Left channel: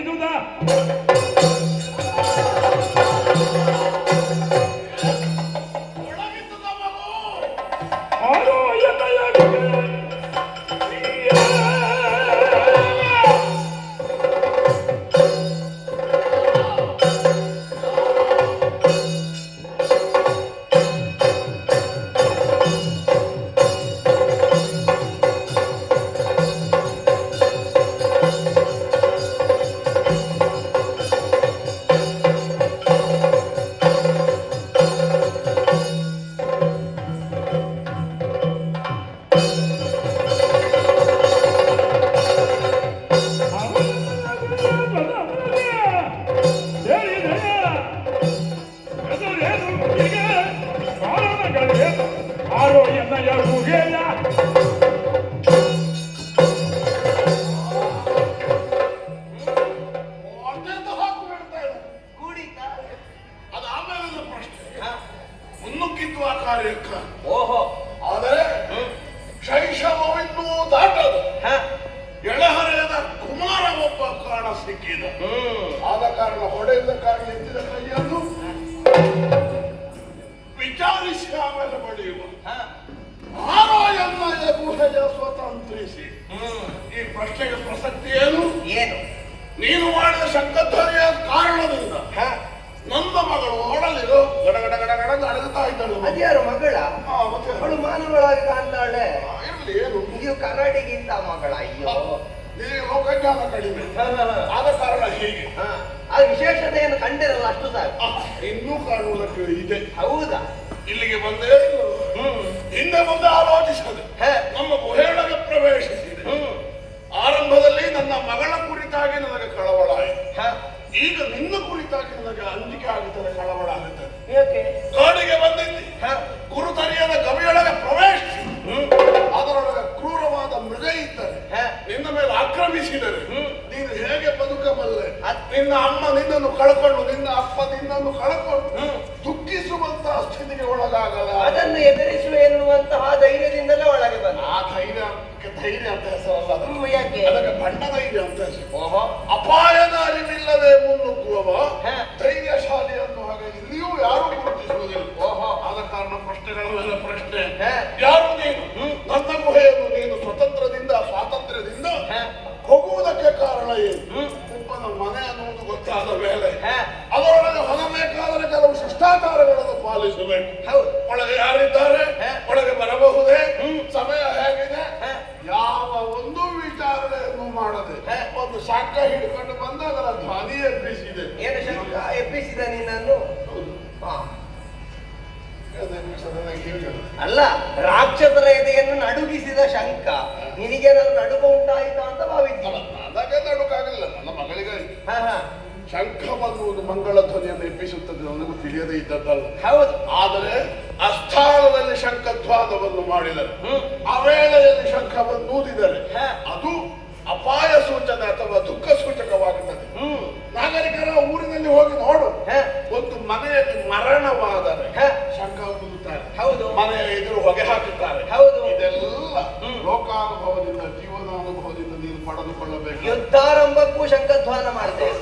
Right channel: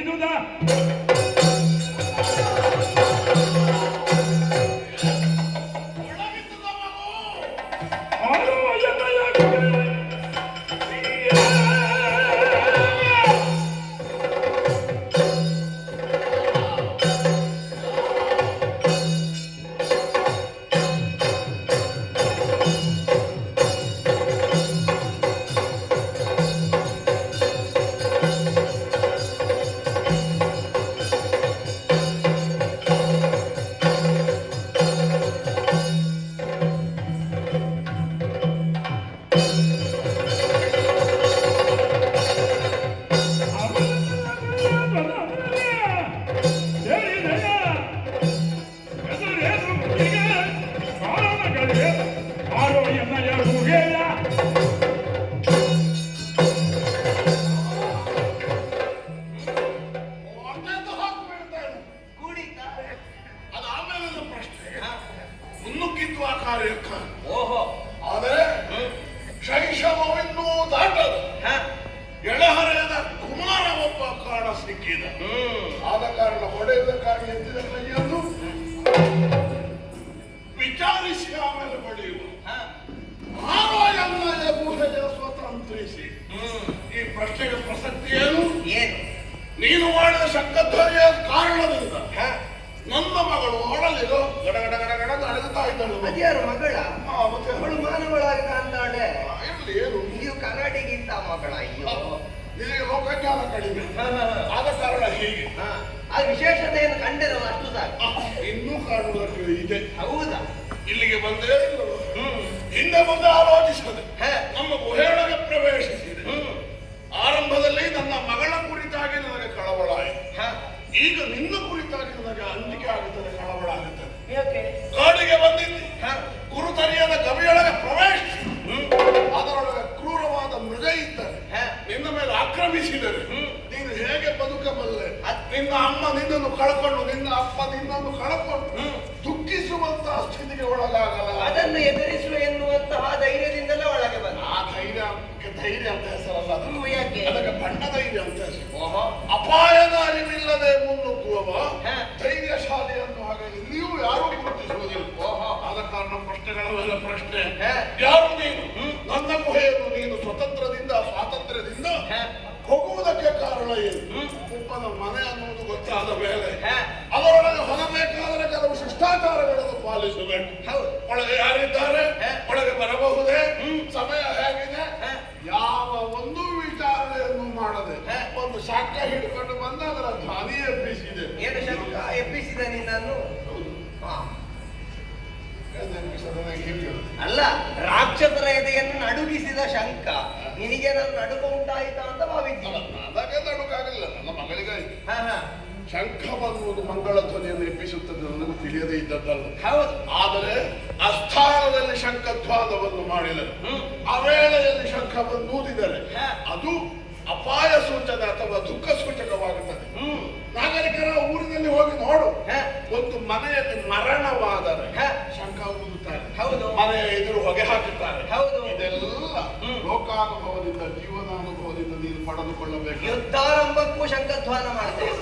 ಇದುದ ಓಹೋ, ಆದರೆ ಶೈಶವವಿನ್ನೂ ದಾಟದು ಎಳಹರೆಯದ ಕುಮಾರ ಒಬ್ಬ ಕಾಣ ಸಿಕ್ಕಿದ. ಆದ ಕಾರಣ ಹೊಡೆದ ಕಾರಣ ಎತ್ತಿದ ಕೈಯನ್ನು ವಿಚಾರಿಸಿ ಆಮೇಲೆ ಬಡಿಯುವ. ಆರೋಯನ್ನ ಗುಹೆಯ ಸ್ವತಂತ್ರಿಸಿ. ಈ ಪ್ರಶ್ನೆಗೆ ಪ್ರಸಕ್ತಿ ಏನು? ನೀನು ಮಾಡಿದ ಶಂಕಧ್ವನಿಯ ಕಾರಣದಿಂದ ನನ್ನ ಮಗಳು ಒಳಲಿರೋ ಗಡಗಡ ಗಡಗಡ ಅಡಗುತ್ತಾ ಇದ್ದಳು. ಅದ್ಯಾರು ಮಗಳ? ಅವಳು ಮಾನವಳಾಗಿ ಕಾಣ್ತಾಳೆ. ಇರ್ಲಿ, ಏನು ನೀವು ಕನ್ನಡಿಗಿಂತ ಮಗಳ? ಅಯ್ಯೋ, ನಿನಗೆ ಲೋಕಜ್ಞಾನ ಕಡಿಮೆ. ಆದ ಕಾರಣ ಹೀಗೆ. ಆ ವಿಶೇಷತೆಯನ್ನು ಕಂಡಿರಲ್ಲ, ಅಷ್ಟು ಸಾಕು. ಇನ್ನೂ ಕಾಣುವುದಕ್ಕೆ ಇದೆ. ಹೌದಾ? ಇಲ್ಲಿಗೆ ಬಂದೇ ಹಿಂದೆ ಮುಂದೆ ಆಲೋಚಿಸದೆ ನಮ್ಮ ಗುಹೆಯೊಳಗೆ ಪ್ರವೇಶಿಸಿದೆ. ಆರಂಭದಲ್ಲಿ ನನ್ನ ಮಗಳ ಕುರಿತಾಗಿ ನನಗೆ ಕಳವಳ ಆಯಿತು. ಈಗ ನಿನ್ನ ಕುರಿತಾಗಿ ನನಗೆ ಅಂಜಿಕೆ ಆಗುತ್ತದೆ, ಕಳವಳ ಆಗುತ್ತದೆ. ಕಾಡಿಗೆ ಬಂದಿದ್ದೆ, ಗುರುತರಿಯದ ಗವಿಯೊಳಗೆ ಪ್ರವೇಶಿಸಿ ಅದರೊಳಗೆ ಕ್ರೂರವಾದ ಮೃಗ ಇದ್ದರೆ ನಿನ್ನ ಮೇಲೆ ಆಕ್ರಮಿಸಿದರೆ ನೀನು ಹೇಗೆ ಬದುಕಬಲ್ಲೆ? ನಿನ್ನ ಅಮ್ಮ ನಿನ್ನನ್ನು ಕಳ್ಕೊಂಡು, ನಿನ್ನ ಅಪ್ಪ ನಿನ್ನನ್ನು ಕಳ್ಕೊಂಡು ದುಃಖಿಸುವಂತಹ ಸ್ಥಿತಿಗೆ ಒಳಗಾಗಲ್ಲ. ಅದನ್ನು ಎದುರಿಸುವ ಎನ್ನುವಂತಹ ಧೈರ್ಯದಿಂದಲೇ ಒಳಗೆ ಬಂದ. ಆ ಧೈರ್ಯ ಅಂತ ಹೆಸರಲ್ಲ, ಯಾಕೆ? ಅದಕ್ಕೆ ಬಣ್ಣ ಧೈರ್ಯ ಅಂತ ಹೆಸರು. ಅಪಾಯದ ಅರಿವಿಲ್ಲದೆ ಮುನ್ನುಗ್ಗುವವ ಧೈರ್ಯಶಾಲಿ ಅನ್ನೋ ಹಾಗೆ ಇಲ್ಲಿಯೂ ಯಾರು ಗುರುತಿಸುವುದಿಲ್ಲ. ಆದ ಕಾರಣ ಪ್ರಶ್ನೆಗಳೆಲ್ಲ ಪ್ರಶ್ನೆ. ಯಾರು ನೀನು? ನನ್ನ ಗುಹೆಯನ್ನು ನೀನು ಸ್ವಾತಂತ್ರ್ಯದಿಂದ ಹೋಗುವುದಕ್ಕೆ ಕಾರಣ ಏನು? ಒಬ್ಬನ ಮನೆ ಅನ್ನುವುದು ಗೊತ್ತಾದ ಮೇಲೆ ಅದರೊಳಗೆ ಹೊರಬೇಕಾದರೆ ಕೆಲವು ಶಿಷ್ಟಾಚಾರಗಳನ್ನು ಪಾಲಿಸಬೇಕು. ಒಳಗೆ ಯಾರಿದ್ದಾರೆ? ಒಳಗೆ ಬರಬಹುದೇ? ಸಮಯ ಹೇಗಿದೆ? ಯಾವ ಒಂದು ವಿಚಾರಣೆಯನ್ನು ಮಾಡದೆ ಒಂದು ಶಾಖ ಹಿಡ್ಕೊಂಡು ಬಂದ ಅದರ ಧ್ವನಿ ಎಬ್ಬಿಸಿದೆ. ಏನು ಶಂಕ ಎಬ್ಬಿಸಿದ ನಿನ್ನನ್ನು? ಅಲ್ಲ, ರಾಕ್ಷಸರ ಎದೆಯನ್ನು ನಡುಗಿಸಿದ ಶಂಕ. ನಿನಗೆ ನಾನು ನಡುಕ ಉಂಟಾಯಿತಾ ಅಂತ ಭಾವಿದ್ದೀನಿ. ಅದಕ್ಕೆ ನಡುಕಾಗಲಿಲ್ಲ, ನನ್ನ ಮಗಳಿಗಾಯಿತು. ಶಂಖ ಬನ್ನುವುದು ಮಂಗಳ ಧ್ವನಿಯನ್ನು ಎಬ್ಬಿಸುತ್ತದೆ, ನನಗೂ ತಿಳಿಯದೇ ಇದ್ದದ್ದಲ್ಲ. ಹೌದು. ಆದರೆ ಅಸ್ಥಾನದಲ್ಲಿ ಶಂಖಧ್ವಾನವನ್ನು ಮಾಡಿದರೆ, ಆ ವೇಳೆಯಲ್ಲಿ ಶಂಖ ಬನ್ನೂದಿದರೆ ಅದು ಅಪಾಯ ಸೂಚನೆ ಅಥವಾ ದುಃಖ ಸೂಚಕವಾಗುತ್ತದೆ. ನಾಗರಿಕರ ಊರಿನಲ್ಲಿ ಹೋಗಿ ನೋಡು, ಒಂದು ಮನೆಯಲ್ಲಿ ಮರಣವಾದರೆ ಶಂಖ ಊದುತ್ತಾರೆ. ಹೌದು. ಮನೆಯ ಎದುರು ಹೊಗೆ ಹಾಕುತ್ತಾರೆ. ಹೌದು. ಇದೆಲ್ಲ ಲೋಕಾನುಭವದಿಂದ, ಜೀವನಾನುಭವದಿಂದ ನೀನು ಪಡೆದುಕೊಳ್ಳಬೇಕು. ಯುದ್ಧಾರಂಭಕ್ಕೂ ಶಂಖಧ್ವಾನ ಮಾಡ್ತೇವೆ.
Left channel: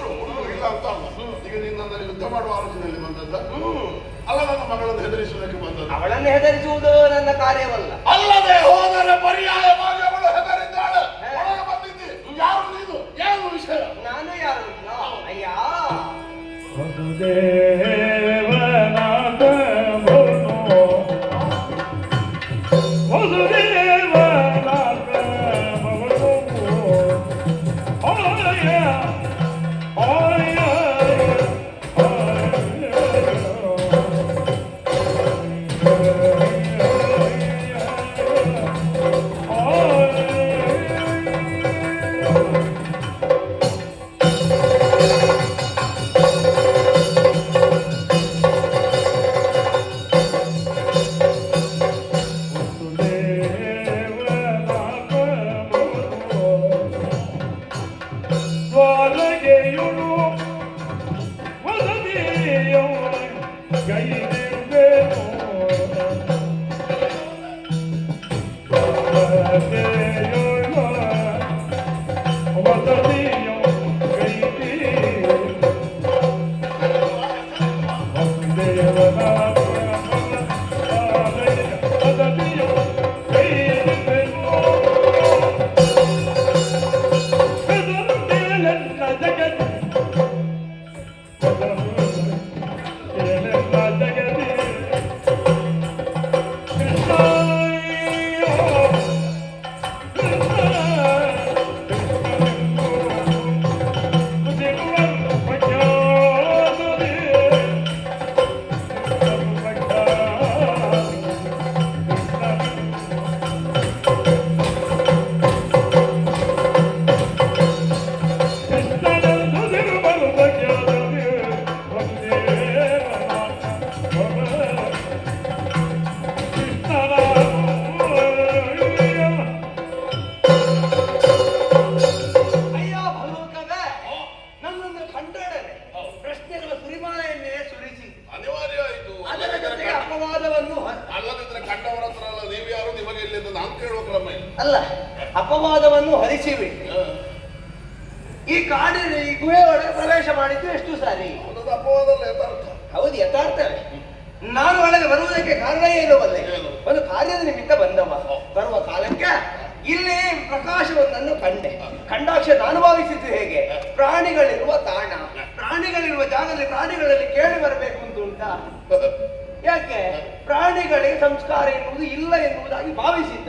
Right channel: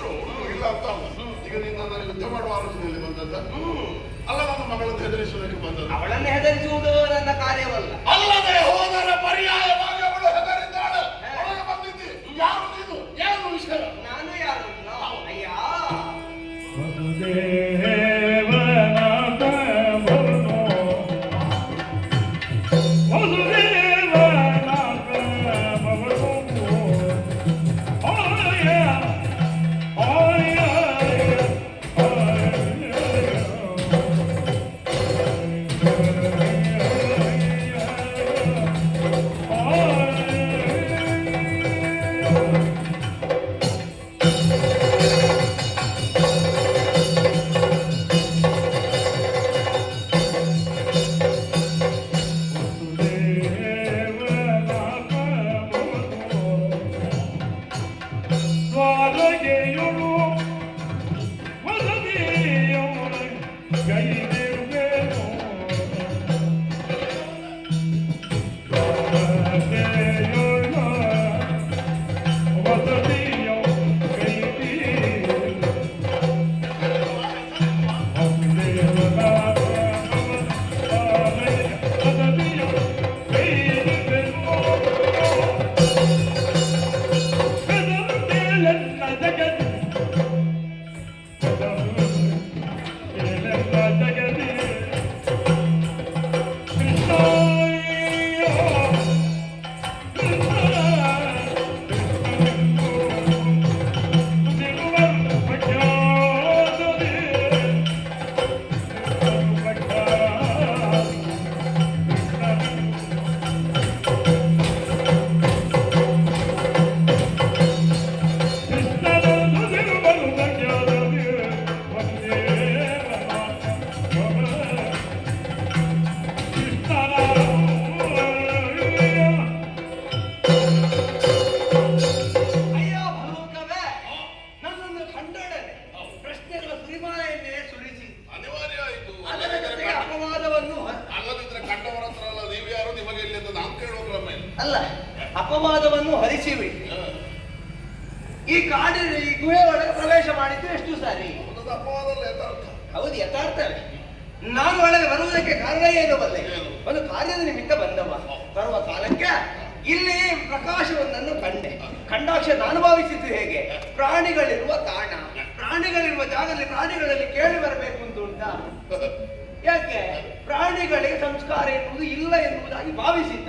ಇಲ್ಲ ಅಂತ ಅಲ್ಲ, ಈಗ ನೀನು ನನ್ನ ಯುದ್ಧ ಮಾಡುವ ಆಲೋಚನೆಯಲ್ಲಿ ಬಂದದ್ದ ಅಲ್ಲ, ನನ್ನ ಮಗಳನ್ನು ಹೆದರಿಸುವುದಕ್ಕೆ ಬಂದದ್ದು. ಅವಳನ್ನು ಹೆದರಿಸುವುದು ನನ್ನ ಕಾರ್ಯವಲ್ಲ. ಅಲ್ಲದೆ ಹೋದರೆ ಪರ್ಯಾಯವಾಗಿ ಅವಳು ಹೆದರಿದ್ದಾಳೆ. ಒಳಗೆ ಬಂದಿದ್ದಿ. ಯಾರು ನೀನು? ಏನು ವಿಷಯ? ನಾನು ಯಾರು? ಅಯ್ಯ, Oh ಅಲ್ಲ, ಅಪವಾದವನ್ನು ಹರಿಸಿಬಿಟ್ಟು ಈ ಕಾಡಿನ ಈ ಗುಹೆ ಒಳಗೆ ಪ್ರವೇಶ ಮಾಡಿದ್ದು ಎಷ್ಟು ಸಾರಿ? ಅಪವಾದಲ್ಲ ಯಥಾರ್ಥ. ಹೌದು, ಯಥಾರ್ಥವೇ. ನಾನು ಒಳಗೆ ಬರುವುದಕ್ಕೆ ಕಾರಣ ಏನು ಬಲ್ಲೆ? ಒಂದು ಕಾರ್ಯದ ನಿಮಿತ್ತ ಬಂದವ. ಬರುವ ಕಾಲಕ್ಕೆ ಇಲ್ಲಿ ಪ್ರಕಾಶವೊಂದನ್ನು ಕಂಡಾಕ್ಷ ನಾನು ಭಾವಿಸಿದ್ದು ಹೇಗೆ? ಪ್ರಾಣಿಗಳಿರುವ ತಾಣ, ಪ್ರಾಣಿಗಳಿರುವ ಜಾಗದಲ್ಲಿ ಪ್ರಾಣಿಗಳಲ್ಲಿ ಕೇಳಿ ಬರಬೇಕು ಅಂತ ಉಂಟಾ? ಯಾಕೆ? ಪ್ರಾಣಿಗಳಿಗೆ ಸಂಸ್ಕಾರ ಎನ್ನುವುದು ಇಲ್ಲ ಎನ್ನುವುದಾಗಿ ಭಾವಿಸಿದ್ದ.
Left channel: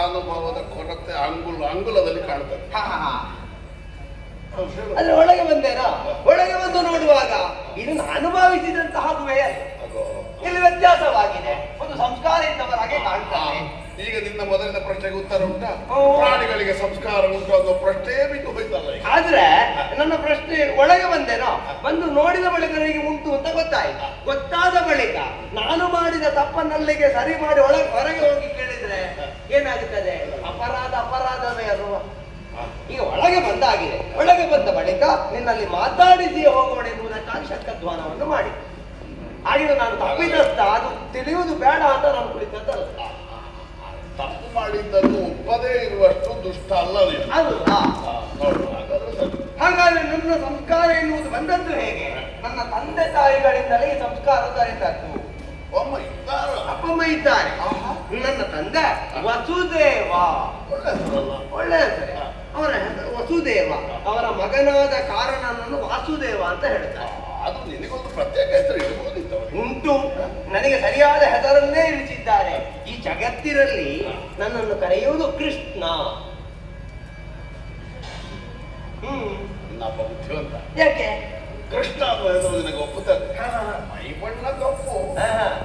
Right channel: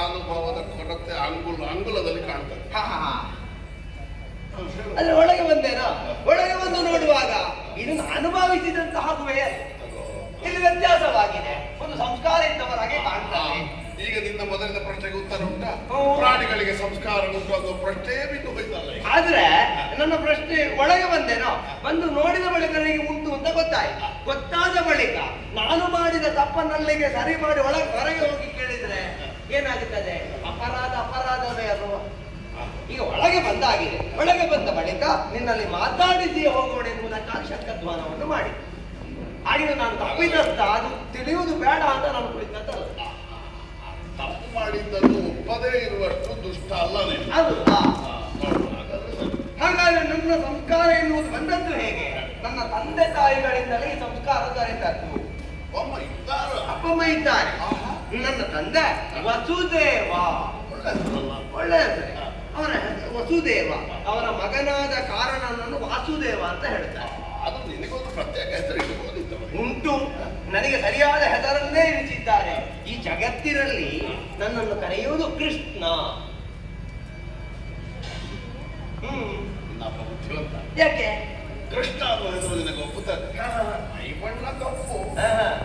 ಅನುಭವದ ಕೊರತೆ ಅಂಗುಲದಲ್ಲಿ ಕಾಣ್ತದೆ. ಅದ್ರ ಒಳಗೆ ಬಂದೇನಾ? ಒಳಗೆ ಬಂದು ನೋಡುವಾಗ ಇದು ನಾನು ಭಾವಿಸಿದಂತಹ ಗುಹೆ ಅಲ್ಲ, ಇಲ್ಲಿ ವ್ಯತ್ಯಾಸವಾಗಿದೆ. ಒಂದು ಸಂಸ್ಕಾರ ಇದ್ದವರಾಗೆ ಕಾಣ್ತಾರೆ. ಈಗ ನಿನ್ನ ಮೊದಲಿನ ಪ್ರಶ್ನೆಗೆ ಉತ್ತರ ಉಂಟಾ? ಪ್ರಾಣಿಗಳಿಗೆ ಸಂಸ್ಕಾರ ಉಂಟು ಅನ್ನೋ ಪ್ರಶ್ನೆ ಬಿಟ್ಟು ಹೋಯ್ತಲ್ಲ. ಆದ್ರೆ ನನ್ನ ಪ್ರಶ್ನೆ, ಒಳಗೆ ಬಂದೇನೋ, ಬಂದು ನೋಡಿದ ಬಳಿಕ ನನಗೆ ಉಂಟು ಅಂತ ಗೊತ್ತಾಯ್ತು. ಗೊತ್ತಾದ ಬಳಿಕ ನಾನು ಮಾಡಿದ ತಪ್ಪನ್ನಲ್ಲಿಗೆ ಸರಿ ಮಾಡಿ ಹೊರಗೆ ಹೋಗಿ ಕೇಳಿದ್ರೆ ಏನಾಗುತ್ತದೆ? ಅಪರಾಧವೇ ಅಲ್ವ? ಈಗ ಒಳಗೆ ಬಂದಾಗಿದೆ. ಒಳಗೆ ಬಂದ ಬಳಿಕ ನಿನ್ನಲ್ಲಿ ಮಾತಾಡಿಸಿ ಹೋಗೋಣ ಎನ್ನುವುದಕ್ಕಾಗಿ ಶಂಕಧ್ವಾನವನ್ನು ಮಾಡಿ ಆಗಿನ ನಾನು ತಪ್ಪಿದತ್ತ ಅದು ತಿಳಿಯುವುದು ಬೇಡ ಅಂತ ನಾನು ಕುಳಿತದ್ದಲ್ಲ. ತಪ್ಪು ಮಾಡಿದ್ದನ್ನು ಒಪ್ಪದೇ ಇರುವಷ್ಟು ದುಷ್ಟ ಅಲ್ಲ ನೀನು. ಹಾಗಾದ್ರೆ ನನ್ನ ಸಂಸ್ಕಾರ ಎನ್ನುವುದು ಬಂದದ್ದು ಹೇಗೆ? ನನ್ನ ತಂದೆ ತಾಯಿಗಳಿಂದಲೇ ಈ ಸಂಸ್ಕಾರ ದೊರೆತದ್ದು. ಅಪ್ಪಮ್ಮ ಇದ್ದಾರೆ. ನನ್ನ ತಂದೆ ವಸುದೇವ, ಒಳ್ಳೆ ಅವರ ವಸುದೇವ, ಅವರ ಮಗನಾದ ಕಾರಣನನ್ನು ವಾಸುದೇವ ಅಂತ ಹೇಳ್ತಾರೆ. ಅದು ನಿನಗೊಂದು ಪ್ರತ್ಯೇಕ ಹೆಸರು ಉಂಟು. ನನಗೆ ಸರಿಯಾದ ಹೆಸರನ್ನೇ ಇರಿಸಿದ್ದಾರೆ. ಈ ಜಗತ್ತಿನಲ್ಲಿ ನನ್ನನ್ನು ಕರೆಯುವುದು ಕೃಷ್ಣ. ಬುದ್ಧಿವಂತ. ಯಾಕೆ? ಕೃಷ್ಣ ಅನ್ನೋದು ನಿನಗೆ ಒಪ್ಪುತ್ತದೆ. ಮೈ ಬಣ್ಣ ಕಪ್ಪು,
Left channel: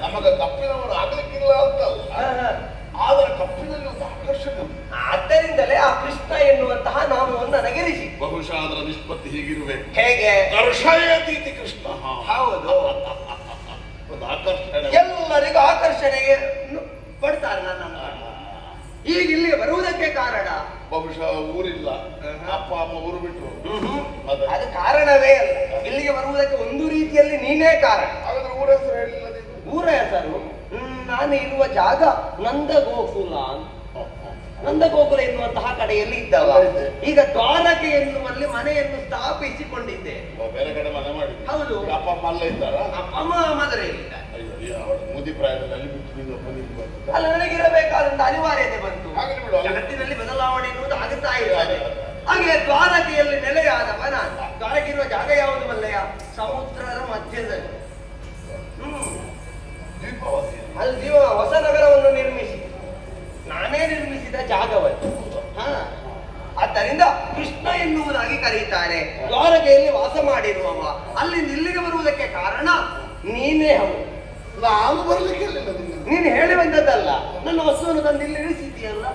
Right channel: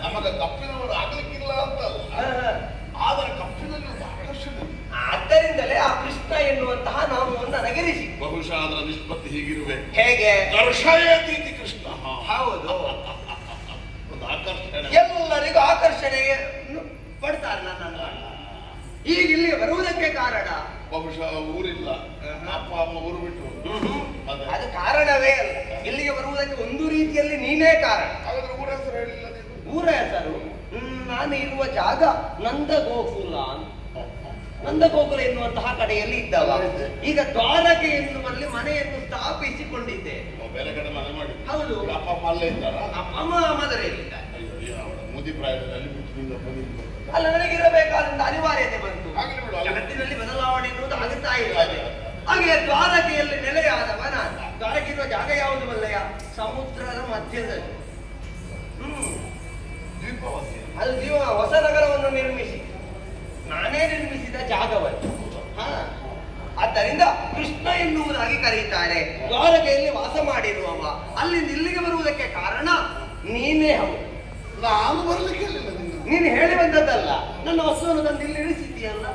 ನಮಗೆ ಕಪ್ಪಿನವರು ಆಗ್ಲಿಕ್ಕಿಲ್ಲ ಅಂತಲ್ಲ, ಆದರೆ ಕಪ್ಪಿನಲ್ಲಿ ಒಂದು ಆಕರ್ಷಣೆ. ಆದ್ದರಿಂದಲೇ ಆ ಕೃಷ್ಣ ಎನ್ನುವಂತಹ ನಾಮವನ್ನು ನನಗಿರಿಸಿ. ಬಹುಶಃ ಅದರ ನಿಷ್ಪತ್ತಿ ಹೀಗಿರುವೆ. ಹೇಗೆ? ಕರ್ಷಯತೀತಿ ಕೃಷ್ಣ. ಹೌದು, ಒಂದು ಆಕರ್ಷಣೆ, ಎಲ್ಲರಿಗೂ ಆಕರ್ಷಣೆಗೆ ಪಡ್ತಾರೆ ನನ್ನನ್ನು. ಈಗ ಇಲ್ಲಿಗೆ ಬರುವುದಕ್ಕೆ ಕಾರಣ ಬಹುಶಃ ಊರಿಲ್ಲ, ಅಪ್ಪ ಅಮ್ಮ ಊರು ಬಿಟ್ಟರು. ಅದು ಕಾರಣವೇ ಅಲ್ಲ. ಇಲ್ಲಿಗೆ ಬರುವುದಕ್ಕೆ ಒಂದು ರೀತಿಯಲ್ಲಿ ನೀನೇ ಕಾರಣ. ಹಾಗಾದ್ರೆ ಊರ ಹೆಸರು ಹೇಳಿಲ್ಲ ನೀವು? ಊರ ಹೆಸರು ನಾನು ಇರುವ ಜಾಗ ನಂದಗೋಕುಲ ಅಂತ. ನಂದಗೋಕುಲ ಎನ್ನುವಂತಹ ಕಡೆಯಲ್ಲಿ ಇದ್ದವ. ಈಗ ದ್ವಾರಕೆ ಎನ್ನುವಲ್ಲಿ ಮನೆಯನ್ನು ಸ್ಥಾಪಿಸಿಕೊಂಡಿದ್ದೆ. ಬೇರೆ ಕಡೆ ಮನೆ ಮಾಡಿ. ಹೌದು. ಅಪ್ಪ ಅಮ್ಮ ಅಲ್ಲೇ ಇದ್ದಾರ? ಅಪ್ಪ ಅಮ್ಮ ಮದುವೆಯಲ್ಲಿದ್ದಾರೆ. ಮುದಿ ಪ್ರಾಯದಲ್ಲಿ ಅಲ್ಲ, ನನಗಿರಬೇಕಾದಂತ ಅನಿವಾರ್ಯತೆ ಬಂತು. ಜಗತ್ತಿನಲ್ಲಿ ಬದಲಾವಣೆ ಎನ್ನುವುದು ಆಗುತ್ತಾ ಇರ್ತದೆ. ಹಾಗೆ ದ್ವಾರಕೆಯಲ್ಲಿ ನೆಲೆಯಾದವ ನಾನು. ದ್ವಾರಕಿರುವ ಜಾಗ ಯಾವುದು ಮಲ್ಲಯ್ಯ? ಸಮುದ್ರದ ಮಧ್ಯದಲ್ಲಿ. ಅಲ್ಲಿ ಹೊಸ ನಗರವನ್ನು ನಿರ್ಮಿಸಿ ನಾನೇ ನಿರ್ಮಿಸಿದ ಜಾಗವನ್ನು. ಆದ್ದರಿಂದ ಕೃಷ್ಣ ಎನ್ನುವುದಾಗಿ ಕರೆಯುತ್ತಾರೆ. ದ್ವಾರಕೆಯಲ್ಲಿ ವಾಸ ಮಾಡಿರುವವ. ಅಲ್ಲಿಂದ ಇಲ್ಲಿಗೆ ಬರುವುದಕ್ಕೆ ಕಾರಣ ನೀನೇ. ಹೌದು, ನಾನು ಬರ್ಲಿಕ್ಕೆ ನೀನು ಹೇಳಿ ಬಂದದ್ದಲ್ಲ, ನನ್ನ ವಸ್ತುವನ್ನು ತಂದು ಇಲ್ಲಿ ಇಳಿಸಿದ್ದೀಯಲ್ಲ.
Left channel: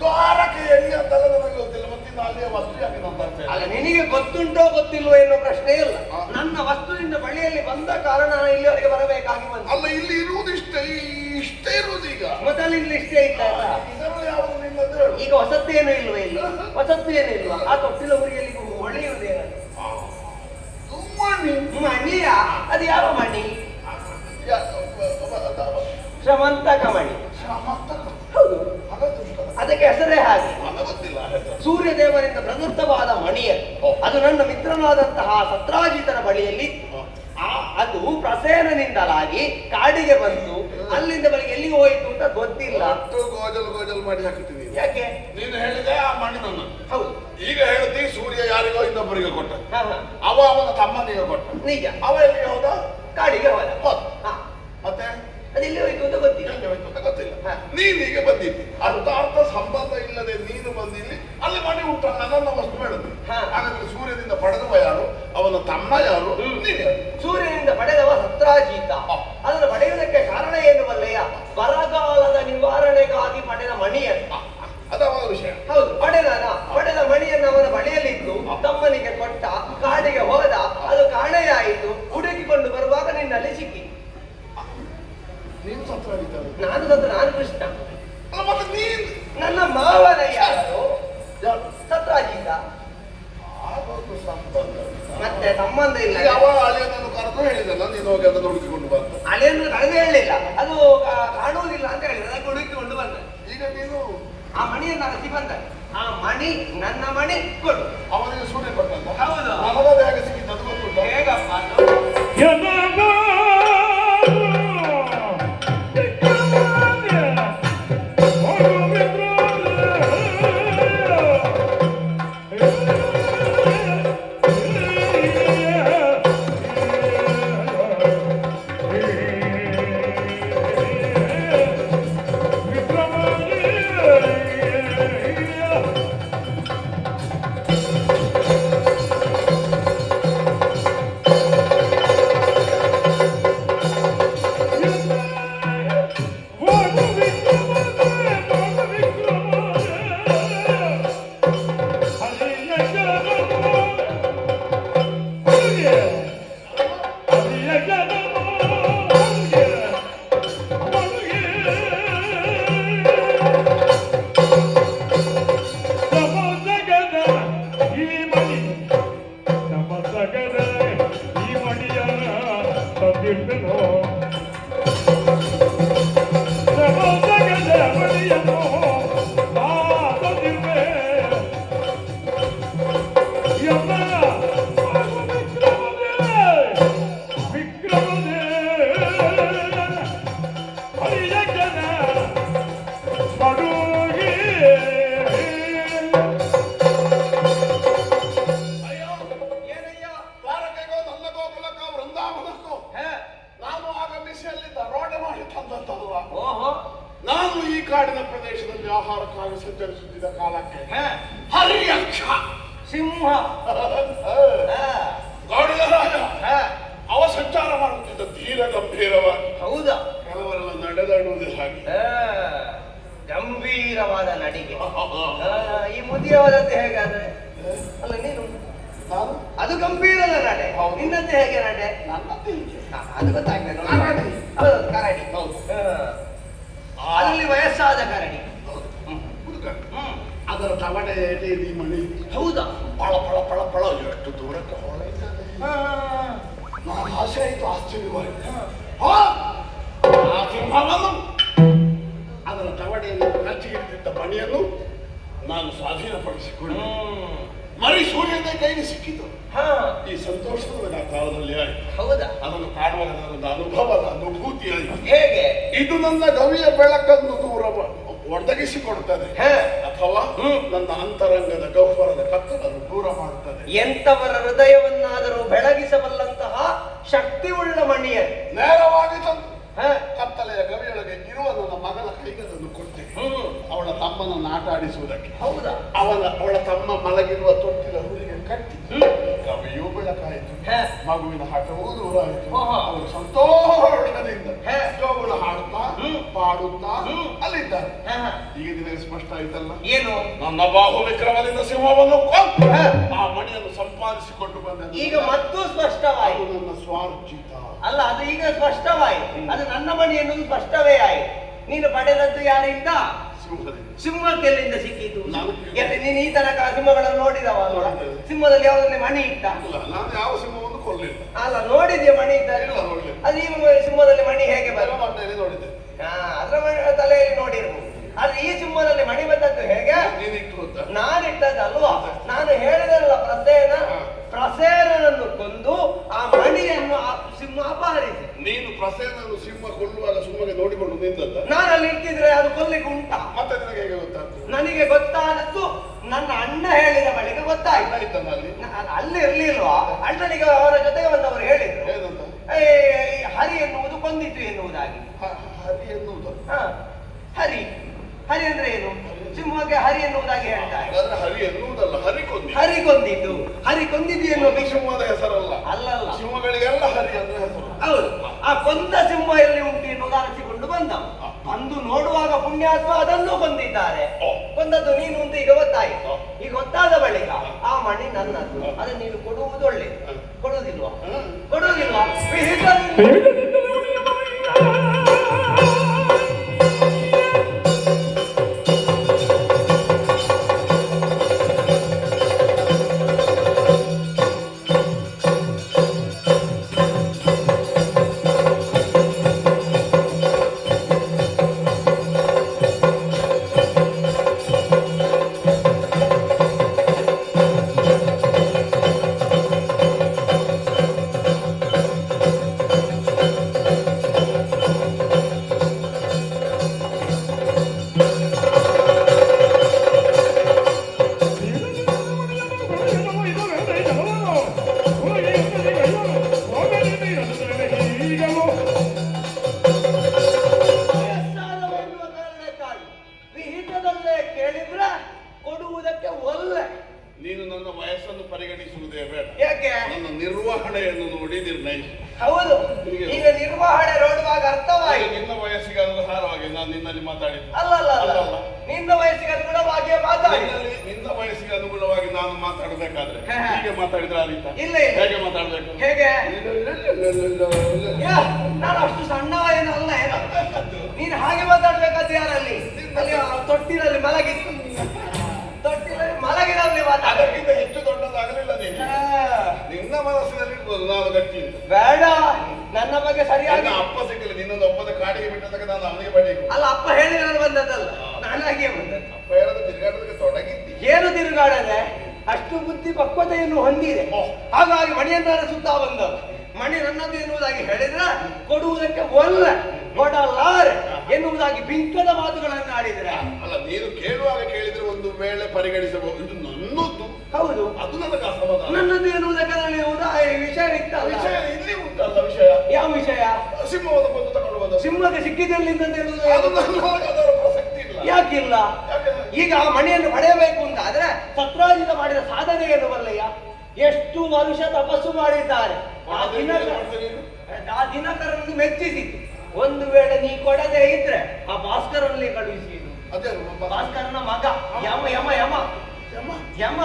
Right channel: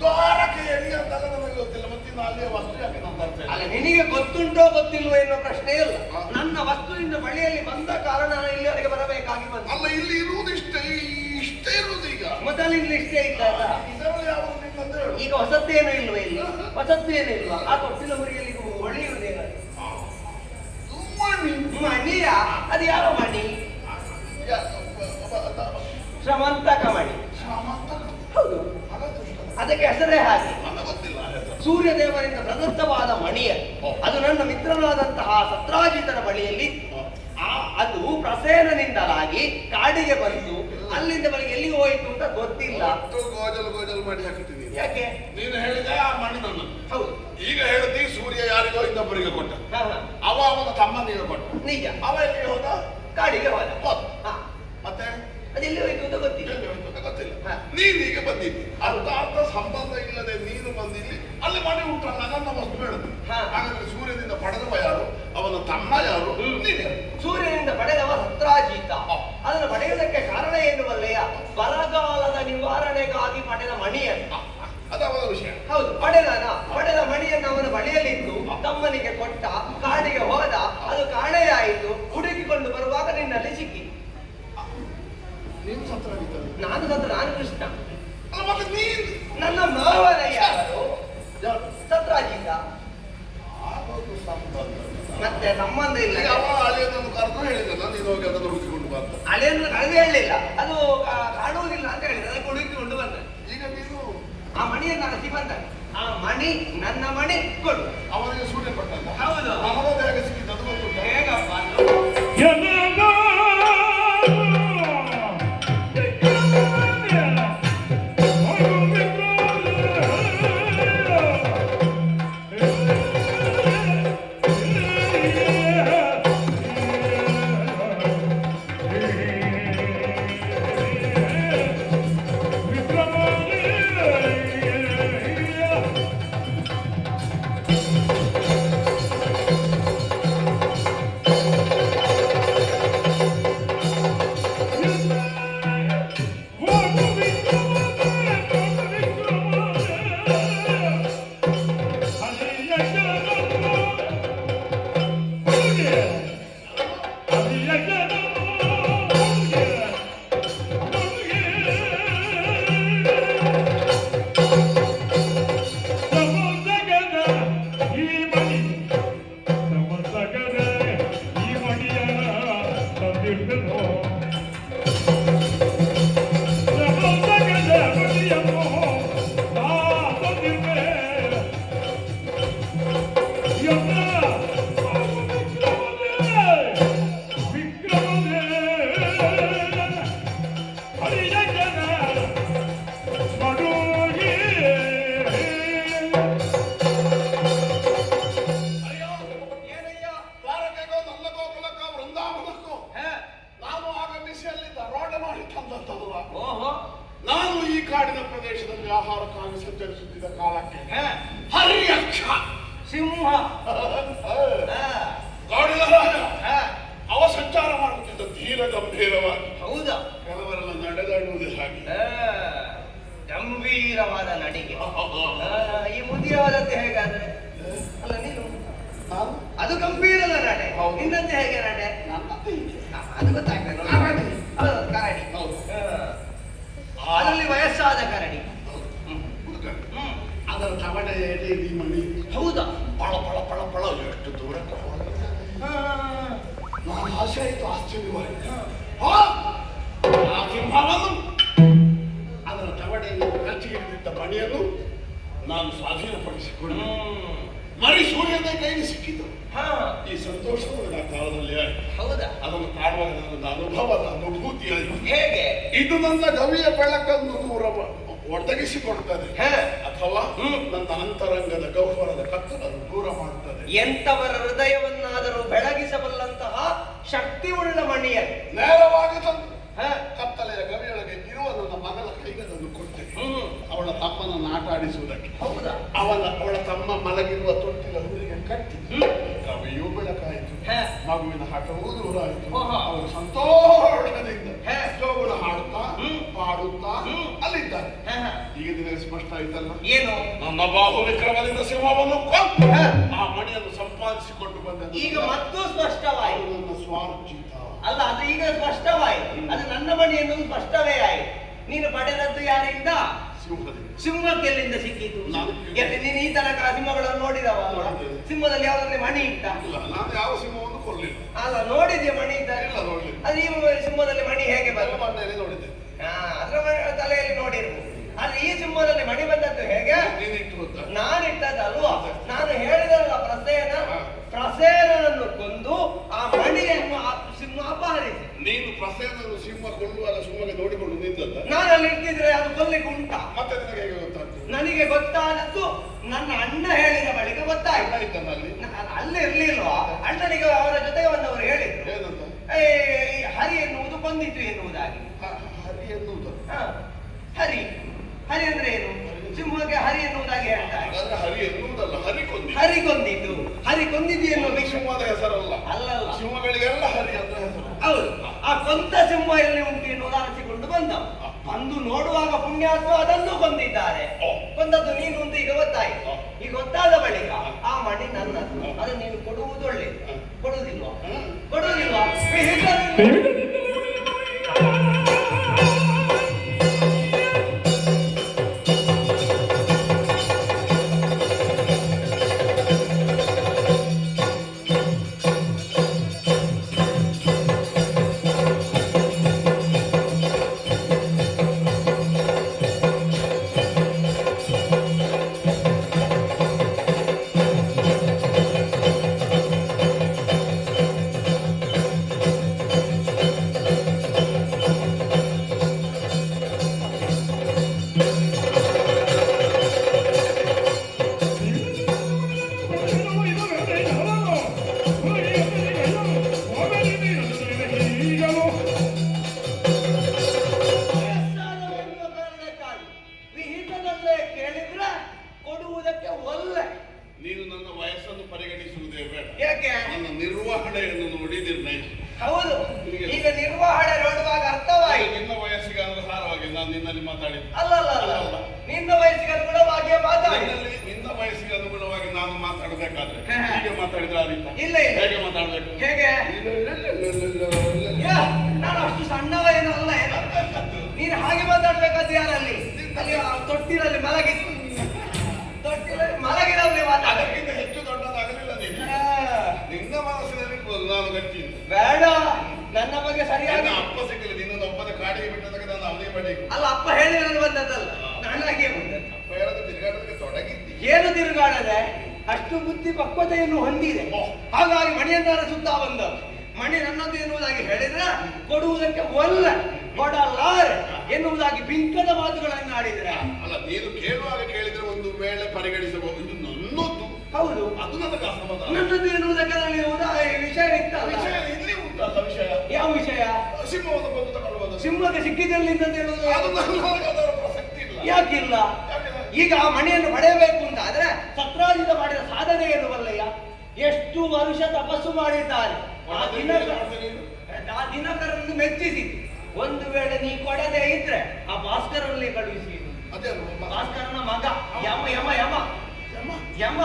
ದ್ವಾರಕೆಯಲ್ಲಿ ಅಂತಲ್ಲ ನನಗೆ ಗೊತ್ತಿಲ್ಲ. ಮತ್ತೆ ಅಲ್ಲಿಯ ವಸ್ತು ಯಾಕೆ ನಾನು ಬರ್ತೇನೆ? ಅಲ್ಲ, ನಿನಗೆ ಗೊತ್ತುಂಟೋ ಗೊತ್ತಿಲ್ವೋ ಎನ್ನುವ ಪ್ರಶ್ನೆ ಇಲ್ಲ. ನನ್ನ ವಸ್ತುವಿನ ಬಳಿಯಲ್ಲಿ ಬಂದ ಕಾರಣ ನಾನು ಇಲ್ಲಿವರೆಗೆ ಬರಬೇಕಾಗಿ ಬಂದ. ಅಲ್ಲ, ಇಲ್ಲಿ ಇರುವುದು ಇಷ್ಟೇ ಇರುವುದು. ಈಗ ಮೊದಲಿಂದ ಇಷ್ಟೇ ಇದ್ದಲ್ಲ, ಈಗ ಹೊಸತ್ತೇನು ಇಲ್ವ? ಇಲ್ಲಿ ಹೊಸತ್ತು ಏನು ಇಲ್ವಾ? ಆ ತೊಟ್ಟಿಲ ಹುರಿಯಲ್ಲಿ ಹೊಳೆಯುವುದೇನ? ಮಣಿಯ? ಅದು ಯಾವ ಮಣಿ? ಶ್ರಮಂತಕ ಮಣಿ. ಹೌದು, ಅದಕ್ಕೆ ಹೆಸರೇ ಹಾಗೆ. ಸೂರ್ಯದೇವರಿಂದ ಪ್ರದತ್ತವಾದ ಮಣಿಯನ್ನು ಅದು ನನ್ನ ಮಿತ್ರನಾದಂತಹ ಸತ್ರಾಜಿತನ ಬಳಿಯಲ್ಲಿ ಅದು ಪ್ರಸೇನನಿಂದಲಾಗಿ ಕಾಡಿಗೆ ಬಂದು ಅಲ್ಲಿಂದ ಬಳಿಗೆ ಎಲ್ಲಿಗೆ ಹೋಯಿತು ಅಂತ ಗೊತ್ತಿಲ್ಲ. ಗೋಜಲು ಮಾಡಿ ಹಾಕಿದ್ದೀನಿ. ಯಾಕೆ? ನೀನು ಹೇಳಿದೆ ಆ ಮಣಿ ನನ್ನ. ಹೌದು. ಈಗ ಹೇಳ್ತಿ ಸೂರ್ಯ ಯಾರಿಗೋ ಇನ್ನೊಬ್ಬರಿಗೆ ಕೊಟ್ಟ, ಅವನ ತಮ್ಮನಿಗೆ ಕೊಟ್ಟ. ನಿಜ. ಅವ ಎಲ್ಲಿಗೆ ಹೋದ? ಕಾಡಿಗೆ ಹೋದ. ಮತ್ತೆ ಅದೆಲ್ಲಿ ಹೋಯ್ತು ಅಂತ ಗೊತ್ತಿಲ್ಲ. ನೀನೀಗ ಬಂದಿದ್ದಿ, ಅರ್ಥ ಸಂಬಂಧ ಇಲ್ಲದೆ ನೀನು ಬಂದಿಲ್ಲಿ. ಅಲ್ಲಿ ಮನೆ ಉಂಟಲ್ಲ, ನನ್ನ ವಸ್ತು ಬೇಡದು. ಹಾಗಾದ್ರೆ ಸೂರ್ಯನಿಂದ ಪಡೆದವ ಯಾರು? ಅವನ ತಮ್ಮ ಯಾರು? ನೀನೇ. ಸೂರ್ಯನಿಂದ ಪಡೆದವ ಸತ್ರಾಜಿತ. ಅದನ್ನು ಪಡೆಯುವುದಕ್ಕೆ ಕಾರಣ ಏನು ಮಲ್ಲಯ್ಯ? ಬರಗಾಲದ ನಿವಾರಣೆಗಾಗಿ ಪಡೆದ ಮಣಿಯನ್ನು. ಅದವನ ವಿಷಯ. ಹೌದು, ಪಡೆದ ಮಣಿಯನ್ನು ಅವನ ಬಳಿಯಲ್ಲಿದ್ದು ತಮ್ಮನಿಗೆ ಕೊಟ್ಟ. ಕಾಡಿಗೆ ಹೋದ, ಅದು ಕಾಣೆಯಾಯಿತು. ಹುಡುಕಿಕೊಂಡು ಬರುವಾಗ ನಿನ್ನಲ್ಲಿ ಸಿಕ್ಕಿ. ನಾನು ಕೃಷ್ಣ. ಮತ್ತೆ ನೀನು ನನ್ನ ಮಾವನ ಯಾರು? ಸತ್ರಾಜಿತ. ಮತ್ತೆ ಸಂಬಂಧ ಇಲ್ಲ. ಅಳಿಯನನ್ನು ಕರೆದು ಹೇಳಿದಲ್ಲ, ನೀನು ಹೋಗಿ ಅದನ್ನು ಹುಡುಕಿಕೊಂಡು ಬಂದ. ಅಳಿಯನ್ನು ಕರೆದು ಹೇಳಲಿಲ್ಲ, ಅದು ಕಾಣುವುದಿಲ್ಲ ಅಂತ ಹೇಳಿದ್ರೆ ಅದಕ್ಕೆ ಹುಡುಕಿಕೊಂಡು ಬಂದ. ಈಗ ನೀನು ಮಣಿಯನ್ನು ಅರಸಿ ಬಂದ. ಆ ಮಣಿ ನನ್ನ ಮಣಿ ಕೊಡು. ಅವನಿಗೆ ಸೂರ್ಯ ಕೊಟ್ಟಂತ. ಹೌದು. ನಮಗದು ಹೇಗೆ ಸಿಕ್ಕಿದ್ದು ಅದು ಗೊತ್ತುಂಟ? ಹೇಗಪ್ಪ ನಾನು ಈ ಕಾಡಿನ ಪ್ರದೇಶದಲ್ಲಿ ಆಹಾರಕ್ಕಾಗಿ ಸಂಚರಿಸುತ್ತಿದ್ದ ಕಾಲಕ್ಕೆ ಹರಿಯಕ್ಷ ಸಿಂಹ ಕಾಡಿನ ರಾಜ ಅವ ಸಂಚಾರ ಮಾಡುತ್ತಿದ್ದ ತೀರ ಗಂಭೀರವಾಗಿ. ಹೌದಾ? ಕೆಲವರೆಲ್ಲ ನಡೆದಾಡುವುದೇ ಹಾಗೆ ಗಂಭೀರವಾದ ನಡಿಗೆ. ಈ ಮುದಿಯವರದ್ದು ಹೇಗಾದ್ರೆ ಅಲ್ಲ ನೀನು ನಾನು ಅದು ಗಂಭೀರದ ನಡೆ. ನಿನ್ನಂತೆ ಹೇಗೆ ನಡೆ? ನನ್ನಂತೆ ಹೀಗೆ. ಅದು ಗೊತ್ತಾಗ್ತದೆ. ಕರಡಿ. ಅದರಲ್ಲಿ ವಯಸ್ಸಾದ ಕರಡಿ. ಅದರ ತವಡೆ ಈ ಮಣಿ. ಹೌದಾ? ಪಳ ಪಳ ಪಳ ಪಳ ಎಷ್ಟು ದೂರಕ್ಕೆ ಹೋಗಿದೆ. ನಾನು ಆಸೆ ಆಯ್ತು, ಆಶ್ಚರ್ಯವಾಯಿತು. ಆ ಸಿಂಹವನ್ನು ಅದರ ತವಡೆಯನ್ನು ಕಚ್ಚಿಗಿಟ್ಟಿದ್ದ ಮಣಿಯನ್ನು ನಾನು ಸ್ವಾಧೀನಪಡಿಸಿಕೊಂಡು ಮರಿ ಸೂರ್ಯನ ಕೈಗೆ ಸಿಕ್ಕಿತು. ಈ ಸಂತೋಷದ ಆ ಕಾಲದಲ್ಲಿ ಆಯ್ತು. ಹೌದಾ? ಅದನ್ನು ಕಾಣುವಾಗ ನನ್ನ ಅನುಭವದ ಅನುಭೂತಿ ಆಯಿತು. ಹೇಗೆ? ಇದು ನನ್ನ ಗವಿಯ ಬೆಳಕನ್ನು ದೂರ ಒದಗಿಸಿಕೊಡುತ್ತದೆ ಅಥವಾ ನನ್ನ ಅಂತರಂಗದ ಗೌರವದ ಕತ್ತಲನ್ನು ದೂರ ಮಾಡುತ್ತದೆ. ಎಂತವರ ಹೃದಯವನ್ನಾದರೂ ಬೆಳಗಿಸಬಲ್ಲಂತಹ ಶಕ್ತಿ ಉಳ್ಳ ಮಣಿಯ ನೇರವಾಗಿ ತಂದು ಕತ್ತಲೆಯ ಗವಿಯೊಳಗೆ ಇರುವ ನನ್ನ ಮಗಳ ಕೈಗೆ ಅದನ್ನು ಕೊಟ್ಟೆ. ಅವಳ ತಮ್ಮನನ್ನು ಆಟ ಆಡಿಸುವುದಕ್ಕೆ. ಹೌದಾ? ಅವಳ ತಮ್ಮ ಮಲಗಿರುವ ತೊಟ್ಟಿಲ ಹುಲಿಗೆ ಕಟ್ಟಿ ಗವಿಯೂ ಬೆಳಕಾಯಿತು, ಮಗುವಿನ ಹಠವೂ ದೂರ ಆಯಿತು. ಅವರು ಸಂತೋಷದಿಂದ ಜೋಗುಳ ಹಾಡುತ್ತಾ ಪಾಡುತ್ತಾ ಅಲ್ಲಿದ್ದಾರೆ. ಈಗ ನಿನಗೆ ಸ್ಪಷ್ಟ ಆಯ್ತಲ್ಲ ಏನು? ನನ್ನ ಬಾಹು ವಿಕ್ರಮದಿಂದ ಸಿಂಹವನ್ನು ಕೊಂದು ಆ ಮಣಿಯನ್ನು ಸಂಪಾದಿಸಿಕೊಂಡು ಬಂದ. ಈಗ ಮತ್ತು ಸ್ಪಷ್ಟವಾಯಿತು. ನನ್ನ ಸ್ವಾರ್ಜಿತ ಅಲ್ಲ, ಅದು ಈಗ ಸ್ಪಷ್ಟವಾಯಿತು. ಅದು ನನ್ನ ಮಣಿ ಎನ್ನುವುದು ಸ್ಪಷ್ಟವೇ ಆಯಿತು. ನೀನು ಪಡೆದದ್ದು ಯಾರಿಂದ? ಸಿಂಹಕ್ಕೆಲ್ಲಿಂದ ಸಿಕ್ಕಿತು? ನೀನು ಈ ತನಕ ಸಿಂಹಗಳನ್ನು ನೋಡಿದವ? ಸಿಂಹದಲ್ಲಿ ಯಾವುದರಲ್ಲಿ ಮಣಿ ಇಟ್ಟ? ನಾನು ಯಾವ ಸಿಂಹವನ್ನು ಕೊಡಲಿಲ್ಲ. ಅಲ್ಲ, ನೋಡಿದ್ಯಾ ಮಣಿ ಇದ್ದರೆ? ಅದು ಈ ಸಿಂಹದಲ್ಲಿ ಮಣಿ ಹೇಗೆ ಬಂದ? ನೋಡಿದ್ದೆ. ಅದರ ತಲೆಯಲ್ಲಿ ನೋಡಿರ್ಬೋದು. ಆದ್ರೆ ಈ ಸಿಂಹದಲ್ಲಿ ಮಣಿ ಬಂದದ್ದು ಹೇಗೆ? ನಾನಿಟ್ಟದಲ್ವಾ? ನಾನು ಹೇಳಿದಲ್ಲ, ಪ್ರಸೇನನನ್ನು ಕೊಂದು ಆ ಮಣಿಯನ್ನು ಸಿಂಹ ಅಪಹರಿಸಿ. ನೀನು ಪ್ರಸೇನನ್ನು ಸಿಂಹ ಕೊಲ್ಲುವಾಗ ಸಿಂಹಕ್ಕೆ ನೋಡಿಕೊಂಡು ನಿಂತದ್ದ? ನಾನು ಅಲ್ಲಿ ಇಟ್ಟಿದ್ರೆ ಅದು ಕೊಲ್ಲಿಕ್ಕೆ ಉಂಟಾ? ಮತ್ತೆ ನಿನಗೆ ಹೇಗೆ ಗೊತ್ತಾಗ್ತದೆ? ನನಗೆ ಗೊತ್ತಾದದ್ದು ನನ್ನ ಅಣ್ಣ ಹೇಳಿದ ಬಳಿಕ ಗೊತ್ತಾಯ್ತು. ಅಲ್ಲಿ ಇರ್ಲಿಲ್ವಾ? ಅಣ್ಣನಿಗೆ ಅವರ ಜೊತೆಗೆ ಬಂದವರು ಹೇಳಿದ್ರು ಹರಿ ಎನ್ನುವುದು ಕೊಂದಿತ್ತು ಎನ್ನುವುದಾಗಿ. ಹರಿ ಎನ್ನುವುದು? ಹರಿ ಹರಿ ಅಂದ್ರೆ ಏನು? ಸಿಂಹಕ್ಕೆ ಹರಿ ಎನ್ನುವುದಾಗಿ ಹೇಳ್ತಾರೆ. ಹರಿ ಎನ್ನುವುದಲ್ಲ, ಹರಿ ಕೊಂದಿದ್ದು. ಹರಿ ಕೊಂದಿದ್ದು ಎನ್ನುವುದು ಸಿಂಹದ ಹೆಸರಲ್ಲ. ಅಲ್ಲಲ್ಲ, ಸಿಂಹಗಳಿಗೆಲ್ಲ ಹರಿ ಅಂದ್ರೆ ಹೆಸರು. ಹೌದು. ಆ ಕೊಂದ ಸಿಂಹ ಎಲ್ಲಿ ಉಂಟು ಎನ್ನುವುದು ಅರಸಿಕೊಂಡು ಬಂದ. ಅಂದು ನೋಡುವಾಗ ಪುಣ್ಯಾತ್ಮ ಅದನ್ನು ಕೊಂದಿದ್ದಾರೆ. ಕೊಂದದ್ದು ನೀನು ಅಂತ ಈಗ ಗೊತ್ತಾಯಿತು. ಈಗ ಗೊತ್ತಾದ ಬಳಿಕ ಆ ಮಣಿ ನನ್ನದು, ಅದನ್ನು ನೀನು ಕೊಡುವುದು ಒಳ್ಳೆಯದು. ಕೊಡುವುದಿಲ್ವಾ? ನಡವಳಿಕೆಯನ್ನು ನೋಡಿ ನಿರ್ಣಯ. ಹೌದು, ಈಗ ನಿರ್ವಹಣೆ ನೋಡುವಾಗ ಅರ್ಥವಾಯಿತು. ನಿನ್ನ ವಯಸ್ಸಿಗೆ ಅನುಸಾರವಾಗಿ ನಾನು ನಿನ್ನಲ್ಲಿ ಮಾತಾಡಿದ್ದು. ಅಲ್ಲ ಅಲ್ಲ ಅಲ್ಲ, ನಿನ್ನ ವಯಸ್ಸಿಗೆ ಅನುಗುಣವಾಗಿಯೇ ಮಾತಾಡಿ. ನಿನ್ನ ವಯಸ್ಸಿಗೆ ಅನುಗುಣವಾಗಿ ನಾನು ಮಾತಾಡಬೇಕಾದ್ರೆ ಹೀಗೆ ಮಾತಾಡಿದ್ರೆ ಆದೀತ? ಇಲ್ಲ ಇಲ್ಲ. ಹೇಗೆ ಮಾತಾಡ್ಬೇಕು? ಹೇಗೆ? ನಾನು ಅಷ್ಟು ಸಣ್ಣವ ಏನಲ್ಲ. ನೀನು ಹಾಗೆ ಮಾತಾಡ್ಬೇಕಾದ ಯಾರಲ್ಲಿ? ಅಲ್ಲಿ ತೊಟ್ಟಿನಲ್ಲಿ ಮಲಗಿನಲ್ಲಿ ಅದಕ್ಕಿಂತ ಹೆಚ್ಚು ದೊಡ್ಡದಾಗಲಿಲ್ಲ ನೀನು. ನಿನ್ನ ಮನಸ್ಸಿನಲ್ಲಿ ಇರ್ಬೋದು, ನಾನು ಗಟ್ಟಿ ಬೇಡ. ನನ್ನ ಬಗ್ಗೆ ಸರಿಯಾಗಿ ಅಪ್ಪ ಸಿಕ್ಕಲಿ, ನಿನ್ನೊಂದು ಒಪ್ಪದ ಕಾಡಿಗೆ ಬಿಟ್ಟದಾಗ ನಾನು ಅವನಿಗೆ ಬಡಿಬೇಕು. ಅಲ್ಲ, ಅಪ್ಪ ಹೇಳಿ ನಾನು ಬಂದದ್ದಲ್ಲ, ನಾನಾಗಿಯೇ ಬಂದದ್ದು. ಅಪ್ಪ ಹೇಳೋದು ತಿರುಗಾಡೋದಕ್ಕೆ ತೊಡಗಿದ್ದಿ. ಏನು ತಿರುಗಾಡದೆ? ಅಷ್ಟು ಬುದ್ಧಿ ಪಕ್ವತೆಯನ್ನು ಹೊಂದಿದೆ. ಹಾಗಾಗಿ ಮಣಿಯನ್ನಾರ ಸುತ್ತ ಬಂದದ್ದು. ಮಣಿ ನನ್ನದು ಎನ್ನುವುದಾಗಿ ಹೇಳಿದ್ರೆ ಕೊಡುವುದಕ್ಕೆ ಕೊಡಲಾರೆ ಎನ್ನುವುದಾಗಿ ಬಿಂಕದ ಮಾತುಗಳನ್ನು ಆಡಿದ್ರೆ. ಅಲ್ಲ, ನೀನು ಕೇಳುವಾಗ ಕೇಳಿದ್ರೆ ಒಂದು ವೇಳೆ ಪರಿಗಣಿಸಬಹುದು. ಇದು ನನ್ನದು. ಹೌದು, ಅದು ನನಗೆ ಅಸಮಾಧಾನ. ನನ್ನದು ಎನ್ನುವುದಕ್ಕೆ ವಿಷಯ ಇತ್ತಲ್ಲ. ವಿಷಯ ಇಲ್ಲಿ ಉಂಟಲ್ಲ. ವಿಷಯ ಯಾವ ವಿಷಯ? ಸಿಂಹವನ್ನು ಬಂದು ತಗೊಂಡು ಬಂದ. ಸಿಂಹಕ್ಕೆ ಸಿಕ್ಕಿದಲ್ಲಿಂದ ಅದು ಅದರ ಪ್ರಸಕ್ತಿ ಇಲ್ಲ. ಯಾಕಿಲ್ಲ? ಈಗ ಆ ಮಣಿಯನ್ನು ಪಡೆಯಬೇಕು ಅಂತ ಆದ್ರೆ ಸತ್ರಾಜಿತ ಮಾಡಿದ ಸಾಧನೆ ಏನು ಬಲ್ಲಯ್ಯ? ಎಷ್ಟು ವರುಷ ತಪಸ್ಸು ಮಾಡಿದ್ದಾರೆ. ಆ ದಿನಕರನ್ನು ಮೆಚ್ಚಿಸಿ ಒಂದು ವೇಳೆ ನೀ ಕೊಡದೆ ಇದ್ರೆ ಆ ಭಾಸ್ಕರನಲ್ಲಿ ಕಳುಹಿಸಿ. ಭಾಸ್ಕರನ ಮಗ ಯಮ ಯಮ ಯಮ ಯಮ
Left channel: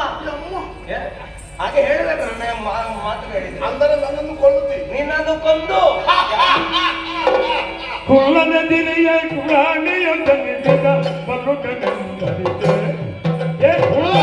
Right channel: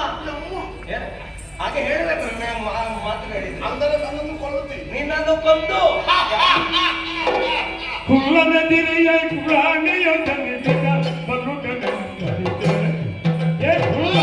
ಹಾಗೆ ಹೇಳಬೇಕು. ನನ್ನ ಮಾತು ಹೇಳಿದ್ರೆ ಅಂದರೆ ನನ್ನನ್ನು ಕೊಲ್ಲುತ್ತೀನಿ. ನಿನ್ನನ್ನು ಕೊಂದು ಕುಳ್ಳನ ದಿರಿಯ ಕುಳಾಣಿಯ ಜನಿಸಿದ ಬಲುಕನೆ ಏ ಕುಳ್ಳ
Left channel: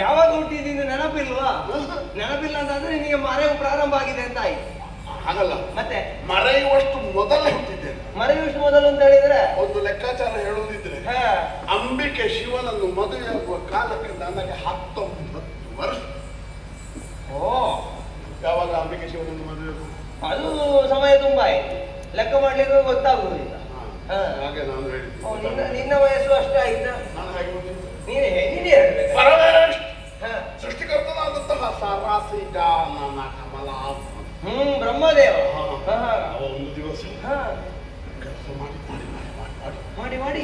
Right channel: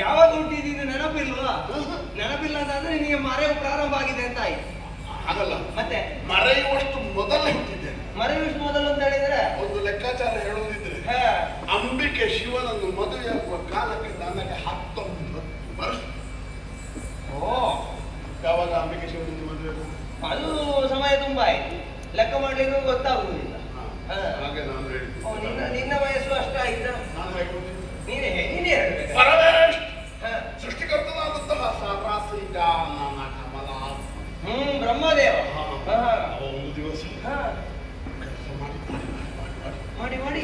ಯಾವಾಗ ಹುಟ್ಟಿದ್ದೀನಿ ನೆನಪಿಲ್ವಾ? ನೆನಪಿಲ್ಲ ಅಂತಂದ್ರೆ ನಿನಗೆ ಮರೆಯು ಪ್ರಾರಂಭ ಆಗಿದೆ ಅಂತ ಆಯ್ತು. ಹಾಗಲ್ಲ, ಮತ್ತೆ ಮರೆಯುವಷ್ಟು ಮೊದಲೇ ಹುಟ್ಟಿದ್ದೇನೆ. ಮರೆಯುವಷ್ಟು ಮೊದಲು ಅಂತ ಹೇಳಿದ್ರೆ ಒಂದು ಲೆಕ್ಕಾಚಾರ ಹೇಳುವುದಿದ್ರೆ ಅಂಬಿಕೆ ಶಿವನನ್ನು ಮದುವೆಯಾಗುವ ಕಾಲಕ್ಕೆ ನನಗೆ 19 ವರ್ಷ. ಯಾವಾಗ ಅಂಬಿಕೆ ಶಿವನನ್ನು ಮದುವೆ? ಅದು ಸಮಯ ತುಂಬಾ ಆಯ್ತು, ಲೆಕ್ಕ ಮಾಡ್ಲಿಕ್ಕೆ ಗೊತ್ತಾಗುವುದಿಲ್ಲ. ಹಾಗೆ ನಾನು ಹೇಳಿದ್ದೆ. ನಿನ್ನ ವಯಸ್ಸು ಅಷ್ಟೇ ಆಯ್ತಾ? ನಾನು ಹೇಗೆ ಗೊತ್ತಿಲ್ಲ. ನೀನೇ ಹೇಳ್ಬೇಕು. ಪರಮೇಶ್ ಸೃಷ್ಟಿಕರ್ತನಾದಂತಹ ಸಾರಾಸಿಜಾನನ ಕಮಲಾತ್ಮ ಬ್ರಹ್ಮದೇವ ಒಂದು ದಿವಸ ಮಾಡಿ ಮಾಡಿ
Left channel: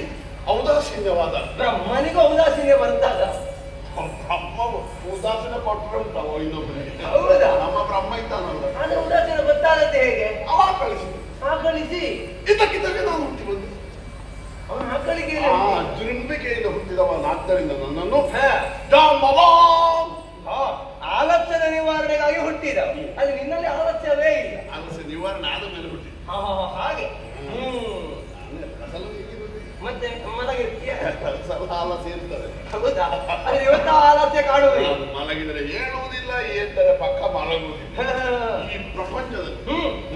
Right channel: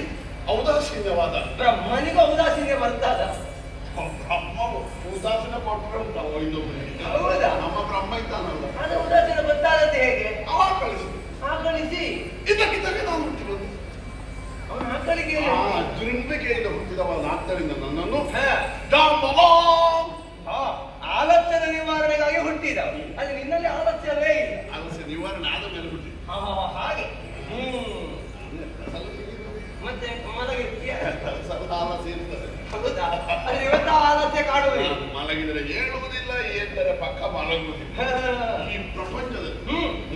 ಔದಾಸೀನ್ಯವಾದ ಬ್ರಹ್ಮನಿಗೂ ಔದಾಸೀನ್ಯ ಬರ್ತದ. ಬ್ರಹ್ಮ ಉದಾಸೀನ ಕೊಟ್ಟರೆ ಉಂಟವ ಇನ್ನೊಬ್ಬನಿಗೆ. ಹೌದಾ? ನಮ್ಮ ಬ್ರಹ್ಮ ಇದ್ದಾನಲ್ಲ, ಅದು ಉದಾಸೀನ ಗೊತ್ತಾಗತ್ತೆ ಹೇಗೆ? ಕಳಿಸಿ ಇದಕ್ಕಿದ್ದಾಗ ನಾನು ಹುಟ್ಟಿ ಬಂದೆ. ಜಿಂಬಿಕೆಯಿಂದ ಹುಟ್ಟಿದವನಾದ್ದರಿಂದ ನನ್ನನ್ನು ಆಲಸ್ಯದ ನಿವಾರಣೆಗಾಗಿ ಹುಟ್ಟಿದ. ಅದು ನಿನ್ನಲ್ಲಿ ಆಲಸ್ಯವೇ ಇಲ್ಲ. ಆಲಸ್ಯ ನಿವಾರಣೆ ಆದ ಮೇಲೆ ಹುಟ್ಟಿದ ಹಾಗೆ. ಮತ್ತೆ ಮಲಗಿರ್ತೀಯ? ಆಲಸ್ಯ ಇರ್ತದೆ. ಹೌದಾ? ಅದು ಇವತ್ತ ಆಲಸ್ಯ ಕಾಣುವುದಿಲ್ಲ. ಮಲಗಿದರೆ ಹೇಳುವುದಿಲ್ಲ, ಎಂದರೆ ಪಕ್ಕ ಮಲಗುವುದಿಲ್ಲ. ಈ ಪ್ರಪಂಚದಲ್ಲಿ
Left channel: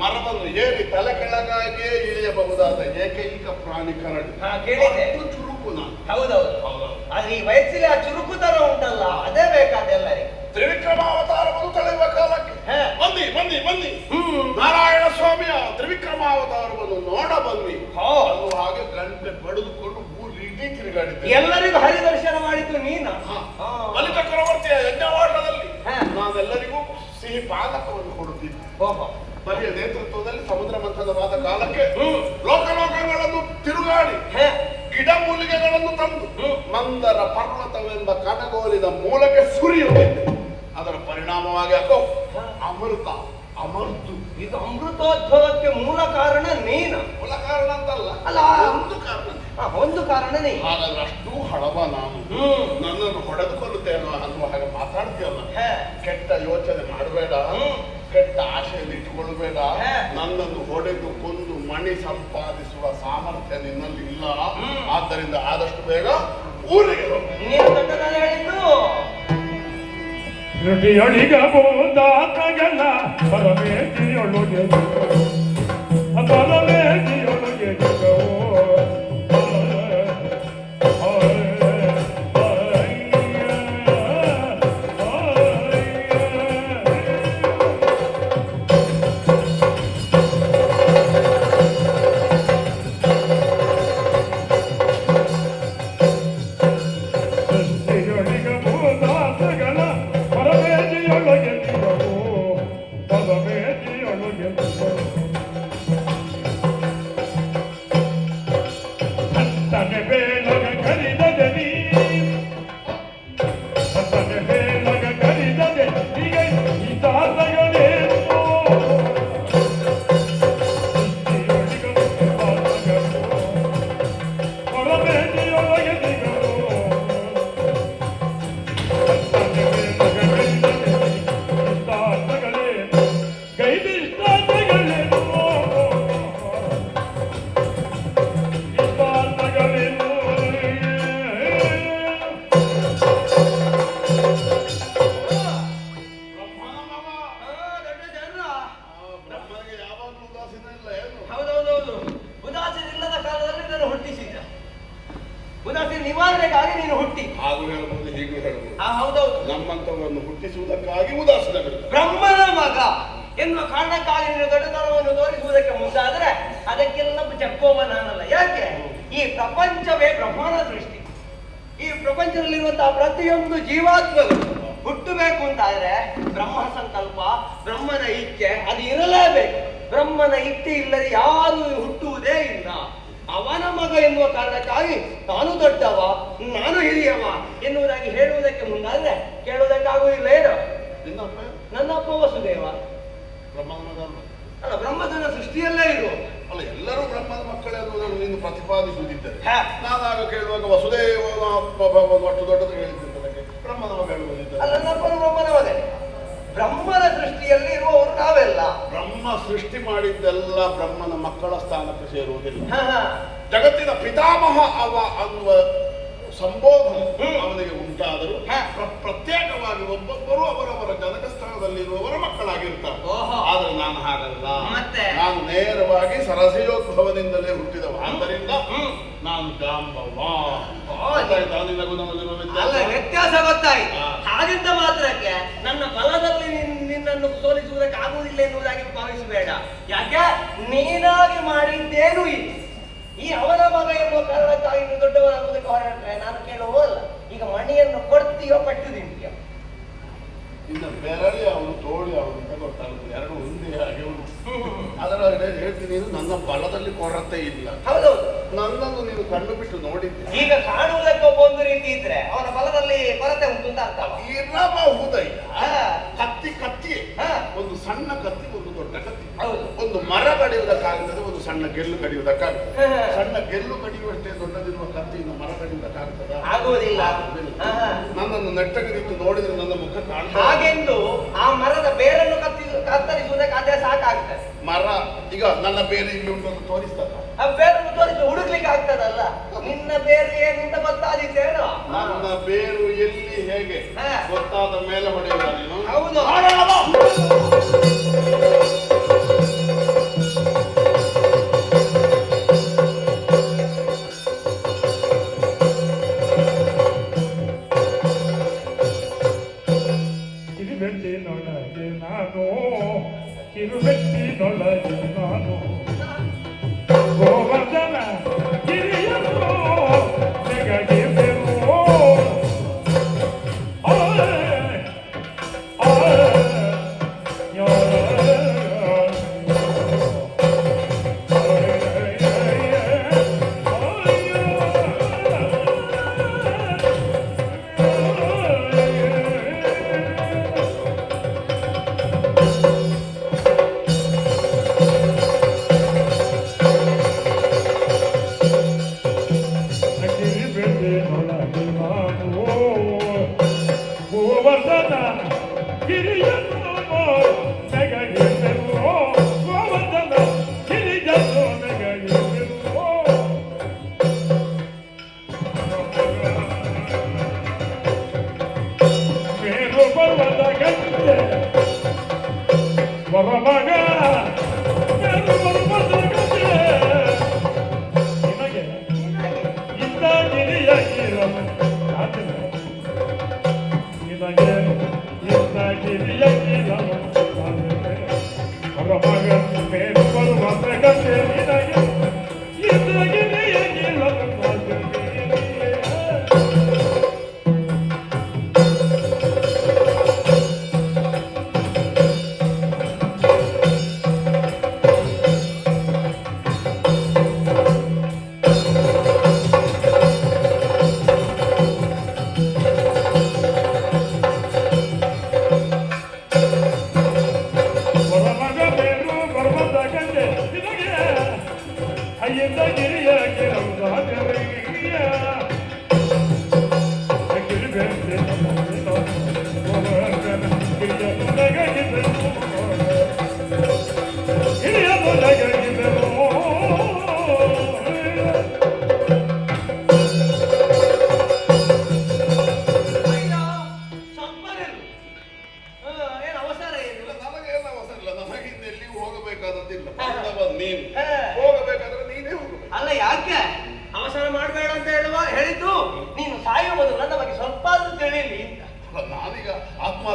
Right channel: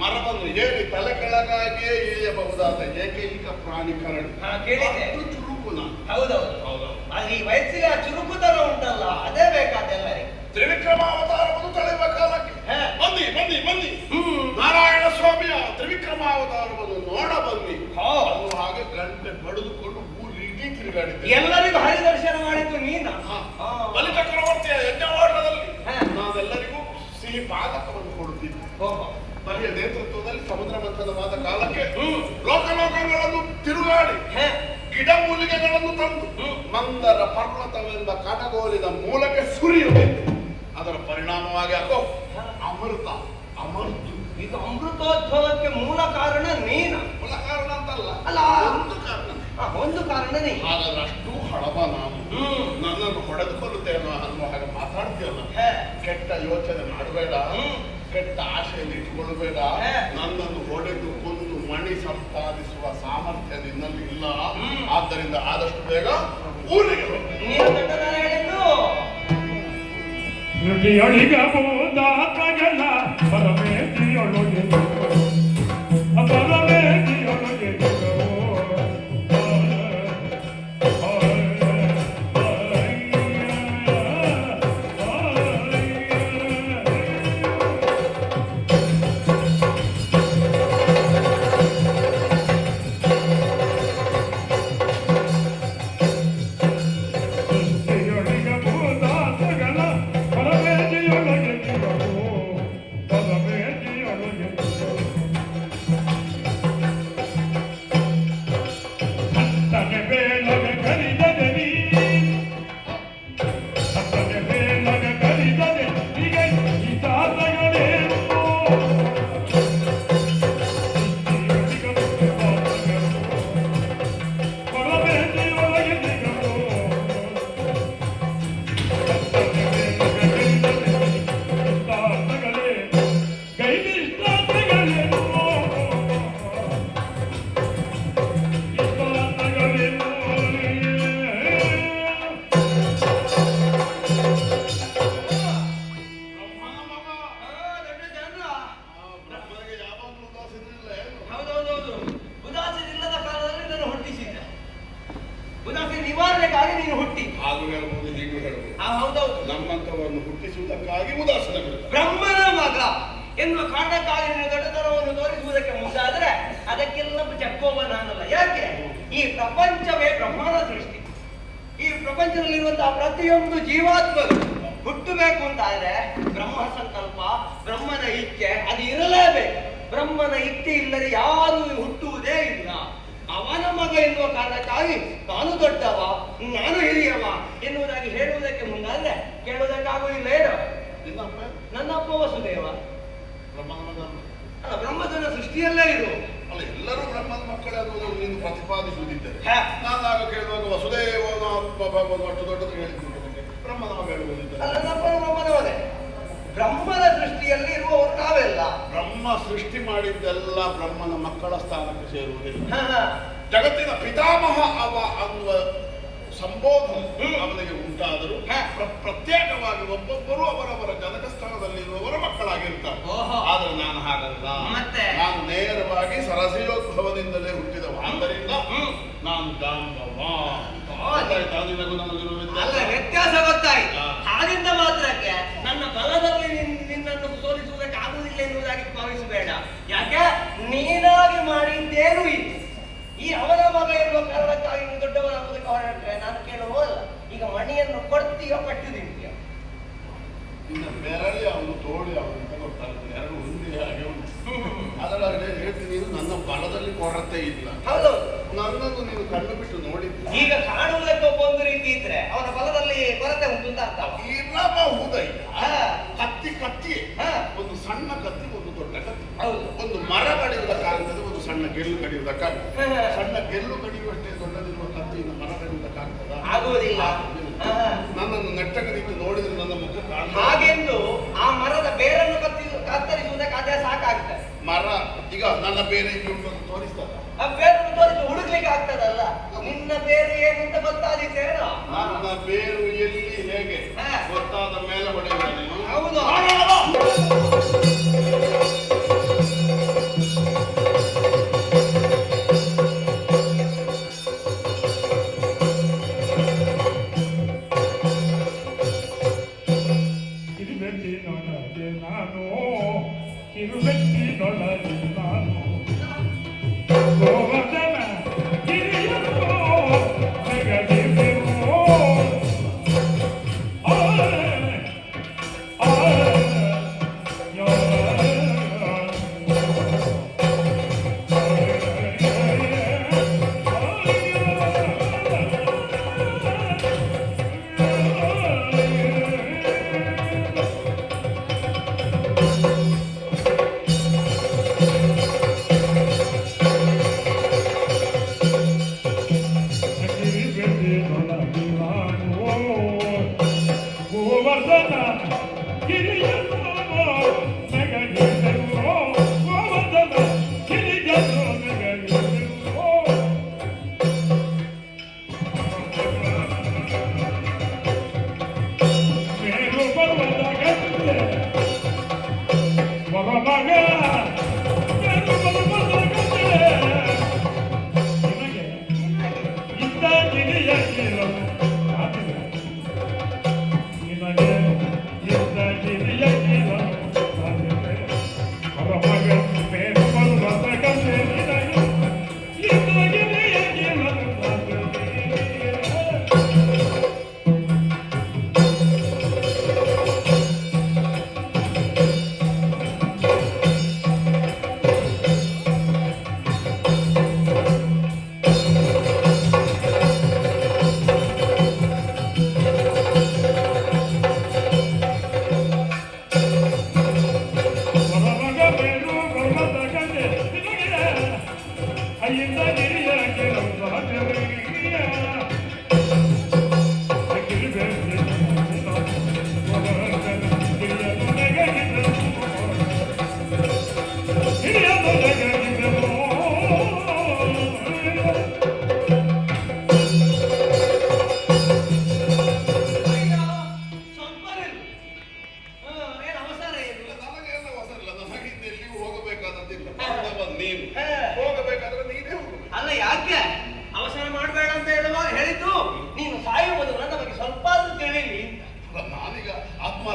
ಮರವನ್ನು ಹೇಗೆ ತಲೆ ಕೆಳಗಾಗಿಯೇ ಇಳಿಯಬಹುದಾದ ಏಕೈಕ ಪ್ರಾಣಿ ಕರಡಿ. ಕೇಳಿದೆ, ಚುರುಕು ನಾನು. ಹೌದೌದು. ಆದ್ರೆ ಈ ವಯಸ್ಸಿಗೆ ಆ ಚುರುಕುತನ ಉಂಟಲ್ಲ, ಅದೇ ಬೇಕಾದ ಎಲ್ಲರಿಗೆ. ತ್ರಿವಿಕ್ರಮಾವತಾರವನ್ನು ತಳೆಯುವ ಕಾಲಕ್ಕೆ ಒಂದು ಬನ್ನಿ ಬನ್ನಿ ಬನ್ನಿ ನಾರಾಯಣ ಸ್ವಾಮಿಯ ತ್ರಿವಿಕ್ರಮಾವತಾರವನ್ನು ನೋಡ ಬನ್ನಿ ಅನ್ನುವ ಹಾಗೆ ಗಂಟೆ ಬಡಿದುಕೊಂಡು ಊರಿಡೀ ತಿರುಗಾಡಿದ್ದೆ. ಎಲ್ಲರಿಗೂ ಹರಿದರ್ಶನ ಮಾಡಿದ್ದು ನೀನು. ಬಲಿ ಚಕ್ರವರ್ತಿಯ ಯಜ್ಞವಾಡದಲ್ಲಿ ನಾವೆಲ್ಲರಿಗೂ ಸಿಹಿ ಪಾದಕವನ್ನು ಕೊಡುತ್ತಿದ್ದೆ. ಬಲಿಯ ನೇತೃತ್ವದಲ್ಲಿ ಸಮುದ್ರ ಮಂಥನವಾದ ಕಾಲಕ್ಕೆ ಲೋಕಲೋಕಗಳನ್ನು ತಿರುಗಾಡಿ ಗಿಡ ಮೂಲಿಕೆಗಳನ್ನು ತಂದು ಮಂದರ ಪರ್ವತವೆಂಬ ಕನಗೋಲಿನ ಮೂಲಕ್ಕೆ ಸುರಿಯಬೇಕು. ಅದರ ಪರಿಣಾಮವಾಗಿ ಅಕೋ ಅಮೃತ ಅಮೃತ. ಇದು ಅಮೃತೋದ್ಭವಕ್ಕೆ ಮೂಲ ಕಾರಣ ನೀನು. ಮೂಲ ಕಾರಣ ಅಂತಲ್ಲ, ಅಲ್ಲ ಒಂದು ಕಾರಣ ನೀ. ಹಾಗಾದ್ರೆ ಅಷ್ಟು ಹಳಬ ನಾನು ನನ್ನನ್ನು ಹೊಡೆದುಕೊಳ್ಳುತ್ತೇನೋ ಅನ್ನುವ ಹಾಗೆ ಮಾತಾಡ್ತೀಯಲ್ಲ. ಕೆಟ್ಟ ಯೋಚನೆ ಮಾಡಬೇಡ, ಕೆಟ್ಟ ಆಶೆಯನ್ನು ಇಟ್ಟುಕೊಳ್ಳಬೇಡ. ನನ್ನನ್ನು ಹೊಡೆದು ಕೊಂದು ಮಣಿ ಸಂಪಾದಿಸುವ ಸಾಮರ್ಥ್ಯ ನಿನ್ನಲ್ಲಿ ಇಲ್ಲ. ಆದ್ದರಿಂದ ಆದಷ್ಟು ಬೇಗ ಊರಿಗೆ ನುಡಿಯೊಳಿಗಬಹುದಾತಗೆಲ್ಲ ಪರಮೇತಿಯೊಳಗೆ ಪರಮೇತಿಯೊಳಗೆ ನಿವಾರಣೆಗಾಗಿ ನೀನು ಹುಟ್ಟಿ. ಹಾಗೂ ಹೇಳಬಹುದು, ಹೀಗೂ ಹೇಳಬಹುದು. ಹೌದೌದು. ನಮ್ಮಂತವನ್ನು ಹುಟ್ಟಿಸುವುದಕ್ಕಾಗಿ ಉದಾಸೀನ ಬ್ರಹ್ಮನ ಮಗ ಎನ್ನುವ ಕಾರಣಕ್ಕಾಗಿ ನೀನು ದೊಡ್ಡತನವನ್ನು ತೋರಿಸುವುದಕ್ಕೆ ಮುಂದಾದ್ರೆ ಅದಕ್ಕೆಲ್ಲ ಚೆಪ್ಪುವ ನಾನಲ್ಲ. ಯಾಕೆ? ಈ ಪ್ರಪಂಚವೇ ಬ್ರಹ್ಮನ ಸೃಷ್ಟಿ. ಈ ಪ್ರಪಂಚದಲ್ಲಿರುವಂತಹ ಪ್ರತಿಯೊಂದು ಜೀವಾತ್ಮಗಳು ಹುಟ್ಟಬೇಕು ಅಂತಾದ್ರೆ ಬ್ರಹ್ಮ ಸಂಕಲ್ಪ, ಬ್ರಹ್ಮನ ಇಚ್ಛೆ ಅದು ಇರಲೇಬೇಕು. ಬ್ರಹ್ಮನ ಇಚ್ಛೆ ಇಲ್ಲದೆ ಯಾರು ಹುಟ್ಟುವುದೇ ಇಲ್ಲ. ಅವನ ಮಗ ಎನ್ನುವ ಕಾರಣಕ್ಕಾಗಿ ನಾನು ದೊಡ್ಡವ, ನಾನು ಹಿರಿಯವ ಎನ್ನುವುದಾಗಿ ಹೇಳುವುದಕ್ಕೆ ಮುಂದಾದ್ರೆ ಕೇಳುವುದಕ್ಕಾಗುವುದಿಲ್ಲ. ಏನು? ನನ್ನ ಅಪ್ಪ ವಸುದೇವ ಅಲ್ಲ, ಬ್ರಹ್ಮನ ಸೃಷ್ಟಿಯಲ್ಲೇ ಇದು. ಅಲ್ಲ, ಎಲ್ಲರೂ ಬ್ರಹ್ಮನ ಮಕ್ಕಳೇ ಅನ್ನೋದನ್ನು ನೀನು ಪ್ರತಿಪಾದಿಸುವುದಿದ್ದರೆ ನಾನು ಆಗ ಕೇಳುವಾಗ ವಸುದೇವನ ಅಷ್ಟು ದೊಡ್ಡದು ಹೇಳಿಕೊಟ್ಟದಕ್ಕೆ ಬ್ರಹ್ಮನ ಮಗ ಹೇಳುವುದಿದ್ದರೆ ಅಲ್ಲ, ನನ್ನ ಅಪ್ಪನ ಬ್ರಹ್ಮನವನೇ. ಬ್ರಹ್ಮನ ಸೃಷ್ಟಿಯಲ್ಲಿ ಇರುವವರು ನಾವೆಲ್ಲ. ಬ್ರಹ್ಮ ಸೃಷ್ಟಿ ಮಾಡಿದ್ದೆಲ್ಲ ಬ್ರಹ್ಮನ ಮಕ್ಕಳ ಸ್ಥಾನಕ್ಕೆ ಸೇರುವುದಿಲ್ಲ. ಜಗತ್ತಿನ ಪಿತಾಮಹ ಅವ ಅನ್ನುವ ಸಂಬೋಧನೆ ಅವನಿಗೆ ಉಂಟಾದರೂ ಪ್ರತ್ಯೇಕವಾಗಿ ಒಬ್ಬೊಬ್ಬರು ಅವರವರ ಜನಕ ಸ್ಥಾನದಲ್ಲಿರುವವರ ಮಕ್ಕಳಾಗಿರ್ತಾರೆ. ಆದ್ರೆ ನಾನು ಹಾಗಲ್ಲ. ನಾನು ನೇರವಾಗಿ ಸರಸಿಯೋದ್ಭವದಿಂದಲೇ ಹುಟ್ಟಿದವ. ಆದ್ದರಿಂದ ನಾನು ಜಾಂಬವ. ವ್ಯತ್ಯಾಸ ಗೊತ್ತಾಯ್ತು. ಹಾಗಿದ್ದ ಮಾತ್ರಕ್ಕೆ ನನ್ನ ಬಲದಲ್ಲಿ ನಿನ್ನನ್ನು ಸೋಲಿಸುವುದಕ್ಕೆ ಆಗುವುದಿಲ್ಲ ಎನ್ನುವುದಾಗಿ ಭಾವಿಸಬೇಡ. ಯಾಕೆ? ನೀನಾಗಿ ಮಾಡಿದ್ದೇನು ಇದು. ಈ ಅವನ ಮಗ ಎನ್ನುವ ಕಾರಣಕ್ಕಾಗಿ ನೀವು ದೊಡ್ಡವರಾಗುವುದಕ್ಕೆ ಹೊರಟ್ರೆ ನಾನು ಕೇಳುವಲ್ಲ. ಈಗ ಮಣಿಯನ್ನು ಕೊಡ್ತೀಯೋ ಕಟ್ಟು ತಿಂತೀಯೋ? ಇನ್ನ ಬೆರಳಿ ಅವನು ತೋಳಿ ಅವನು ಅಂತ ಗೊತ್ತಾಗುತ್ತೆ. ಎರಡು ಒಂದೇ ಹಾಗೆ ಉಂಟು. ಅದರಲ್ಲಿ ಹೇಳ್ತೀನಿ, ನನ್ನ ಬಲದಲ್ಲಿ ಕೊರತೆ ಇಲ್ಲ. ಹೌದೌದು. ನನ್ನನ್ನು ನೀನು ಕಂಡು ಬಿಟ್ಟು ನೋಡಿದ್ದೆ. ಈಗ ಕಾಣುವುದಕ್ಕೆ ಒಂದು ರೀತಿ ಇದ್ರೆ ಅವನ ಬಲದಲ್ಲಿ ಕೊರತೆ ಉಂಟು ಅಂತ ಅರ್ಥ. ಇರಬಹುದೈ. ಕತ್ತಿ ಕತ್ತಿ, ಒಂದು ಸಣ್ಣ ಕತ್ತಿ, ಒಂದು ದೊಡ್ಡ ಕತ್ತಿ. ಹೌದು. ಒಂದು ಮರ ಕಡಿಯುವುದಕ್ಕಾಗ್ತದೆ, ಒಂದು ಸಣ್ಣ ಗೆಲ್ಲು ಕಡಿಯುವುದಕ್ಕಾಗ್ತದೆ. ಸಣ್ಣ ಗೆಲ್ಲು ಕಡಿಯುವಷ್ಟೇ ದೊಡ್ಡದಿರುವ ಕತ್ತಿಯಿಂದ ಮರ ಕಡಿಯುವುದಕ್ಕಾಗ್ತದ? ಆಗುವುದಿಲ್ಲ. ನನ್ನನ್ನು ನೆಟ್ಟಗರಿತು ನೋಡಿದ್ರೆ ನನ್ನ ಮುಖ ಕಾಣ್ತದೆ. ಹಾಗೆಂದು ಆ ಮರದ ಬೇರನ್ನು ಕತ್ತರಿಸುವುದಕ್ಕೆ ಅದೇ ಸಾಕಾಗ್ತದೆ. ಮರ ಈಗ ನನ್ನ ಬೇರೆ ಇಲ್ಲಿ ಉಂಟು ಅಂತ ತೋರಿಸ್ತದ. ಆ ಬೇರನ್ನು ತೋರಿಸಿ ಹುಡುಕ್ಲಿಕ್ಕೆ ಆಗ್ತದಲ್ಲ. ನಿನ್ನ ಬೇರು ಏನು ಅಂತ ಗೊತ್ತಾದಿದ್ದೇನೋ? ನನ್ನ ಬೇರು ಎಲ್ಲಿ ಹೇಗೆ ಗೊತ್ತಾದ ಮೇಲೆ ಹೊಡೆಯುವ ನೀನು. ಹೌದು. ನನಗೆ ನಾನು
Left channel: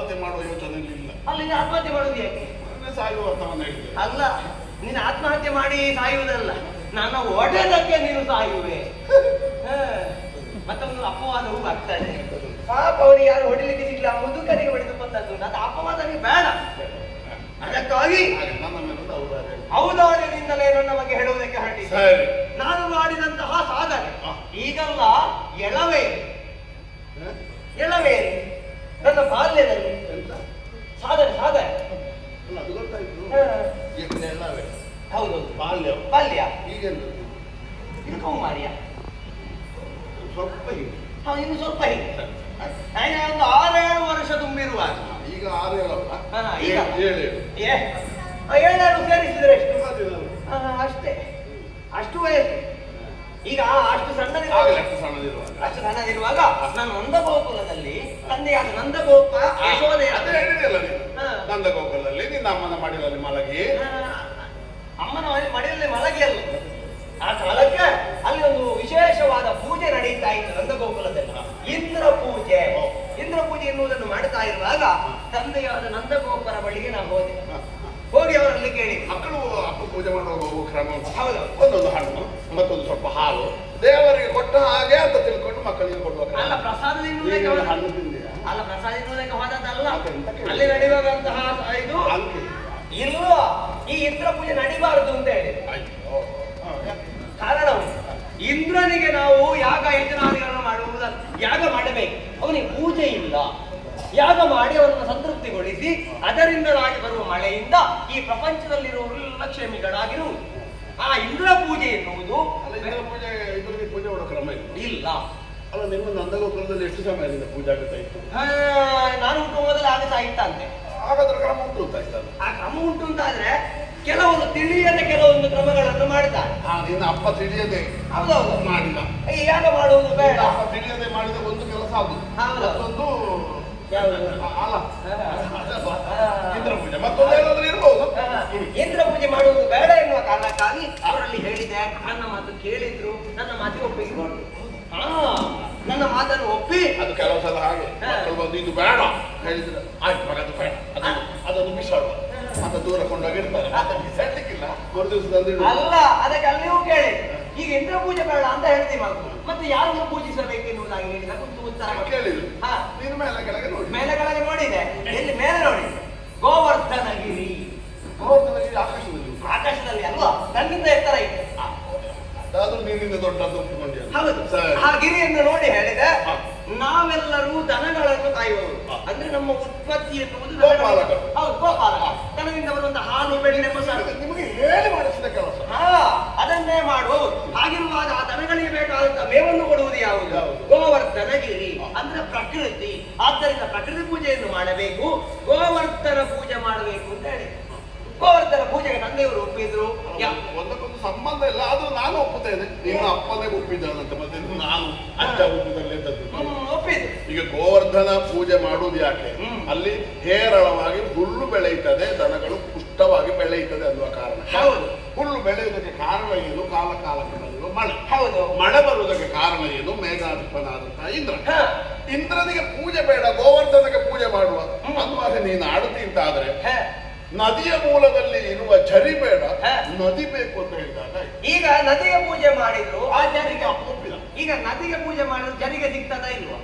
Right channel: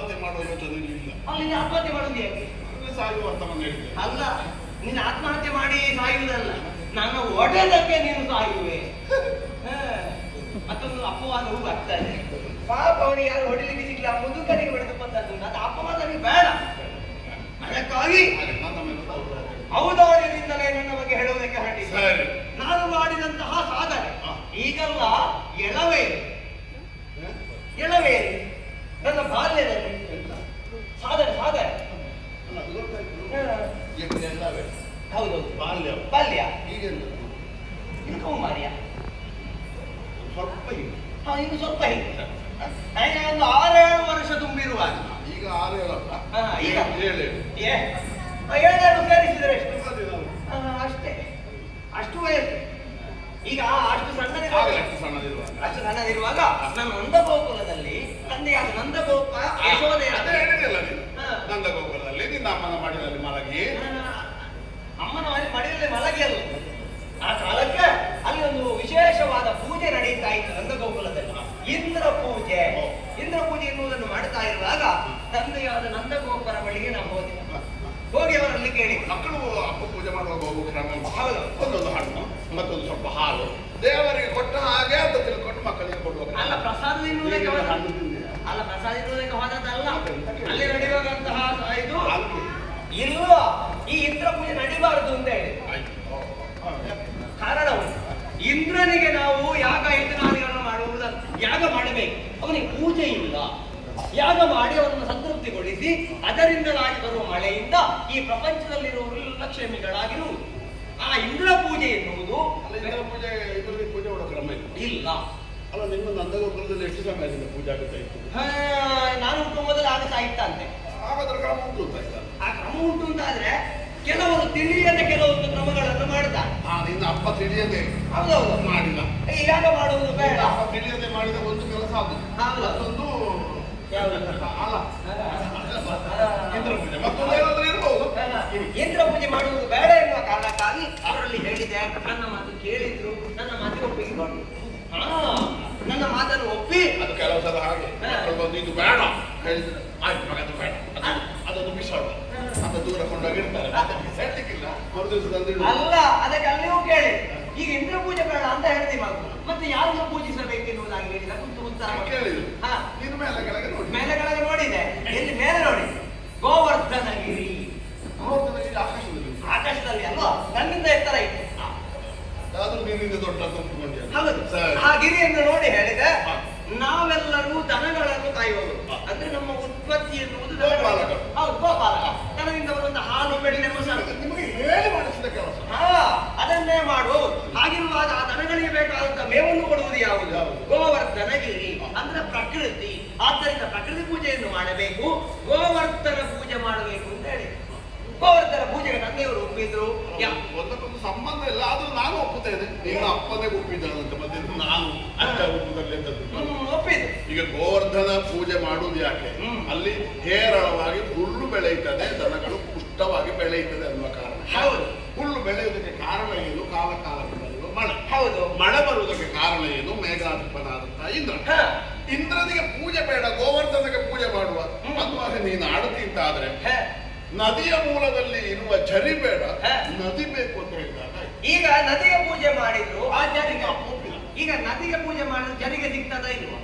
ಆತ್ಮಹತ್ಯೆ ಮಾಡುವ ಯೋಚನೆ ಇಲ್ಲ. ಅಲ್ಲಿ ನೀನು ಆತ್ಮಹತ್ಯೆ ಮಾಡೋದು ಯಾಕೆ? ಸಾಯುವ ಅಂತ ಹೇಳಿದೆ. ಅಲ್ಲ, ನೀನು ಆತ್ಮಹತ್ಯೆ ಮಾಡಿ ಸಾಯುವುದಲ್ಲ, ನನ್ನ ಒಡೆದಕ್ಕೆ ನೀನು ಸಾಯುವೆ. ಮತ್ತೊಂದು ಅಪವಾದವೂ ಆಗ್ತದೆ. ಪಾಪ ಅವನಿಗೆ ಯಾರು ಹೊಡಿಲಿಕ್ಕೆ ಸಿಗ್ಲಿ, ಆ ಮುದುಕನಿಗೆ ಹೊಡೆದು ಬಂದದ್ದು, ಅದು ಅಪವಾದನಿಗೆ ಬೇಡ. ಅದಕ್ಕಾಗಿ ಔದಾರ್ಯದಿಂದಲೇ ನನ್ನ ಬಗ್ಗೆ ಹೇಳುವುದಕ್ಕೆ ಹೊರಟಿದ್ದೆ. ನಾನು ಮಾಡಿದಂತಹ ಸಾಧನೆ ಈಗಲ್ಲ, ಎಳವೇರಿ ನನ್ನ ಬಾಲ್ಯದಲ್ಲಿ ಸಾಧನೆ ಹೌದು. ಬಾಲ್ಯ ಈಗ ಇಳ್ಕೊಂಡ್ ಮಾರಿಯ ಸ್ವಲ್ಪ ಇನ್ನು ಸ್ವಲ್ಪ ಹಿಂದೆ ಒಂದು 6-7 ವರ್ಷ ತುಂಬಿರುವಾಗ. ಈಗ 6-7 ಈಗ 7 ಸೇರಿಸಿದ್ರೆ ಅಷ್ಟೇ, ಅಷ್ಟು ವಯಸ್ಸು. ಈಗ ಅಷ್ಟು ಸಣ್ಣದಿರುವಾಗ ನಾನು ನಂದಗೋಕುಲದಲ್ಲಿ ತಂದೆಯಾದ ನಂದಗೋಪ ಯಶೋದೆ ನಂದಗೋಕುಲದಲ್ಲಿ ನಿನ್ನ ಅಮ್ಮನ ಮಡಿಲಲ್ಲಿ ಮಲಗಿ, ಅಮ್ಮನ ಮಡಿಲಲ್ಲಿ ಮಲಗಿ ಅಲ್ಲ, ಆ ಕಾಲಕ್ಕೆ ಅಲ್ಲಿ ಒಂದು ವಿಶೇಷವಾದ ಪೂಜೆ ನಡೀತಾ ಇತ್ತು ನಂದಗೋಕುಲದಲ್ಲಿ. ಇಂದ್ರ ಪೂಜೆ ಎನ್ನುವುದನ್ನು ಮಾಡ್ತಾ ಇರುವಾಗ ತಂದೆಯಾದ ನಂದಗೋಪರ ಬಳಿಗೆ ನಾವು ಹೋಗಿ ಅವರಲ್ಲಿ ಕೇಳಿ, ಮಕ್ಕಳು ಅಪ್ಪ ಪೂಜೆ ಮಾಡುವಾಗ ಹೋಗುವ ಕ್ರಮ ಹೌದು, ಒಂದೊಂದು ಹಣ್ಣು ಮತ್ತೊಂದು ಸ್ವಲ್ಪ ಹಾಲು ದೇವರಿಗೆ ಕೊಟ್ಟ ಹಾಗೆ ಅಂತ ತಿಳ್ಕೊಂಡು ಮಕ್ಕಳಿಗೆ ಕೊಡುವ ಅಲ್ಲ ಪ್ರಸಾದ ತಿನ್ನುವುದಕ್ಕೆ ಹೋದದ್ದಲ್ಲ, ಅಲ್ಲಿ ನಡೆಯುವಂತಹ ಇದು ಇಲ್ಲ. ಈ ಇಂದ್ರ ಪೂಜೆ ನಡಿಬಾರದು ಅಂತ ಹೇಳಿ ಕಾರಣವು, ಇಂದ್ರನಿಗೆ ನಾವು ಯಾಗ ಯಜ್ಞಾದಿಗಳನ್ನು ಮಾಡುವುದಲ್ಲ, ಯಾಗ ಮಾಡಬೇಕು. ಅವನಿಗೆ ಪೂಜೆ ಇಲ್ಲ, ಯಾಗ ಮಾಡಿ ಅವರನ್ನು ಸಂತೃಪ್ತಿಗೊಳಿಸಿ ಅದರಿಂದಲಾಗಿ ಬರುವ ಮಳೆಯಿಂದ ಈ ಪ್ರಪಂಚದಲ್ಲಿರುವವರೆಲ್ಲ ಕ್ಷೇಮಿಗಳಾಗಿರುವುದು. ಆ ಇಂದ್ರ ಪೂಜೆ ಎನ್ನುವುದು ಪೂಜೆ ಮಾಡೋ ಕ್ರಮ ಇಲ್ಲ. ಅಲ್ಲ, ನಿಮ್ಮ ನಂದಗೋಕುಲದಲ್ಲಿ ಎಷ್ಟು ಸಮಯದಿಂದ ಪೂಜೆ ಆಗುತ್ತಾ ಇತ್ತು? ನಾನು ಮೊದಲು ಆಗುತ್ತಾ ಇತ್ತಂತೆ. ಹಾಗಾದ್ರೆ ಕ್ರಮ ಉಂಟು ಅಂತ ಆಯ್ತಾ? ಆ ಕ್ರಮ ಉಂಟು ಅಂತಾದ್ರೆ ಕೆಲವರು ತಿಳಿಯದೆ ಕೆಲವೊಂದು ಕ್ರಮಗಳನ್ನು ಮಾಡ್ತಾರೆ. ನಿನ್ನ ಅಪ್ಪ ತಿಳಿಯದೆ ಹೌದೌದು ಮಾಡಿದ ಈ ಯಾಗ ಮಾಡುವುದು ಬೇಡ. ಅಪ್ಪ ತಿಳಿಯದೆ ಮಾಡಿದ ಒಂದು ಕೆಲಸ ಅದು, ಮತ್ತೊಂದು ಇಂದ್ರ ಪೂಜೆ, ಮತ್ತೊಂದು ಏನಾದ್ರೂ ಇರಬಹುದು. ಇಂದ್ರ ಪೂಜೆ ಮಾಡುವುದು ಬೇಡ ಎನ್ನುವ ಕಾರಣಕ್ಕಾಗಿ ಅವರಲ್ಲಿ ಹೇಳಿದೆ. ನನ್ನ ಮಾತು ಕೇಳಿದ್ರು, ನನ್ನ ಮಾತಿಗೆ ಒಪ್ಪಿಕೊಂಡು ನನ್ನ ಮಾತನ್ನು ಒಪ್ಪಿ, ಅದು ಕೆಲವು ಸಲ ಹಾಗೆ ಮಕ್ಕಳು ಬಂದು ಇದು ಬೇಡ ಹೇಳಿದ್ರೆ ಆಯ್ತು ಮಗ ಅದು ಬೇಡ, ಅದೊಂದು ಬಿಸಾಡ ಅಂತ ದೂರ ಕೊಂಡೋಗಿರ್ತಾರೆ. ಸೆಟ್ಟಿಕ್ಕಿಲ್ಲ ಮರು ದಿವಸ ಅಲ್ಲ, ಅದಕ್ಕೆ ಅಲ್ಲಿಯೂ ಕೇಳಿ. ಈಗ ಇಂದ್ರ ಪೂಜೆ ಬೇಡ ಅಂತ ಹೇಳ್ತೀವಿ ಮಗು, ಮತ್ತೆ ಯಾರನ್ನು ಪೂಜಿಸಬೇಕು ಎನ್ನುವುದಾಗಿ ಹೇಳಿದ ಉತ್ತರ ಕೇಳಿದ್ರು. ನೀನು ಮೇಲೆ ಕೆಳಗೆ ನೋಡಿ, ಮೇಲೆ ಕೆಳಗೆ ನೋಡಿದೆ. ಎಲ್ಲಿ ಮೇಲೆ ನೋಡಿ? ಗೋವರ್ಧನಗಿರಿ. ಗೋವರ್ಧನಗಿರಿ ಆಕಾಶದಲ್ಲಿ ಅಲ್ವಾ? ನನ್ನಿಂದ ಎತ್ತರ ಇದೆ. ಅದಾದ್ರೂ ನೀನಿಂದ ದೊಡ್ಡದ್ದು ಒಪ್ಪಿಕೊಂಡೆ. ಹೌದು. ಆ ಗಿರಿಯನ್ನು ನೋಡಿ ಹೇಳಿದೆ, ನಾವೆಲ್ಲರೂ ದನಗಳನ್ನು ಕಾಯುವವರು. ಅಂದ್ರೆ ನಮ್ಮ ಉತ್ಪತ್ತಿ ಎನ್ನುವುದು ಹೌದು, ಗೋಪಾಲಕ. ದನದಿಂದ ಬರುವಂತ ಹಾಲು, ಬೆಣ್ಣೆ, ಮೊಸರು ನಿಮಗೆ ಹೇಳಿ ಮಾಡಿಸಿದ ಕೆಲಸ. ಅದನ್ನೇ ಮಾಡುವವರು. ಹಾಗಿರುವಾಗ ಆ ದನಗಳಿಗೆ ಬೇಕಾದಂತ ಮೇವನ್ನು ಕೊಡುವುದು ಯಾವುದು? ಗೋವರ್ಧನಗಿರಿ ಅಂದ್ರೆ ಪ್ರಕೃತಿ. ಆದ್ದರಿಂದ ಪ್ರಕೃತಿ ಪೂಜೆಯನ್ನು ಮಾಡಬೇಕು, ಗೋವರ್ಧನ ಪೂಜೆ ಮಾಡಬೇಕು ಅಂತ ಹೇಳಿ ಗೋವರ್ಧನ ಪೂಜೆಗೆ ತಂದೆಯವರು ಒಪ್ಪಿದ್ರು. ಒಂದಕ್ಕೊಂದು ಸಂಬಂಧ ಇಲ್ಲ, ಅದು ನಾನು ಒಪ್ಪುತ್ತೇನೆ. ನಿಮ್ಮ ಅಪ್ಪನೇ ಒಪ್ಪಿದ್ದಾನಂತೆ, ಮತ್ತೆ ನಾನು ಅಜ್ಜ ಒಪ್ಪಿದ್ದು. ಈಗ ಗೋವರ್ಧನ ಪೂಜೆ ಮಾಡುವುದು ಯಾಕೆ? ಅಲ್ಲಿ ಹೇರಳವಾಗಿ ಹುಲ್ಲು ಬೆಳೆಯುತ್ತದೆ, ದನಗಳು ಪುಷ್ಟವಾಗಿ ಬೆಳೆಯುತ್ತದೆ ಅನ್ನುವ ಕಾರಣ. ಹೌದು. ಹುಲ್ಲು ಬೆಳೆಯುವುದಕ್ಕೆ ಕಾರಣ ಏನು? ಕಾಲ ಬರುವ ಮಳೆ. ಹೌದು. ಮಳೆ ಬರುವುದಕ್ಕೆ ಕಾರಣ ಏನು? ಮೇಘಾಧಿಪನಾದಂತಹ ಇಂದ್ರ. ಇಂದ್ರನಿಗೆ ಪೂಜೆ ಬೇಡ, ಗೋವರ್ಧನಗೆ ಪೂಜೆ ಮಾಡುವ ಅನ್ನುವಾಗ ನೀನು ಆಡುತ್ತಿ ಅಂತ ಆದ್ರೆ ನದಿಯ ಮೂಲದಲ್ಲಿ ಇರುವ ಝರಿ ಬೇಡ, ನದಿ ಬೇಕು ಅಂತ ಹೇಳಿದಾಗ ಈಗ ನದಿಗೆ ಪೂಜೆ ಮಾಡಿದ್ರು ಆ ಜರಿಗೆ ಒಪ್ಪಿಲ್ಲ. ಈಗ ನದಿಗೆ ಪೂಜೆ ಮಾಡಿದ್ರು ಜರಿಗೆ ಸಿಗ್ತದ ಇಲ್ವಾ?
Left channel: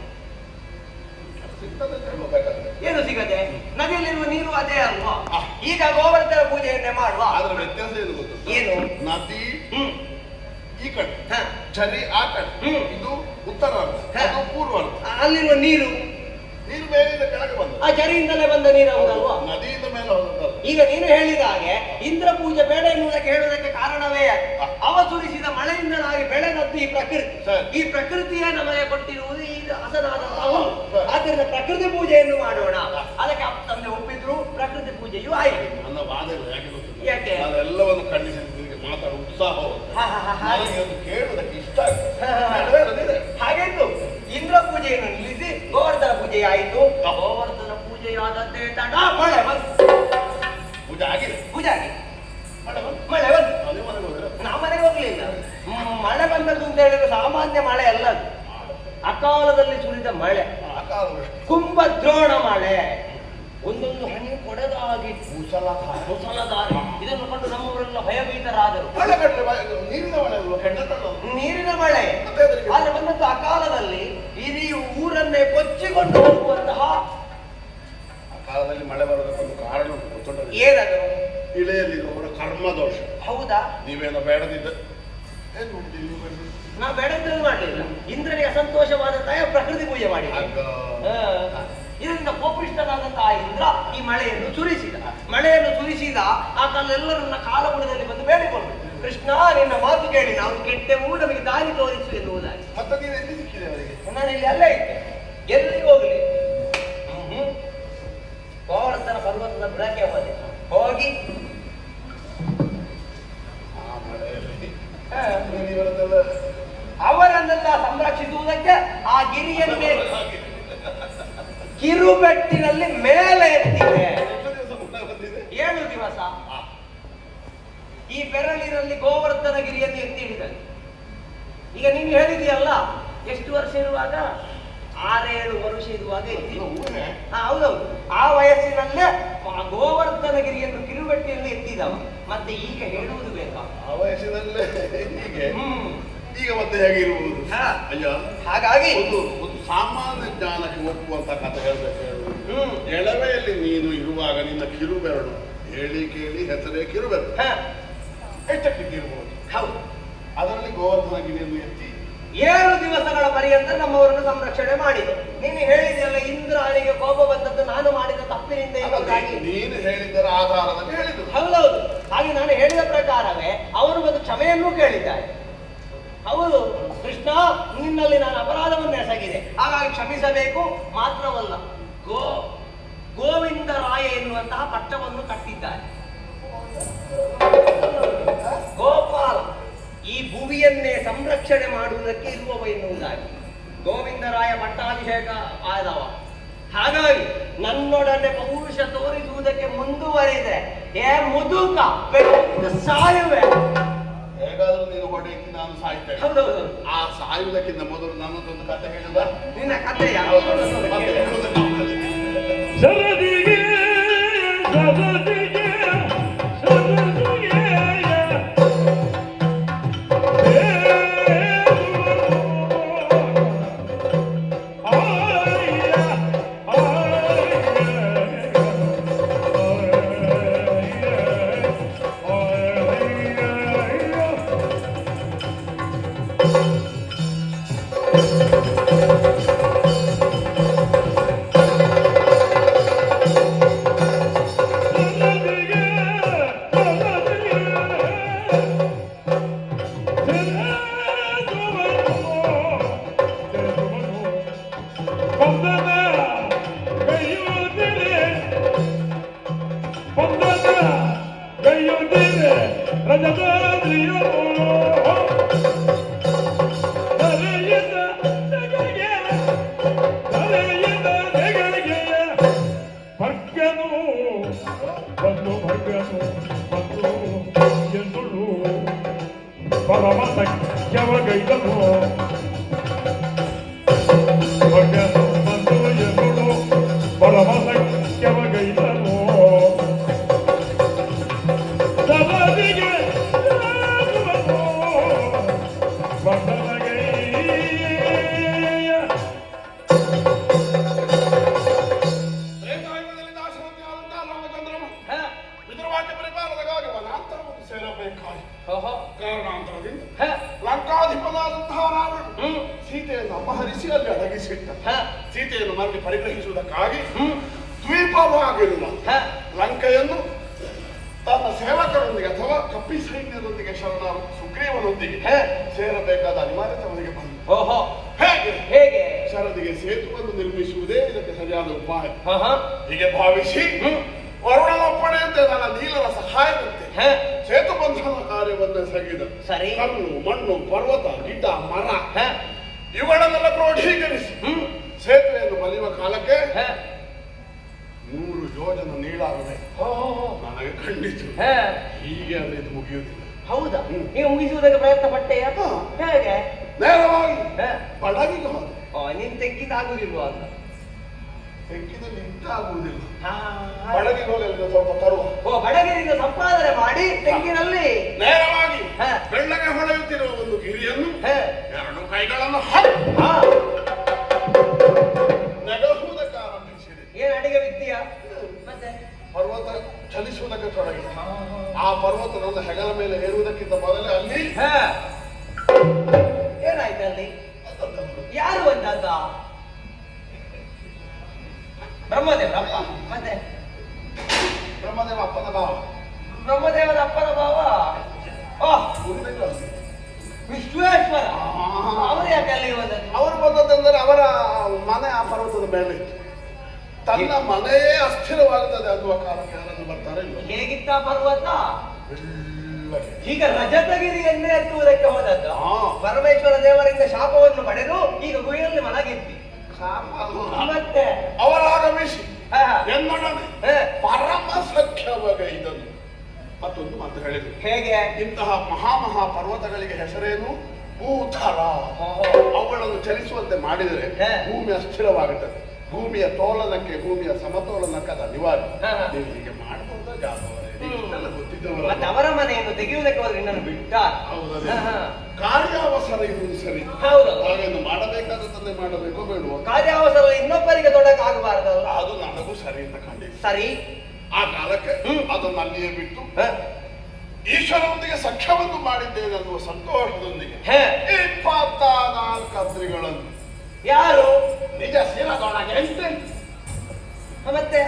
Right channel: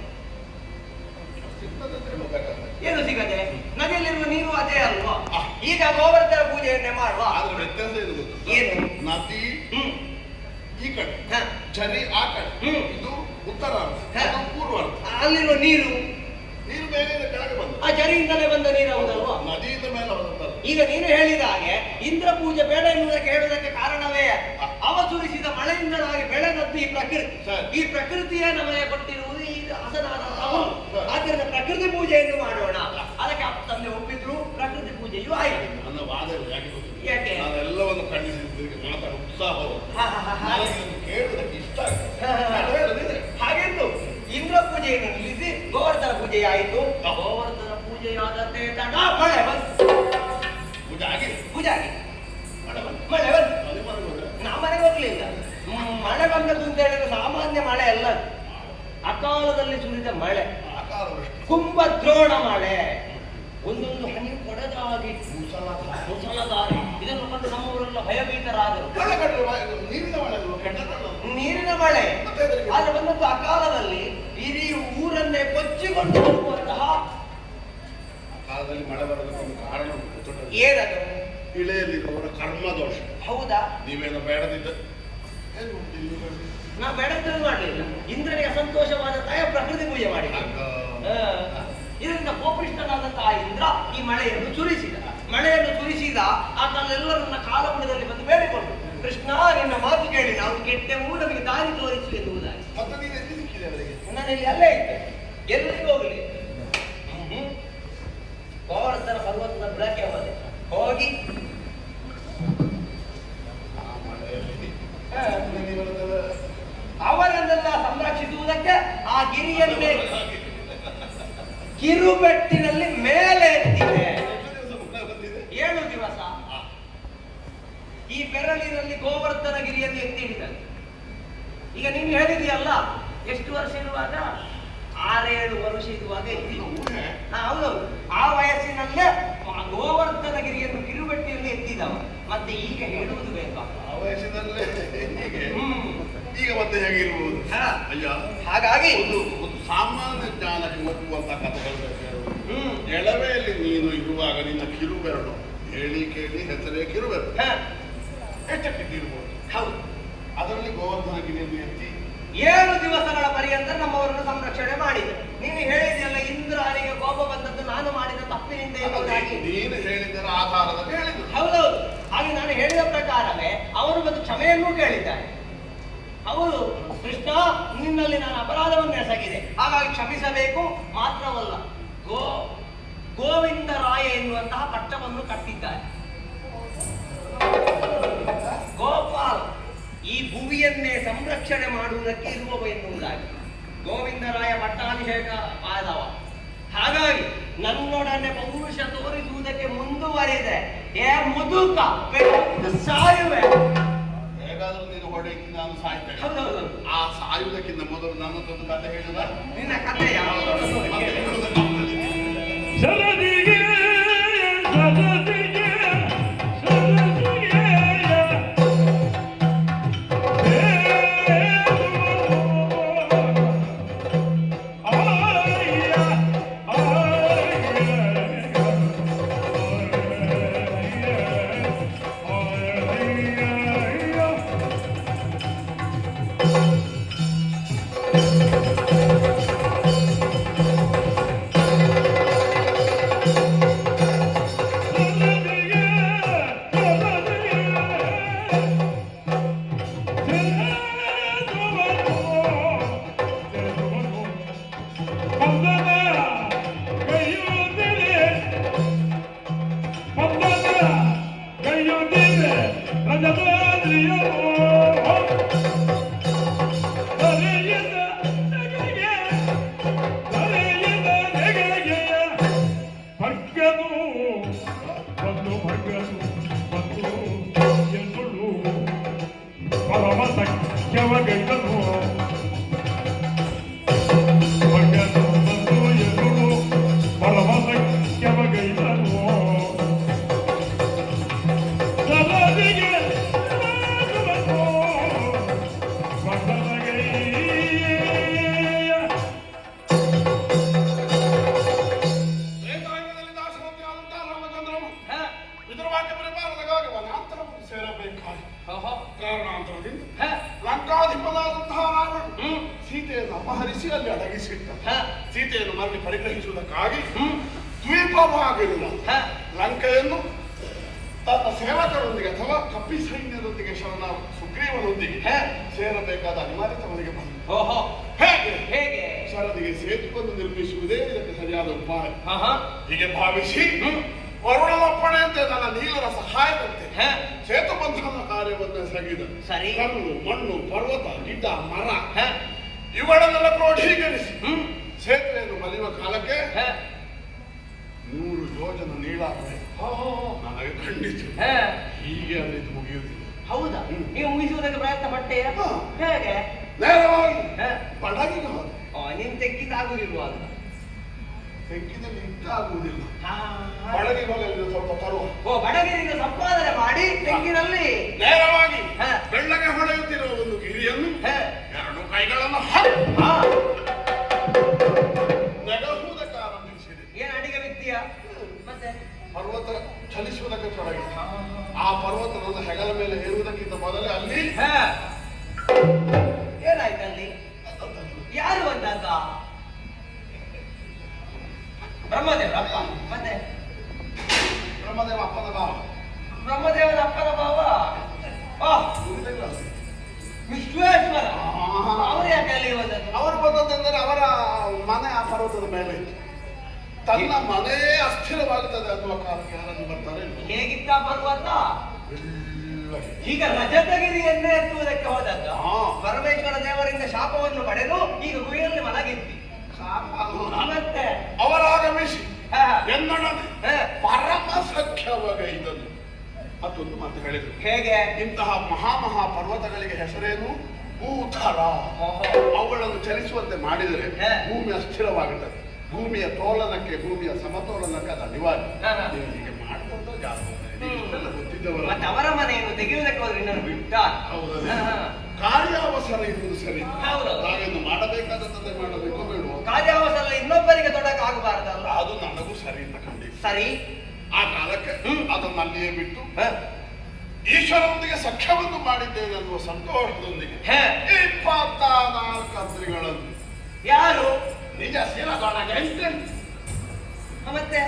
ಏನು ಸಿಗದೆ? ನದಿಯಲ್ಲಿರುವ ನೀರು ಅದೇ ಅಲ್ವಾ? ಈಗ ಗೋವರ್ಧನ ಪೂಜೆಯನ್ನೇ ಮಾಡುವ. ಆದ್ರೆ ವ್ಯತ್ಯಾಸ ಏನು ಗೊತ್ತು? ಏನು? ನದಿ ಈ ಕಡೆ, ಝರಿ ಆ ಕಡೆ, ಇದು ಉತ್ತರ, ಅದು ಪೂರ್ವ. ಅಲ್ಲಿರುವ ನೀರು ಮೇಲಿಂದ ಕೆಳಗೆ ಬಂದ, ಆ ಝರಿಯಿಂದಲೇ ಬಂದ ನೀರು ಹೌದಲ್ವಾ? ನದಿಯಿಂದ ಮೇಲೆ ಹೋದಲ್ಲ. ಈಗ ನೀನು ಹೇಳಿದ ಹಾಗೆ ಇಂದ್ರ ಪೂಜೆ ಬೇಡ ಎನ್ನುವುದಕ್ಕೆ ಹೇಳುವುದಕ್ಕೆ ಕಾರಣವೇ ಅವ ಸುರಿಸಿದ ಮಳೆಯಿಂದಲಾಗಿ ಬೆಳೆದದ್ದು ಈ ಪ್ರಕೃತಿ. ಈ ಪ್ರಕೃತಿಯೇ ನಮಗೆ ಕೊಟ್ಟಿರುವುದು ಈ ಹಸನಾದಂತಹ. ಆದ್ದರಿಂದ ಪ್ರಕೃತಿ ಪೂಜೆಯನ್ನು ಮಾಡೋಣ. ಅದಕ್ಕೆ ತಂದೆ ಒಪ್ಪಿದ್ರು, ಪ್ರಕೃತಿ ಪೂಜೆಯೂ ಆಯಿತು. ನನ್ನ ವಾದ ಯಾಕೆ? ನಾನೆಲ್ಲವನ್ನು ಖಂಡಿಸಿದ್ದಕ್ಕೆ ಮಾತಾಡ ಉತ್ಸಾಹ ಕೇಳುವುದಕ್ಕೆ ಇಷ್ಟ ಆಗುತ್ತೆ. ಹಾಗೆಂದು ಇಂದ್ರ ಪೂಜೆಯನ್ನು ನಿಲ್ಲಿಸಿ ಗೋವರ್ಧನ ಪೂಜೆ ಆಯಿತು. ಗೋವರ್ಧನ ಪೂಜೆಯಾದಂತೆ ತಡ ಮಳೆ ಬಂತು. ಪೂಜೆ ಆಗಿದೆ, ಪೂಜೆ ಆಗಿದೆ, ಮಳೆ ಬಂತು. ನಾವು ಮನೆಗೆ ಹೋಗ್ಲಿಲ್ಲ. ಮಳೆ ಬಂದದ್ದು ಅಂತ ಹೇಳಿದ್ರೆ ಸಾಮಾನ್ಯ ಮಳೆ ಅಲ್ಲದು, ಅಕಾಲದಲ್ಲಿ ಸುರಿದ ಮಳೆ, ಕುಂಭದ್ರೋಣ ಮಳೆ. ಒಂದೊಂದು ಹನಿ ಕೊಡದಾಗಿ ಮುಸಲಧಾರೆ. ಮುಸಲಧಾರೆ. ಇದನ್ನು ಕಂಡು ನಮ್ಮವರೆಲ್ಲ ಭಯಭೀತರಾದರು. ನೀರಿನ ಮಳೆ ಅಲ್ವಾ? ಕೆಟ್ಟದ್ದಲ್ಲ. ನೀರಿನ ಮಳೆ ಮತ್ತೆ ಅದಕ್ಕೆ? ಆದ್ರೆ ಬಂದಂತ ಆ ಕಾಲದಲ್ಲಿ ಇಡೀ ಊರನ್ನೇ ಕೊಚ್ಚಿಕೊಂಡು ಹೋಗುವಂತಹ ಆ ಕಾಲದಲ್ಲಿ ಮಳೆ ಬರೋದಕ್ಕೊಂದು ಕಾರಣ ಉಂಟು, ಗೊತ್ತುಂಟಲ್ಲ? ಏನದು? ಇಳೆಯಲ್ಲಿ ಅವರ ಕರ್ಮ ದೋಷ. ಹೌದಾ? ನೀವೇನೋ ಬೇಡದಿದ್ದ ಏನು ಉಂಟು ಇಲ್ಲಿ ಬನ್ನಿ. ನಾ ಬೇಡದ್ದು ಮಾಡಲಿಲ್ಲ. ಇಂದ್ರನಿಗೆ ಅಸಂತೋಷವಾದ ತಾಯ ಪ್ರಕೃತಿ ಪೂಜೆ ಮಾಡಿ ಇದರಿಂದ ಕೋಪೃಷ್ಟನಾದಂತಹ ಇಂದ್ರ ಈ ಮಳೆಯನ್ನು ಸುರಿಸಿದ. ಮಳೆಯನ್ನು ಸುರಿಸಿದ ಆತನೆಲ್ಲರನ್ನ ಕಾಲಗುಣದಲ್ಲಿ ಬಂದು ಬೇಡಿಕೊಂಡು, ಕೃಷ್ಣ ನಿನ್ನ ಮಾತು ಕೇಳಿ ನಾವು ಕೆಟ್ಟೆವು, ನಮಗೆ ದಾರಿ ತೋರಿಸು ಎನ್ನುವುದಾಗಿ. ಮತ್ತೆ ನೀವು ಎಲ್ಲಿ ಸಿಕ್ಕಿದೆ ಅವರಿಗೆ? ನಾನು ಇಲ್ಲಿ ಅಲ್ಲೇ ಇದ್ದೆ, ಎಲ್ಲಿಗೆ ಹೋಗಲಿ. ಗೋವರ್ಧನ ಪರ್ವತದ ಬುಡಕ್ಕೆ ಹೋದೆ. ಹೋಗಿ ಅವರನ್ನೆಲ್ಲ ಸಂರಕ್ಷಿಸುವುದಕ್ಕೆ ಆ ಗಿರಿಯನ್ನೇ ಕಿರುಬೆಟ್ಟಿನಲ್ಲಿ ಮೇಲೆ ಎತ್ತಿದೆ. 7 ದಿವಸ ಈ ಬೆರಳಿನಲ್ಲಿ ಗೋವರ್ಧನ ಗಿರಿಯನ್ನು ಎತ್ತಿ ಹಿಡಿದಲ್ಲಿ. ಈಗ ನೀನು ಹೇಳಿದೆಯಲ್ಲ, ಎಷ್ಟು ವರ್ಷ ಇರುವಾಗ? 6-7 ವರ್ಷ ಇರುವಾಗ ಎತ್ತಿದ. ಹೌದೌದು, ಆ ವಯಸ್ಸಿನಲ್ಲೇ ಗೋವರ್ಧನ ಗಿರಿಯನ್ನು ಕಿರುಬೆಟ್ಟಿಯಲ್ಲಿ ಎತ್ತಿದವ. ಮತ್ತೆ ಈಗ ಹೇಳುವುದು ಬೇಕಾ? ಆ ವಯಸ್ಸಿನಲ್ಲೇ ಹೀಗೆ ಈಗ ಮತ್ತೆ ಹೇಗಿರ್ಬೋದು? ಅಯ್ಯೋ, ಹಾಗಾಗಿ ಒಂದು ಸಾಮಾನ್ಯ ಜ್ಞಾನಕ್ಕೆ ಒಪ್ಪುವಂತ ಕಥೆ ಹೇಳ್ಬೇಕು. ಎಳವೆಯಲ್ಲಿ ನೀನು ಇರುವಾಗ ನಿನ್ನ ಕಿರುಬೆರಳು ಹೇಳಿ ಕೇಳಿ ಹೆಸರೇ ಕಿರುಬೆರಳು ಎಷ್ಟಕ್ಕಿದ್ದಿರ್ಬೋದು. ಹೌದು, ಅದರಲ್ಲಿ ಗೋವರ್ಧನ ಗಿರಿಯನ್ನು ಎತ್ತಿ 7 ದಿವಸಗಳ ಪರ್ಯಂತ ನಮ್ಮವರನ್ನು ಸಂರಕ್ಷಣೆ ಮಾಡಿದೆ. ನೀನು ಹೇಳಿದೆಯಲ್ಲ, ಇಂದ್ರನಿಗೆ ಕೋಪ ಬಂದದ್ದು ನಾನು ಮಾಡಿದ ತಪ್ಪಿನಿಂದ ಎಂಬುದಾಗಿ. ನೀನು ಹೇಳಿದ್ದರ ಆಧಾರದಲ್ಲಿ ಹೇಳಿದ್ದು. ಹೌದೌದು, ಹಾಗೆ ನಾನು ಹೇಳಿದ ಪ್ರಕಾರವೇ ಅವರು ಒಂದು ಕ್ಷಮೆಯನ್ನೂ ಕೇಳಿದ್ದಾರೆ. ಹೌದು ಕೃಷ್ಣ, ನಿನ್ನಲ್ಲಿ ನಾನು ಅಪರಾಧವನ್ನು ಎಸಗಿದೆ, ಹಾಗಾಗಿ ಕ್ಷಮಿಸಬೇಕು. ಮಾತ್ರವಲ್ಲ, ಗೋವಿಂದರಾಯ ಎನ್ನುವಂತಹ ಪಟ್ಟವನ್ನು ಕಟ್ಟಿದ್ದಾರೆ. ಗೋಪಾಲ್ ಈ ಭುವಿಯನ್ನೇ ಸಂರಕ್ಷಣೆ ಮಾಡುವುದಕ್ಕೆ ಇರುವವ ಎನ್ನುವುದಾಗಿ ಗೋವಿಂದರಾಯ ಪಟ್ಟಾಭಿಷೇಕ ಆದವ. ಹಾಗಾಗಿ ನನ್ನೊಡನೆ ಪೌರುಷ ತೋರಿಸುವುದಕ್ಕೆ ಮುಂದುವರಿದೆ. ಮುದುಕ ಸಾಯುವೆ. ಹೇಗಾದ್ರೂ ನೀನು ಹೊಡೆಯಕ್ಕೆ ನಾನು ಸಾಯ್ತೇನೆ. ಹೌದೌದು, ಆ ಸಾಯುವುದಕ್ಕಿಂತ ಮೊದಲು ನನ್ನದೊಂದು ಕಥೆ ಹೇಳುವ. ನಿನ್ನ ಕಥೆ ಯಾವುದು? ಸರದಿಗೆ ಸರದಿಗೆ ಸರದಿಗೆ ಕಾರಣಾಂತರದಿಂದ ಲಂಕಾಧಿಪನಾದಂತಹ ರಾವಣ ಸೀತೆಯನ್ನು ಅಪಹರಿಸಿ ಅಲ್ಲಿ ಅಡಗಿಸಿಟ್ಟ. ಸೀತೆಯನ್ನು ಮರಳಿ ಪರಿಗ್ರಹಿಸುವುದಕ್ಕಾಗಿ ದ್ವೀಪವಾಗಿರುವ ಲಂಕೆಯನ್ನು ತನ್ನ ಸೇವಕರೊಂದಿಗೆ ಅಥವಾ ಕಪ್ಪಿ ಸೈನ್ಯದೊಂದಿಗೆ ಶರಣ ಸುಗ್ರೀವನೊಂದಿಗೆ ಸೇರಬೇಕಾದ ಅನಿವಾರ್ಯತೆ ಅವನಿಗೆ ಬಂತು. ಹೇಗೆ ಹೇಗೆ ಶರದಿಗೆ ಸೇತುವನ್ನು ನಿರ್ಮಿಸುವುದೇ ಇದಕ್ಕೆ ಸರಿಯಾದ ಉಪಾಯ. ಹೀಗೆ ಭಾವಿಸಿ ವರುಣನಪ್ಪಣೆ ಅಂತ ನನ್ನ ನೀಲರ ಸಹಾಯದಂತೆ ಸೇತು ಬಂಧನ ಕಾರ್ಯವನ್ನು ಎಸಗಿದ. ಕಲ್ಲು, ಮಣ್ಣು, ಪರ್ವತ, ಗಿಡ್ಡ, ಮರ ಇವುಗಳನ್ನೆಲ್ಲ ಕ್ರೋಢೀಕರಿಸಿ ಸೇತುವೆಯನ್ನು ಬಲಿಯುವ ಕಾಲಕ್ಕೆ 100 ಯೋಜನ ನೀಡಾಗಿದೆ. ನನಗೆ ಖಂಡಿತ ಹೀಗೆ ಅಂದ್ರೆ ಇದು ಮುಗಿಯುವುದಿಲ್ಲ. ಹೌದಾ? ನೀವು ಮುಗಿಸುವುದಕ್ಕೆ ಪ್ರಯತ್ನ ಪಟ್ಟೆಯ? ಹೇಗೆ? ನೇರವಾಗಿ ಬಡಗಿಗೆ ಹೋದ. ನೀನು ತೆಗ್ಗಿದ್ದಾಗುದಿಲ್ವಾ ಅಂತ ಬೆಂಕಿನಲ್ಲಿ ಇಟ್ಟಾಗುವುದಿಲ್ಲ. ಹಾ. ಬಡಗಿ ಹೋಗಲಿಲ್ಲ ಸ್ವಲ್ಪ ತರುವ. ಓ ಬಡಗಿರಿಗೆ ಸಂಪಾದನೆ ಮಾಡಿ ತೆಂಗಿನಲ್ಲಿ ನೇರವಾಗಿ ಹಾ. ಬೆಳ್ಳಗೆ ಹೊಳೆಯುತ್ತಿರುವ ಒಂದು ಗಿರಿಯನ್ನು ಹೇ. ಎರಡು ಕೈಗಳನ್ನು ಹಾ. ನೆಗೆಸುವುದಕ್ಕೆ ಆರಂಭಿಸಿದೆ. ಏನ್ ಅಡಿಗೆ ವಿತ್ತೀಯ ಮತ್ತೆ ಪರ್ವತ ಚಲಿಸುವುದಕ್ಕೆ ತೊಡಗಿದೆ. ಆ ಪರ್ವತ ನನ್ನ ಹೆಗಲ ಮೇಲೆ ಏರುವುದಕ್ಕಿಂತ ಮೊದಲೇ ಅಲ್ಲಿ ಹಾ. ಏನಾಯ್ತು ಅಲ್ಲಿ ಯಾರು ಅಂತ ಬ್ರಹ್ಮದೇವರಪ್ಪ ಮತ್ತೆ ಬ್ರಹ್ಮದೇವ ಅಪ್ಪನ ಭಾವ ಬ್ರಹ್ಮದೇವರ ಅಪ್ಪನ ಭಾವ ಗುರುದೇವ ವಿಶ್ವೇಶ್ವರ ಅವರು ಯಾಕೆ ಅಲ್ಲಿಗೆ ಬಂದದ್ದು ಅವರು ಬಂದದ್ದೆಂದರೆ ಅವರ ಮನೆ ಆ ಪರ್ವತದ ಮೇಲೆ ಇತ್ತು. ತನ್ನ ಮನೆಯೇ ಅಸ್ಥಿರವಾಗುತ್ತದೆ ಅನ್ನುವ ಕಾರಣಕ್ಕೆ ಯಾರಾದ್ರೂ ಬರ್ತಾರೆ. ಹೇಗಿತ್ತ ಪರ್ವತ ಬೆಳ್ಳಗೆ. ಈಗ ರಜತಗಿರಿಯನ್ನೇ ಹತ್ತುವುದಕ್ಕೆ ಹೋದದ್ದು ಪರಮೇಶ್ವರ ದೇವರಿಂದ ಶಾಪವನ್ನು ಪಡೆದು ಈಗ ಗುಹೆಯಲ್ಲಿ ಮಲಗಿದ್ದಿ ಮತ್ತೆ ಅವರಾಗಮಿಸಿ ಹಾ. ಎನ್ನೊಡನೆ ಪರಮ ಸಖ್ಯವಗೈದನು ಮತ್ತೊಂದು ಮಾತು ಹೇಳಿದರು. ಹೇಗೆ ಇಂತಹ ಮಹಾ ಪರ್ವತಗಳಿಗೆ ಹೆಸರೇನು? ಭೂತಲ. ಅವುಗಳನ್ನು ಚಲಿಸುವಂತೆ ಮಾಡಿದರೆ ಹಾ. ಭೂಮಿ ಅಸ್ಥಿರವಾಗುತ್ತದೆ. ಭೂಮಿಯ ತೋಲನಕ್ಕೆ ಭೂಮಿಯ ಸಮತೋಲನಕ್ಕೆ ಅದು ಅನಿವಾರ್ಯ. ಹಾ. ನೀವು ಹೀಗೆ ಮಾಡಬಹುದು ಗೊತ್ತಿದ್ದವರ ಮತ್ತೆ ಅವರ ಮನೆಯನ್ನು ತೆಗೆಯುವುದಕ್ಕೆ ಹೋದ್ರೆ ಇನ್ನೊಂದು ಬಿಟ್ಟ ಹೌದಲ್ಲ ಕಾರ್ಯಾವಸರ ಇರುವುದು ಸರಿ. ಹೌದು ನಾವೇನು ಮಾಡಬೇಕಾದದ್ದನ್ನೇ ಮಾಡಬೇಕು ಬೇಡುವ ಕಾರ್ಯಾವಸರ ಇನ್ನೊಬ್ಬರಿಗೆ ತೊಡಕ್ ಆಗಬಾರ್ದಲ್ಲ ಅದು ನನಗೂ ಸರಿ ಅಂತ ಖಂಡಿತ. ಸರಿ ಆ ಕಾಲಕ್ಕೆ ಅದನ್ನು ಅಲ್ಲಿಯೇ ಬಿಟ್ಟು ಈಶ್ವರೊಂದಿಗೆ ಸಖ್ಯವನ್ನು ಮಾಡಿದ್ದೇನೆ ಅನ್ನುವ ಸಂತೋಷದೊಂದಿಗೆ 24 ಅದ್ರಿಗಳನ್ನು ಯಾರು ನಿಜ ಶಿರದೊಳಗೆ ಮತ್ತೆ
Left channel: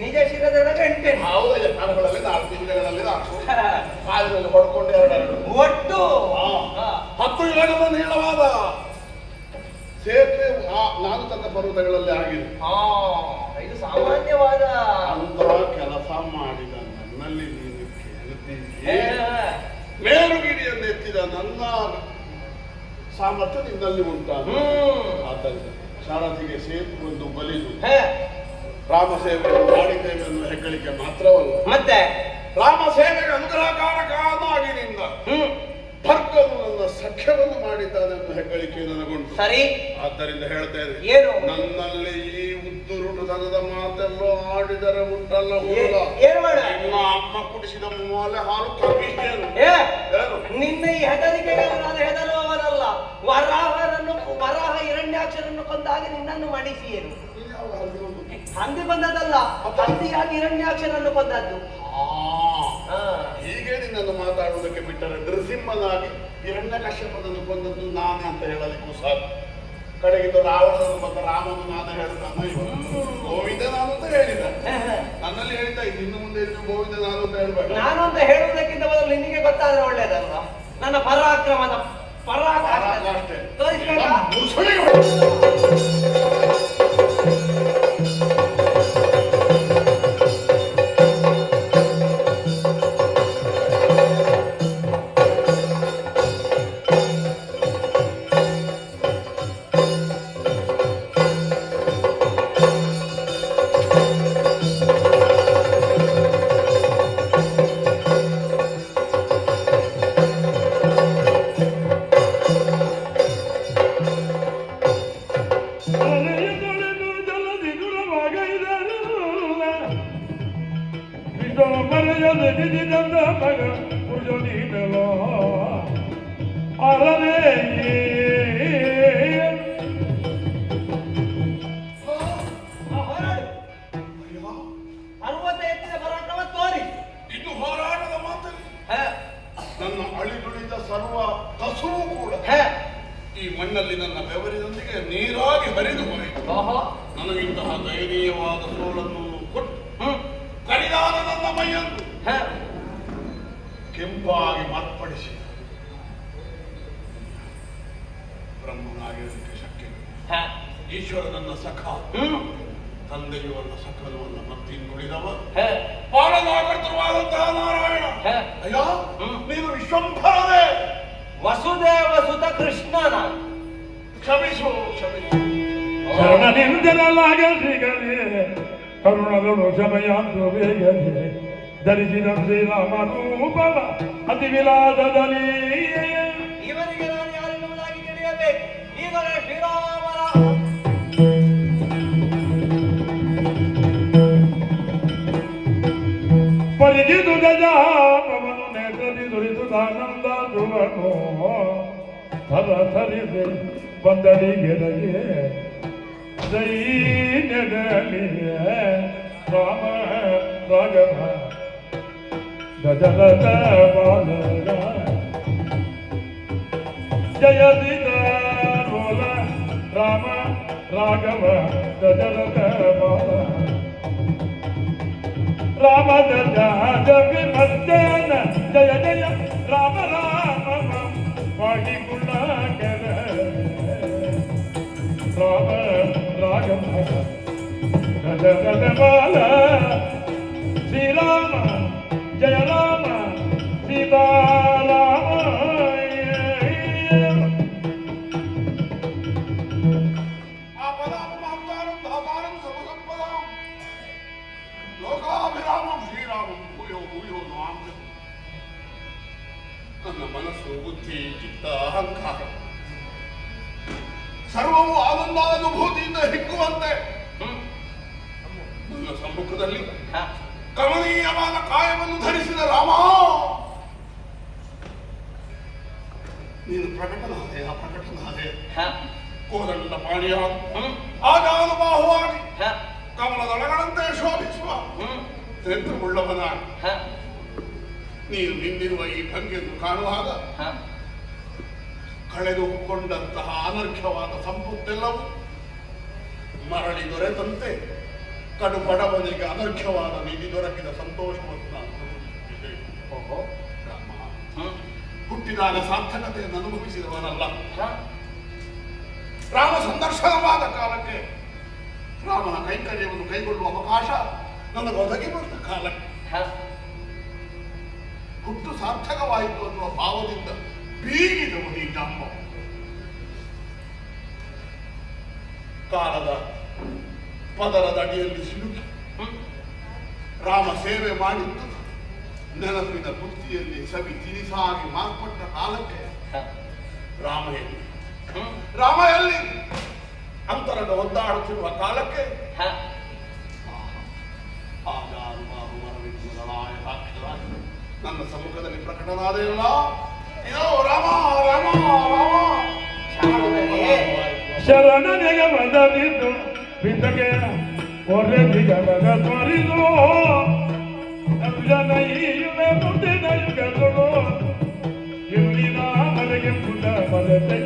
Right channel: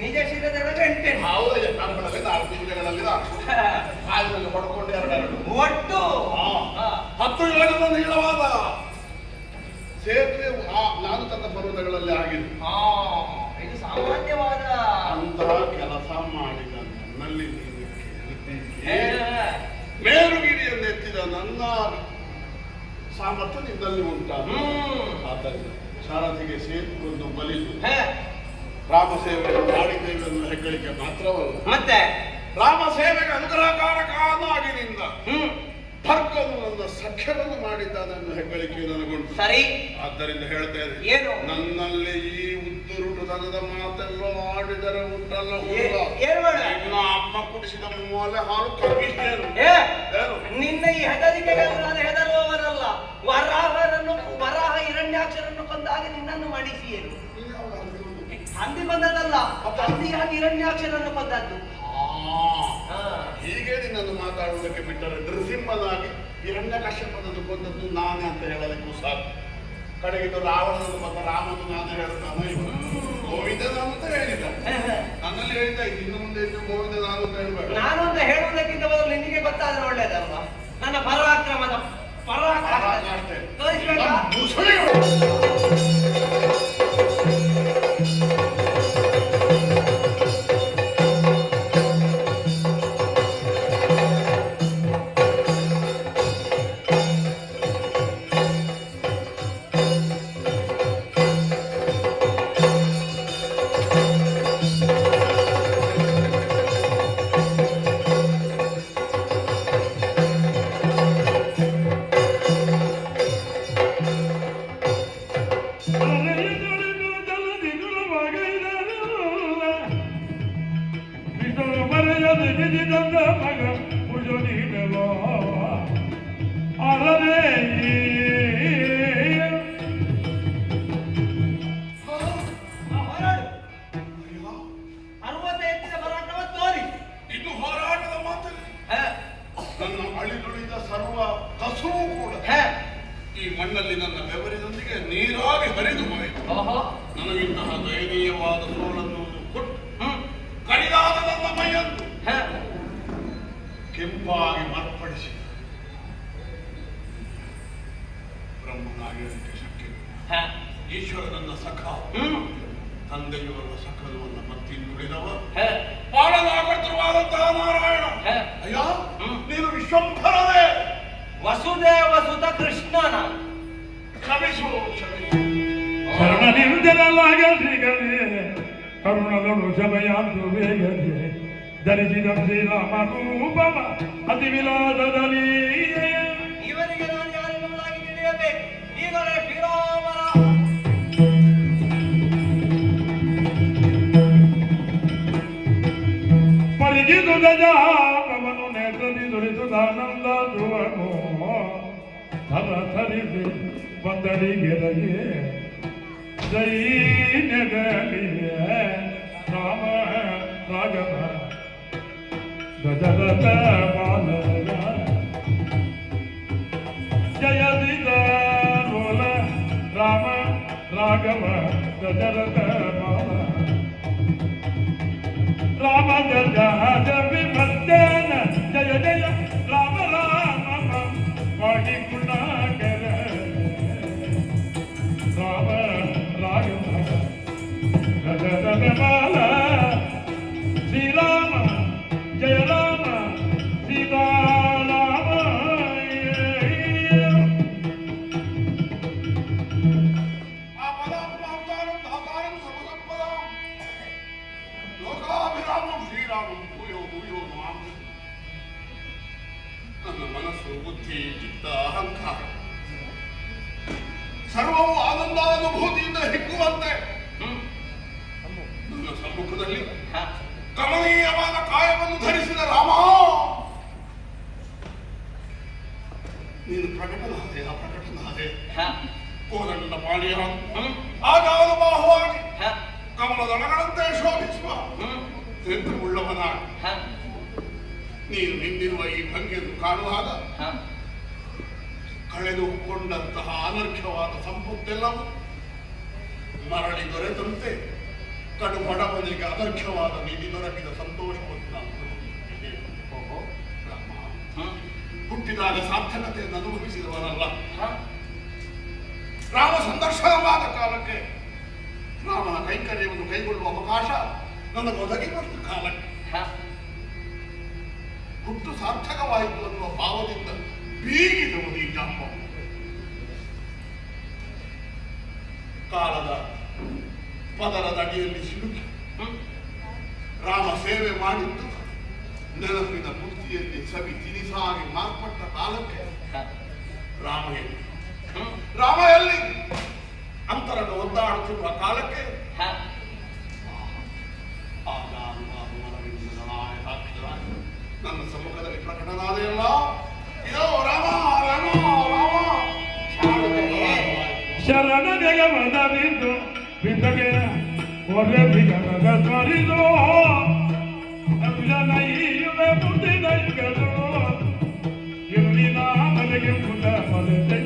ನಿಜ ಶಿರದೊಳಗೆ 8 ಹೌದಯ್ಯ ಕಣಗಳಲ್ಲಿ 4 ತಿಂಗಳಲ್ಲಿ ಕಾಲದಲ್ಲಿ ಹೊಡ್ಕೊಂಡು 2 ಒಟ್ಟು 10 ಯೋಜನ ನೀಳವಾದ ಸೇತುವೆ ನಾನು ತನ್ನ ಪರ್ವತಗಳಲ್ಲಿ ಆಗಿದೆ. ಇದು ಸಾಮಾನ್ಯವಾದ ಅಂತಹ ಕೆಲಸ ಮಾಡಿದ ನನ್ನಲ್ಲಿ ನೀನು ಕೇಳ್ತೀನಿ. ಮೇಲುಗಿರಿಯನ್ನು ಎತ್ತಿದ ನನ್ನ ಸಾಮರ್ಥ್ಯ ನಿನ್ನಲ್ಲಿ ಉಂಟಾದ ಆದ್ದರಿಂದ ಸಾರಥಿಗೆ ಸೇತುವೆಯನ್ನು ಬಲಿದು ರಾಮ ಸೇವೆಯನ್ನು ಮಾಡಿದ್ದೇವೆ ಎನ್ನುವ ಹೆಗ್ಗಳಿಕೆ ಮಾತ್ರವಲ್ಲ, ಮತ್ತೆ ರಾಮ ಸೇವೆಗೆ ಅನುಗ್ರಹಕಾರಕನಾಗಿ ನಿಂದ ಭರ್ಗನು ನನ್ನ ಸಖ್ಯವನ್ನು ಮಾಡಿದ್ದಾನೆ ಎನ್ನುವ ಹೆಗ್ಗಳಿಕೆ ನನಗುಂಟು. ಸರಿ, ಆದ್ದರಿಂದ ಹೇಳ್ತೇನೆ, ಏನು ನನ್ನಲ್ಲಿ ಈ ಉದ್ದುರುಡು ದನದ ಮಾತೆಲ್ಲ ಆಡಿದರೆ ಉಂಟಲ್ಲ ಏನು ಮಾಡ ನಿನ್ನ ಅಮ್ಮ ಕುಡಿಸಿದ ಮೂಲೆ ಹಾಲು ಕಮ್ಮಿಸ್ತೇನು. ನಿನ್ನ ಈ ಹೆದರಿಕೆಗಳು ನಾನು ಹೆದರುವವರಲ್ಲ. ವರಾಹ ಹಿರಣ್ಯಾಕ್ಷರನ್ನು ಕೊಂದಾಗ ನಿನ್ನನ್ನು ಮಡಿಸಿಯರು ಹಂದಿ ಬಂದದಲ್ಲ, ಹಂದಿಯಾಗಿ ಹಿರಣ್ಯಾಕ್ಷರನ್ನು ಕೊಂದದ್ದು. ಹೀಗೆ ನಿನ್ನನ್ನು ಮಾತಾಡುವುದಕ್ಕೆ ಬಿಟ್ಟರೆ ನೃಸಿಂಹನಾಗಿ ಹಿರಣ್ಯಕಶ್ಯಪನನ್ನು ಕೊಂದದ್ದು ನಾನೇ ಅಂತ ಹೇಳಲಿಕ್ಕೂ ಸಾಕು. ಕಡೆಗಿದ್ದು ರಾವಣನು ಮತ್ತು ರಾಮನು ನಾನು ಹೇಳ್ತಾನೆ ಗೋವಿಂದ ನಾನು ಅಂತ ಹೇಳಿದ. ನನ್ನಲ್ಲಿ ಹೇಳ್ತಾ ಇದ್ದೀನಿ, ಇನ್ನು ಮುಂದೆ ಗೋವಿಂದ ನಾನು ಅಂತ ಹೇಳ್ಬೇಕು. ನಾನು ಅಂತ ಹೇಳುವುದಕ್ಕಿಂತ ಮೊದಲು ನಿನಗೆ ಗೊತ್ತಾದ್ರೆ ಒಳ್ಳೇದಲ್ವಾ ನನ್ನ ಪರಾಕ್ರಮದ ಅಷ್ಟೇ ತೋರಿಸ್ಬೇಕಾ? ಈ ಮಣ್ಣಲ್ಲಿ ನನ್ನ ಬೆವರಿನೊಂದಿಗೆ ನೀರಾಗಿ ಹರಿದು ಹೋಯಿತು. ನನಗಿಂತಹ ದಯನೀಯವಾದ ಸೋಲನ್ನು ಕೊಟ್ಟು ಕಡಿದಾದ ನನ್ನ ಮೈಯನ್ನು ಕೆಂಪಾಗಿ ಮಾರ್ಪಡಿಸಿದ ಬ್ರಹ್ಮನಾಗಿರುವುದಕ್ಕೆ ಶಕ್ಯ. ಈಶ್ವರ ನನ್ನ ಸಖ, ತಂದೆಯು ನನ್ನ ಸಖನವನ್ನು ಮತ್ತಿ ನುಡಿದವ ಪಾಲನಾಕರ್ತೃವಾದಂತಹ ನಾರಾಯಣ. ಅಯ್ಯ, ನೀನು ವಿಶ್ವಂಭರವೇ, ವಸುದೇವ ಸುತ ಕೃಷ್ಣನ ಕ್ಷಮಿಸು ಕ್ಷಮಿಸು. ಶರಣನಿಂದಲಾಗ ಶ್ರೀಗಳಿಗೆ ಕರುಣಗಳು ಶಮಯಾಂತು ವೇಗದೆ ಧರಿಸಿದ ಶ್ರೀರಾಮ ರೂಪವ ಅತಿ ವಿಲಾಸದಲ್ಲಿ. ಇವರಿಗೆ ನಾನು ಯಾರೆನ್ನುವುದಾಗಿ ತಿಳಿಯಬೇಕು. ಈಗಲೇ ಶ್ರೀರಾಮರ ಬಂದಡಿಗೆರಗೆ ದೈನ್ಯದಲ್ಲಿ ರಾಮ ರಾಘವ ಗಜರಥ ಬಾಲರ ಜಯದಿದ ರೋಲ ರಾಮ ರಾಘವ ಗಜರಥ ಬಾಲ ರಾಮ ಜಯ ಮಧ್ಯಾಹ್ನ ಜಯ ಜಯ ರಾಮ ರಾಮ ಪಾಡಿ ಗುಣಾಕರ ರಾಮ ರಾಘವ ಗಜರಥ ಬಾಲ ಶ್ರೀರಾಮ ಜಯ ರಾಮ ಸೀತಾರಾಮ ಲೋಕಾಭಿರಾಮಂ ಶ್ರೀರಾಮಂ ಭೂಯೋ ಭೂಯೋ ನಮಾಮ್ಯಹಂ. ನನ್ನ ಮನಸ್ಸು ಬುದ್ಧಿ ಚಿತ್ತ ಅಹಂಕಾರ ಸರ್ವವು ಆನಂದಾನುಭೂತಿಯಿಂದ ಹಿಗ್ಗುವಂತೆ ನನ್ನ ಸಮ್ಮುಖದಲ್ಲಿ ಕಮನೀಯವಾದ ಕಾಯವನ್ನು ಧರಿಸಿದ ರಾಮ ನೀನು ಪ್ರಕಟನಾದೆ ಅಪ್ರಕಟನಾದೆ ಕೋದಂಡ ಪಾಣಿಯ ಆಜಾನುಬಾಹುವಾಗಿ ಕಮಲದಳಗಳಂತೆ ಶೋಭಿಸುವ ನೇತ್ರವುಳ್ಳವನ ನೀನು ನಿಂದಿರುವ ಈ ಭಂಗಿಯನ್ನು ಕಾಣುವಾಗ ಕಳೆದುಕೊಂಡಂತಹ ಅನರ್ಘ್ಯವಾದ ಸಂಪತ್ತೆಲ್ಲವೂ ಮರಳಿ ದೊರೆತಂತೆ ಕಡು ಬಡವನಿಗೆ ಅನರ್ಘ್ಯವಾದ ನಿಧಿ ದೊರಕಿದ ಸಂತೋಷವನ್ನು ನಾನು ಅನುಭವಿಸುತ್ತಿದ್ದೆ. ಹುಟ್ಟಿದಾಗ ಸಾರ್ಥಕತೆಯನ್ನು ಅನುಭವಿಸಿದವನಲ್ಲ. ರಾಮ ಸಂದರ್ಶನವಾದ ಕಾಲಕ್ಕೆ ರಾಮನ ಕೈಂಕರ್ಯವನ್ನು ಕೈಗೊಳ್ಳುವ ಅವಕಾಶ ನನಗೆ ಒದಗಿ ಬಂದ ಕಾಲಕ್ಕೆ ಹುಟ್ಟು ಸಾರ್ಥಕವಾಯಿತು ಅನ್ನುವ ಭಾವದಿಂದ ಬೀಗಿದವು ಈ ಜಾಂಬ. ಕಾಲದ ಪದರದ ಅಡಿಯಲ್ಲಿ ಸಿಲುಕಿ ರಾಮ ಸೇವೆ ಮಾಡಿದ್ದು ನೆನಪಿನ ಬುದ್ಧಿಯಲ್ಲಿ ಸವಿ ತಿನಿಸಾಗಿ ಮಾರ್ಪಟ್ಟ ಕಾಲಕ್ಕೆ ರಾಮ ಎಲ್ಲಿ ಅಂತರದ ಒದ್ದಾಡುತ್ತಿರುವ ಕಾಲಕ್ಕೆ ನನ್ನ ಸಮ್ಮುಖದಲ್ಲಿ ಪ್ರಕಟನಾದೆಯಲ್ಲ, ಇದೋ ರಾಮ ರಾಮ ರಾಮ ಶರಣ ಜಗಮದವಿದ್ದು ಬಿದ್ದಗೆ ಒರೆ ಬಿಗಮದ ತೊರಿದು ನೈಯುವೆ ಮುಟ್ಟಿದ ಯುಗಗಳು ಇಲ್ಲಿನ ಮನೆಗೆ ಪುಟ ಮದತೆ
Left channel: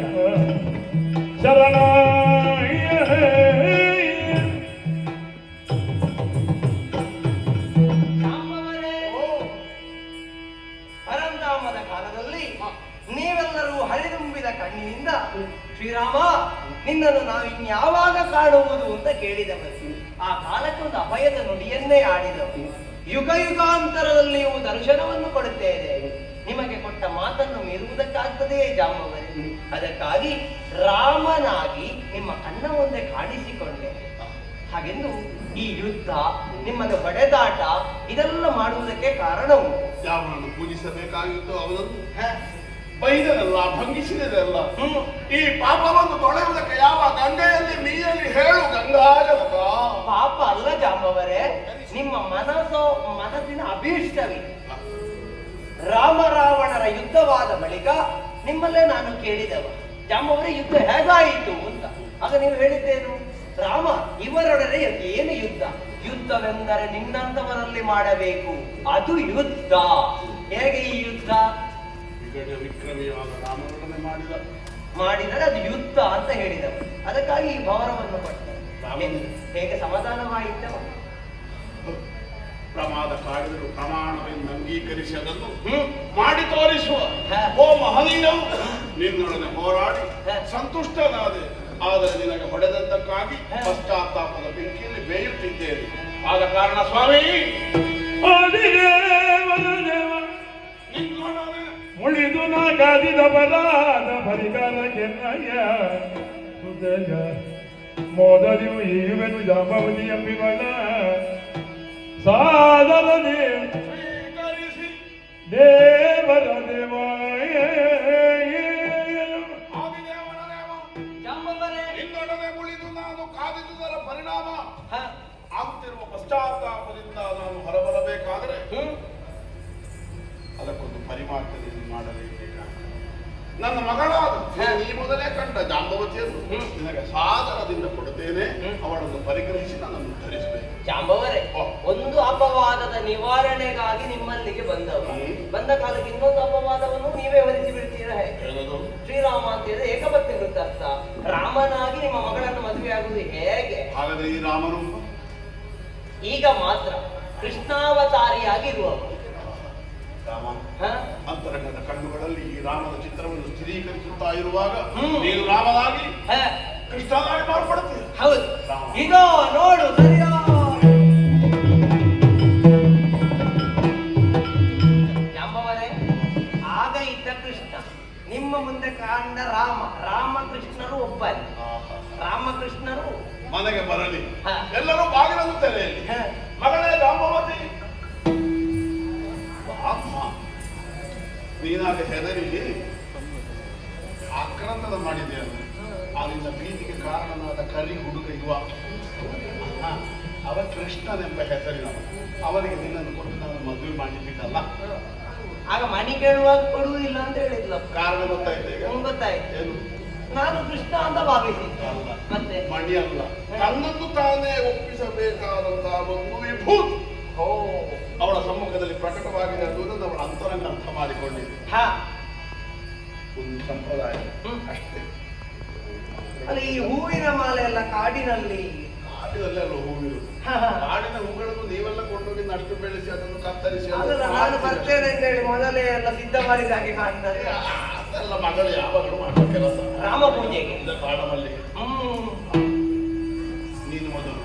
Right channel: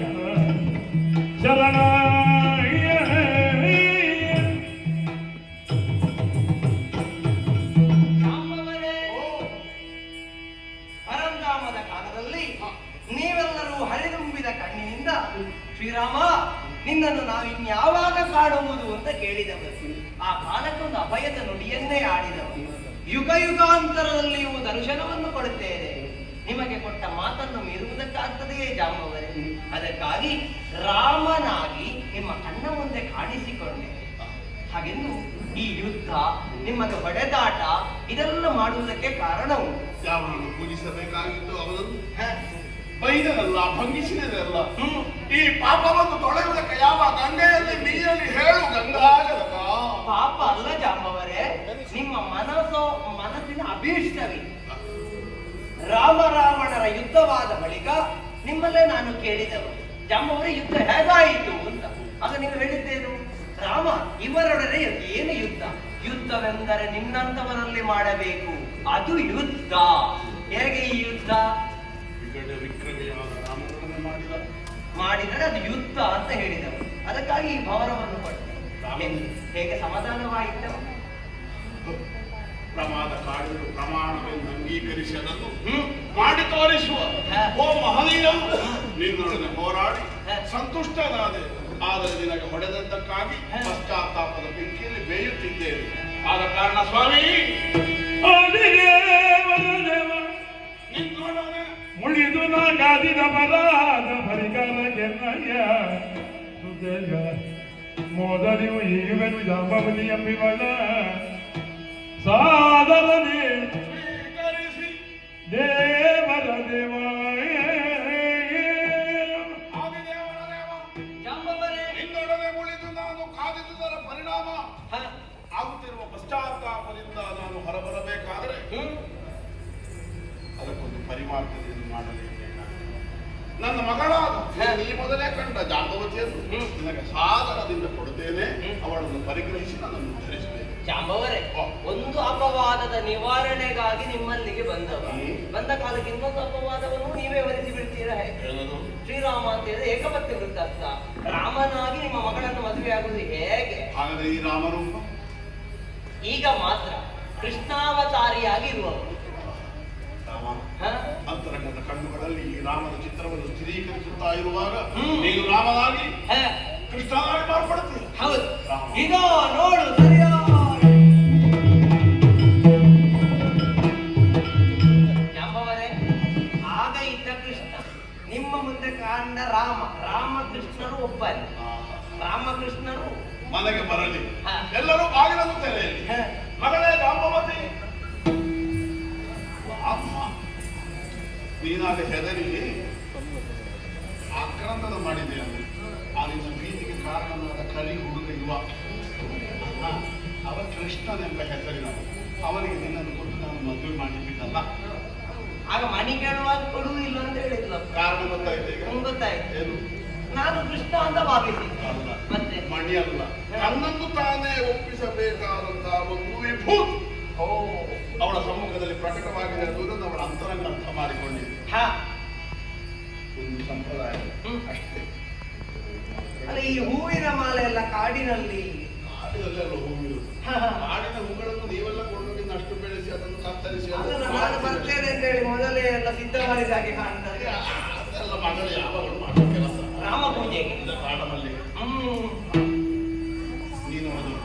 ಶರಣ ಪರಂಧಾಮದ ಕಾಲದಲ್ಲಿ ನೀವೆಲ್ಲರೂ ಹರಿದುಂಬಿದ ಕಣ್ಣಿನಿಂದ ಶ್ರೀರಾಮ ನಿನ್ನನ್ನು ನಾವು ಇನ್ಯಾವಾಗ ಕಾಣುವುದು ಅಂತ ಕೇಳಿದವರು. ಆ ಕಾಲಕ್ಕೆ ಒಂದು ಅಭಯದ ನುಡಿಯನ್ನೇ ಆಡಿದವರು. ಯುಗ ಯುಗಾಂತರದಲ್ಲಿಯೂ ದರ್ಶನವನ್ನು ಕೊಡುತ್ತೇನೆ. ನಿಮಗೆ ಕೊಟ್ಟ ಮಾತನ್ನು ಮೀರುವುದಕ್ಕಾಗ್ತದೆಯೇ ಜಾಂಬವರೇ? ಅದಕ್ಕಾಗಿ ರಾಮನಾಗಿ ನಿಮ್ಮ ಕಣ್ಣ ಮುಂದೆ ಕಾಣಿಸಿಕೊಂಡೆ. ಹಾಗೆಂದು ಈ ಯುದ್ಧ, ನಿಮ್ಮನ್ನು ಹೊಡೆದಾಟ ಇದೆಲ್ಲ ಮಾಡುವುದಕ್ಕೆ ಕಾರಣವು ಯಾವನನ್ನು ಪೂಜಿಸಬೇಕಾಗಿತ್ತು ಅವನನ್ನು ಬೈದರಲ್ಲ, ಭಂಗಿಸಿದರಲ್ಲ. ಈ ಪಾಪವನ್ನು ತೊಳೆಯುವುದಕ್ಕೆ ಯಾವ ಗಂಗೆಯಲ್ಲಿ ನೀರಲ್ಲಿ ಹೇಳು ಗಂಗಾಜಲಕ. ಪಾಪ ಅಲ್ಲ ಜಾಂಬವರೇ, ನಿಮ್ಮ ಮನಸ್ಸಿನ ಅಭೀಷ್ಟವೇ. ರಾಮ ರಾವಣರ ಯುದ್ಧವಾದ ಬಳಿಕ ನಿಮ್ಮಲ್ಲೇ ನಾನು ಕೇಳಿದವ, ಜಾಂಬವರೇ ಯುದ್ಧ ಹೇಗಾಯಿತು ಅಂತ. ಆಗ ನೀವು ಹೇಳಿದ್ದೇನು? ರಾಮ ಇವರೊಡನೆ ಏನು ಯುದ್ಧ? ಯುದ್ಧವೆಂದರೆ ನಿನ್ನಂತವರಲ್ಲಿ ಮಾಡಬೇಕು, ಅದು ಯುದ್ಧ. ಹೇಗೆ ಈ ಯುದ್ಧ? ವಿಕ್ರಮಿಯಾದ ರಾಮನೊಡನೆ ಮಾಡಿದರೆ ಅದು ಯುದ್ಧ ಅಂತ ಹೇಳಿದವು. ಅದಕ್ಕಾಗಿ ಈ ಭವನವನ್ನು ಕೊಟ್ಟೆ. ಹೇಗೆ ಸಮಾಧಾನವಾಯಿತು? ಪ್ರಮಾದ ಕಾಡಿದರು ಪ್ರಮಾಣವೆಂದು ಅಂಗೀಕರಿಸಿ ಅದನ್ನು ಮಾಡಿ ತೋರಿಸುವ ಓ ಮಹನೀಯ, ನಿನ್ನೊಡನೆ ಹೋರಾಡಿ ಸಂತುಷ್ಟನಾದೆ. ಆದರೆ ನಿನಗೆ ಹೊಡೆದದ್ದಕ್ಕಾಗಿ ಪಶ್ಚಾತ್ತಾಪದ ಬೆಂಕಿಯಲ್ಲಿ ಬೇಯುತ್ತಿದ್ದೇನೆ. ಆದ ಕಾರಣ ಸ್ವಾಮಿ ಮುಳಿದು ನಾ ಕಾದಿದ ಬಲಾದ ಪರಿಕಾರಕ್ಕೆ ಹೃದಯ ಮೋದರಿಯು ಈವೆನು ಜಾಂಬವತಿ ಎಂಬಿವನ ಸಾದರನೆ ದೇವರ ದೇವಾಯ ನಿನ್ನೊಡನೆ ಉಳಿದು ನಾನು ಕಾದಿದುದರ ಪರಿಣಾಮ ಆಗುತ್ತಿರುವ ಪಶ್ಚಾತ್ತಾಪದಿಂದ ನಾನು ಹೊರಬರಬೇಕಾದರೆ ಅದಕ್ಕೊಂದು ಪರಿಮಾರ್ಜನೆಯನ್ನು ಮಾಡಲೇಬೇಕಾಗಿದೆ. ನನ್ನ ಮಗಳಾದ ನೀ ಮೊದಲೇ ಕಂಡ ಜಾಂಬವತಿಯನ್ನು ನಿನಗೆ ಸಾದರದಿಂದ ಕೊಡುತ್ತೇನೆ. ಅವಳನ್ನು ಪರಿಗ್ರಹಿಸಿ ನನ್ನನ್ನು ಉದ್ಧರಿಸಬೇಕು. ಜಾಂಬವರೇ, ಒಂದು ಅಪವಾದದ ನಿವಾರಣೆಗಾಗಿ ನಿಮ್ಮಲ್ಲಿಗೆ ಬಂದ ಕಾಲಕ್ಕೆ ಇನ್ನೊಂದು ಅಪವಾದವನ್ನು ನೀವೇ ಹೊರಿಸಿ ಬಿಡ್ತೀರಾ? ಶ್ರೀರಾಮ ಅಂತ ಹೇಳಿದ್ರೆ ಏಕಪತ್ನಿ ವೃತ್ತಾರ್ಥ. ರಾಮನಾಗಿ ನಿಮ್ಮ ಮಗಳನ್ನು ಮದುವೆಯಾಗುವುದು ಹೇಗೆ? ಹಾಗಾದ್ರೆ ಈ ರಾಮರೂಪ ಈಗ ಮಾತ್ರ ಕೃಷ್ಣಾವತಾರಿಯಾಗಿರುವವರು. ರಾಮ ಅಂತರಂಗದ ಕಣ್ಣುಗಳಲ್ಲಿ ಈ ರಾಮನ ಚಿತ್ರವನ್ನು ಸ್ಥಿರೀಕರಿಸುತ್ತಾ ಇರುವಾಗ ನೀನು ರಾಮನಾಗಿ ಕೃಷ್ಣನಾಗಿ ಮಾರ್ಪಡುತ್ತೀಯ. ಹೌದು, ಇದೋ ನೋಡು ಸರಿಯಾ. ಜಾಂಬವರೇ, ಆಗ ಇದ್ದ ಕೃಷ್ಣ, ನಿಮ್ಮ ಮುಂದೆ ಕಾಂಡ ರಾಮ. ರಾಮಕೃಷ್ಣರು ಒಬ್ಬರೇ. ರಾಮಕೃಷ್ಣರು ಮನೆಗೆ ಬರಲಿ, ಎಲ್ಲರೂ ಬಾಗಿಲನ್ನು ತೆರೆಯಲಿ. ಮಗಳೇ ಜಾಂಬವತಿ, ಅಮ್ಮ ನೀನಾಗ ಹೆದರಿ ಆಕ್ರಂದನ ಮಾಡಿದ್ದೇನೆ. ಆನಿಂದ ಭೀತಿಗೆ ಕಾರಣನಾದ ಕಲಿ ಹುಡುಗ ಇರುವ ಅವ ಕೃಷ್ಣನೆಂಬ ಹೆಸರಿನ ಅವನಿಗೆ ನಿನ್ನನ್ನು ಕೊಟ್ಟು ನಾನು ಮದುವೆ ಮಾಡಿಬಿಟ್ಟಲ್ಲ. ಆಗ ಮಣಿ ಕೇಳುವಾಗ ಕೊಡುವುದಿಲ್ಲ ಅಂತ ಹೇಳಿದ್ಲು. ಕಾರಣ ಗೊತ್ತಾಯ್ತು? ಈಗ ಗೊತ್ತಾಯ್ತು. ಏನು? ನಾನು ಕೃಷ್ಣ ಅಂತ ಭಾವಿಸಿದ್ದೆ. ಮತ್ತೆ ಮಣಿ ಅಲ್ಲ, ತನ್ನನ್ನು ತಾನೇ ಒಪ್ಪಿಸಬೇಕಾದಂತಹ ಒಂದು ವಿಭೂತಿ ಅವಳ ಸಮ್ಮುಖದಲ್ಲಿ ಪ್ರಕಟವಾಗಿದೆ ಅನ್ನುವುದನ್ನು ಅವಳ ಅಂತರಂಗ ಅರ್ಥ ಮಾಡಿಕೊಂಡಿದೆ. ಒಂದು ಸಂಪ್ರದಾಯ ಅಷ್ಟೇ. ಅಲ್ಲ, ಈ ಹೂವಿನ ಮಾಲೆ ಎಲ್ಲ ಕಾಡಿನಲ್ಲೆಲ್ಲ ಹೂವಿರುವುದು. ಕಾಡಿನ ಹೂಗಳನ್ನು ನೀವೆಲ್ಲ ಕೊಂಡೋಗಿ ನಷ್ಟು ಬೆಳೆಸಿ ಅದನ್ನು ಕತ್ತರಿಸಿ ನಾನು ಬರ್ತೇನೆ ಅಂತ ಹೇಳಿ ಮೊದಲೇ ಎಲ್ಲ ಸಿದ್ಧ ಮಾಡಿದ ಹಾಗೆ ಕಾಣ್ತಾರೆ. ಅದೆಲ್ಲ ಮಗಳು ಯಾವಾಗಲೂ ಮಾಡುವ ಕೆಲಸ. ರಾಮ ಪೂಜೆಗೆ ಕಾಡಮಲ್ಲಿ ನೀನು ಮೊದಲು,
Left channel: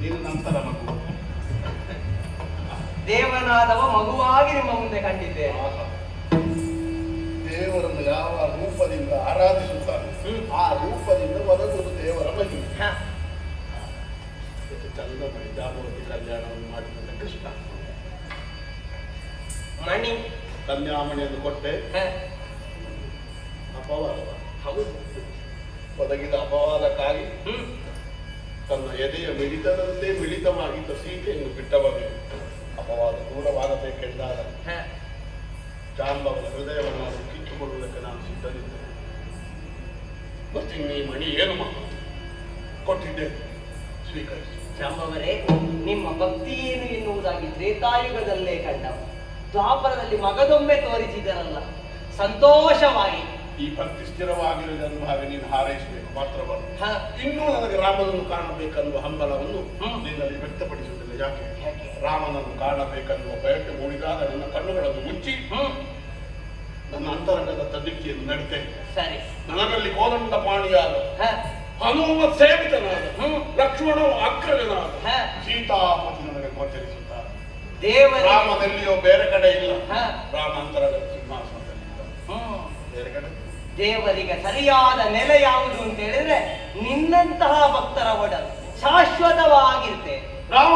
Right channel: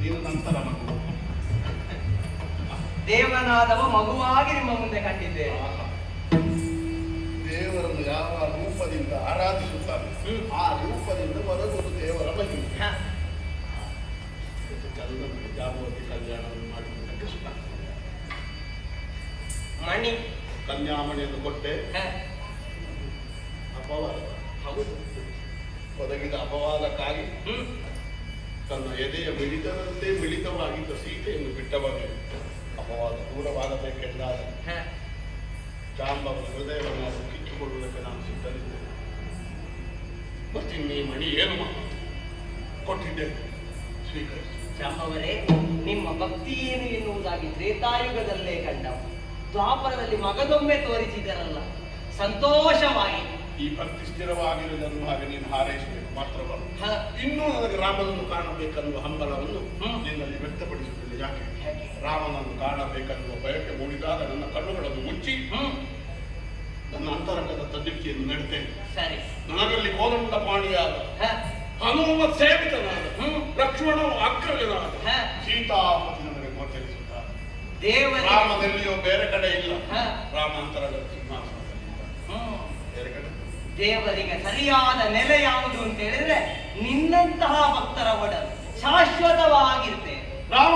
ನೀನು ನಂತರ ಮಗು. ದೇವನಾದವ ಮಗುವಾಗಿ ನಿಮ್ಮ ಮುಂದೆ ಕಂಡಿದ್ದೇನೆ. ದೇವರನ್ನು ಯಾವ ರೂಪದಿಂದ ಆರಾಧಿಸುತ್ತಾರೆ ಆ ರೂಪದಿಂದ ಹೊರಗುವುದು ದೇವರ ಮಹಿಮೆ. ಚಂದ ಮಣಿ ಜಾಂಬವತಿ ಕಲ್ಯಾಣವನ್ನು ಮಾಡಿದ ಕೃಷ್ಣ. ಮಣಿ ಕನ್ಯಾಮಣಿಯನ್ನು ಕೊಟ್ಟೆ. ಅಪವಾದ ಒದಗಿದ ಅಪವಾದಕ್ಕಾಗಿ ತನ್ನ ಎದೆಯ ಮಿಳಿತದಂತೆ ಮಿಳಿತವಾಗಿದ್ದ ಸೀತೆಯನ್ನು ಬಿಟ್ಟವನು ಅಪವಾದ ದೂರವಾಗಬೇಕೆಂದಾಗ ಜಾಂಬವನ ಹೃದಯವನ್ನು ಕಿತ್ತುಕೊಳ್ಳುವುದಕ್ಕೆ ನಾನು ಸಿದ್ಧನಿದ್ದೆ. ಮತ್ತಿನ್ನೀ ಮಣಿ ಏನು ಕೊಟ್ಟಿದ್ದೆ, ಸ್ವೀಕರಿಸಿ. ಜಾಂಬವರೇ, ನಿಮ್ಮ ಭಕ್ತಿ ಏನು ಎನ್ನುವುದಾಗಿ ತ್ರೇತಾಯುಗದಲ್ಲೇ ಕಂಡ, ದ್ವಾಪರದಲ್ಲಿ ಮಗದೊಮ್ಮೆ ತೋರಿಸಿದರಲ್ಲ, ಸಂತೋಷವಾಗಿ. ಈ ಭಕ್ತಿ ಸ್ಥಿರವಾಗಿರುವುದನ್ನು ಹಾಗೆ ನೀನು ಹಾರೈಸಬೇಕು ಮಾತ್ರವಲ್ಲ, ಇನ್ನೂ ನನಗೆ ರಾಮನನ್ನು ಕಾಣಬೇಕನ್ನುವ ಹಂಬಲವನ್ನು ನಿನ್ನಲ್ಲಿ ವ್ಯಕ್ತಪಡಿಸುತ್ತದೆ. ಯಾಕೆ? ರಾಮನನ್ನು ಕಾಣಬೇಕನ್ನುವ ಬಯಕೆ ಮೂಡಿದಾಗ ನನ್ನ ಕಣ್ಣುಗಳನ್ನು ಮುಚ್ಚಿ ನನ್ನ ಅಂತರಂಗದ ತದ್ದಿಕ್ತಿಯನ್ನು ನಡೀತೇನೆ. ಸರಿ, ನನಗಲ್ಲಿ ಕೋದಂಡ ಪಾಣಿಯಾದ ಹನುಮ ಸೇವಿತನಾದ ಲಕ್ಷ್ಮಣ ಅಗ್ರಜನಾದ ಸೀತಾಪತಿ ನನಗೆ ಗೋಚರಿಸುತ್ತಾರೆ. ರಾಮದಲ್ಲಿಯೋ ಬೇರೆ ಕಡೆ ಇಲ್ಲ, ರಾಮಾಂತರದ ಸಿಂಹಾಸನದಲ್ಲಿ ಬೇರೆ ಕಡೆ. ದೇವರಿಗೆ ಸರಿಯಾದ ನೆಲೆ ಯಾವುದು ಅಂತ ಹೇಳಿದ್ರೆ ನಿನ್ನಂತಹ ಭಕ್ತರ ಒಡಲು ಶಾಶ್ವತವಾಗಿರ್ತೇನೆ. ರಾಮ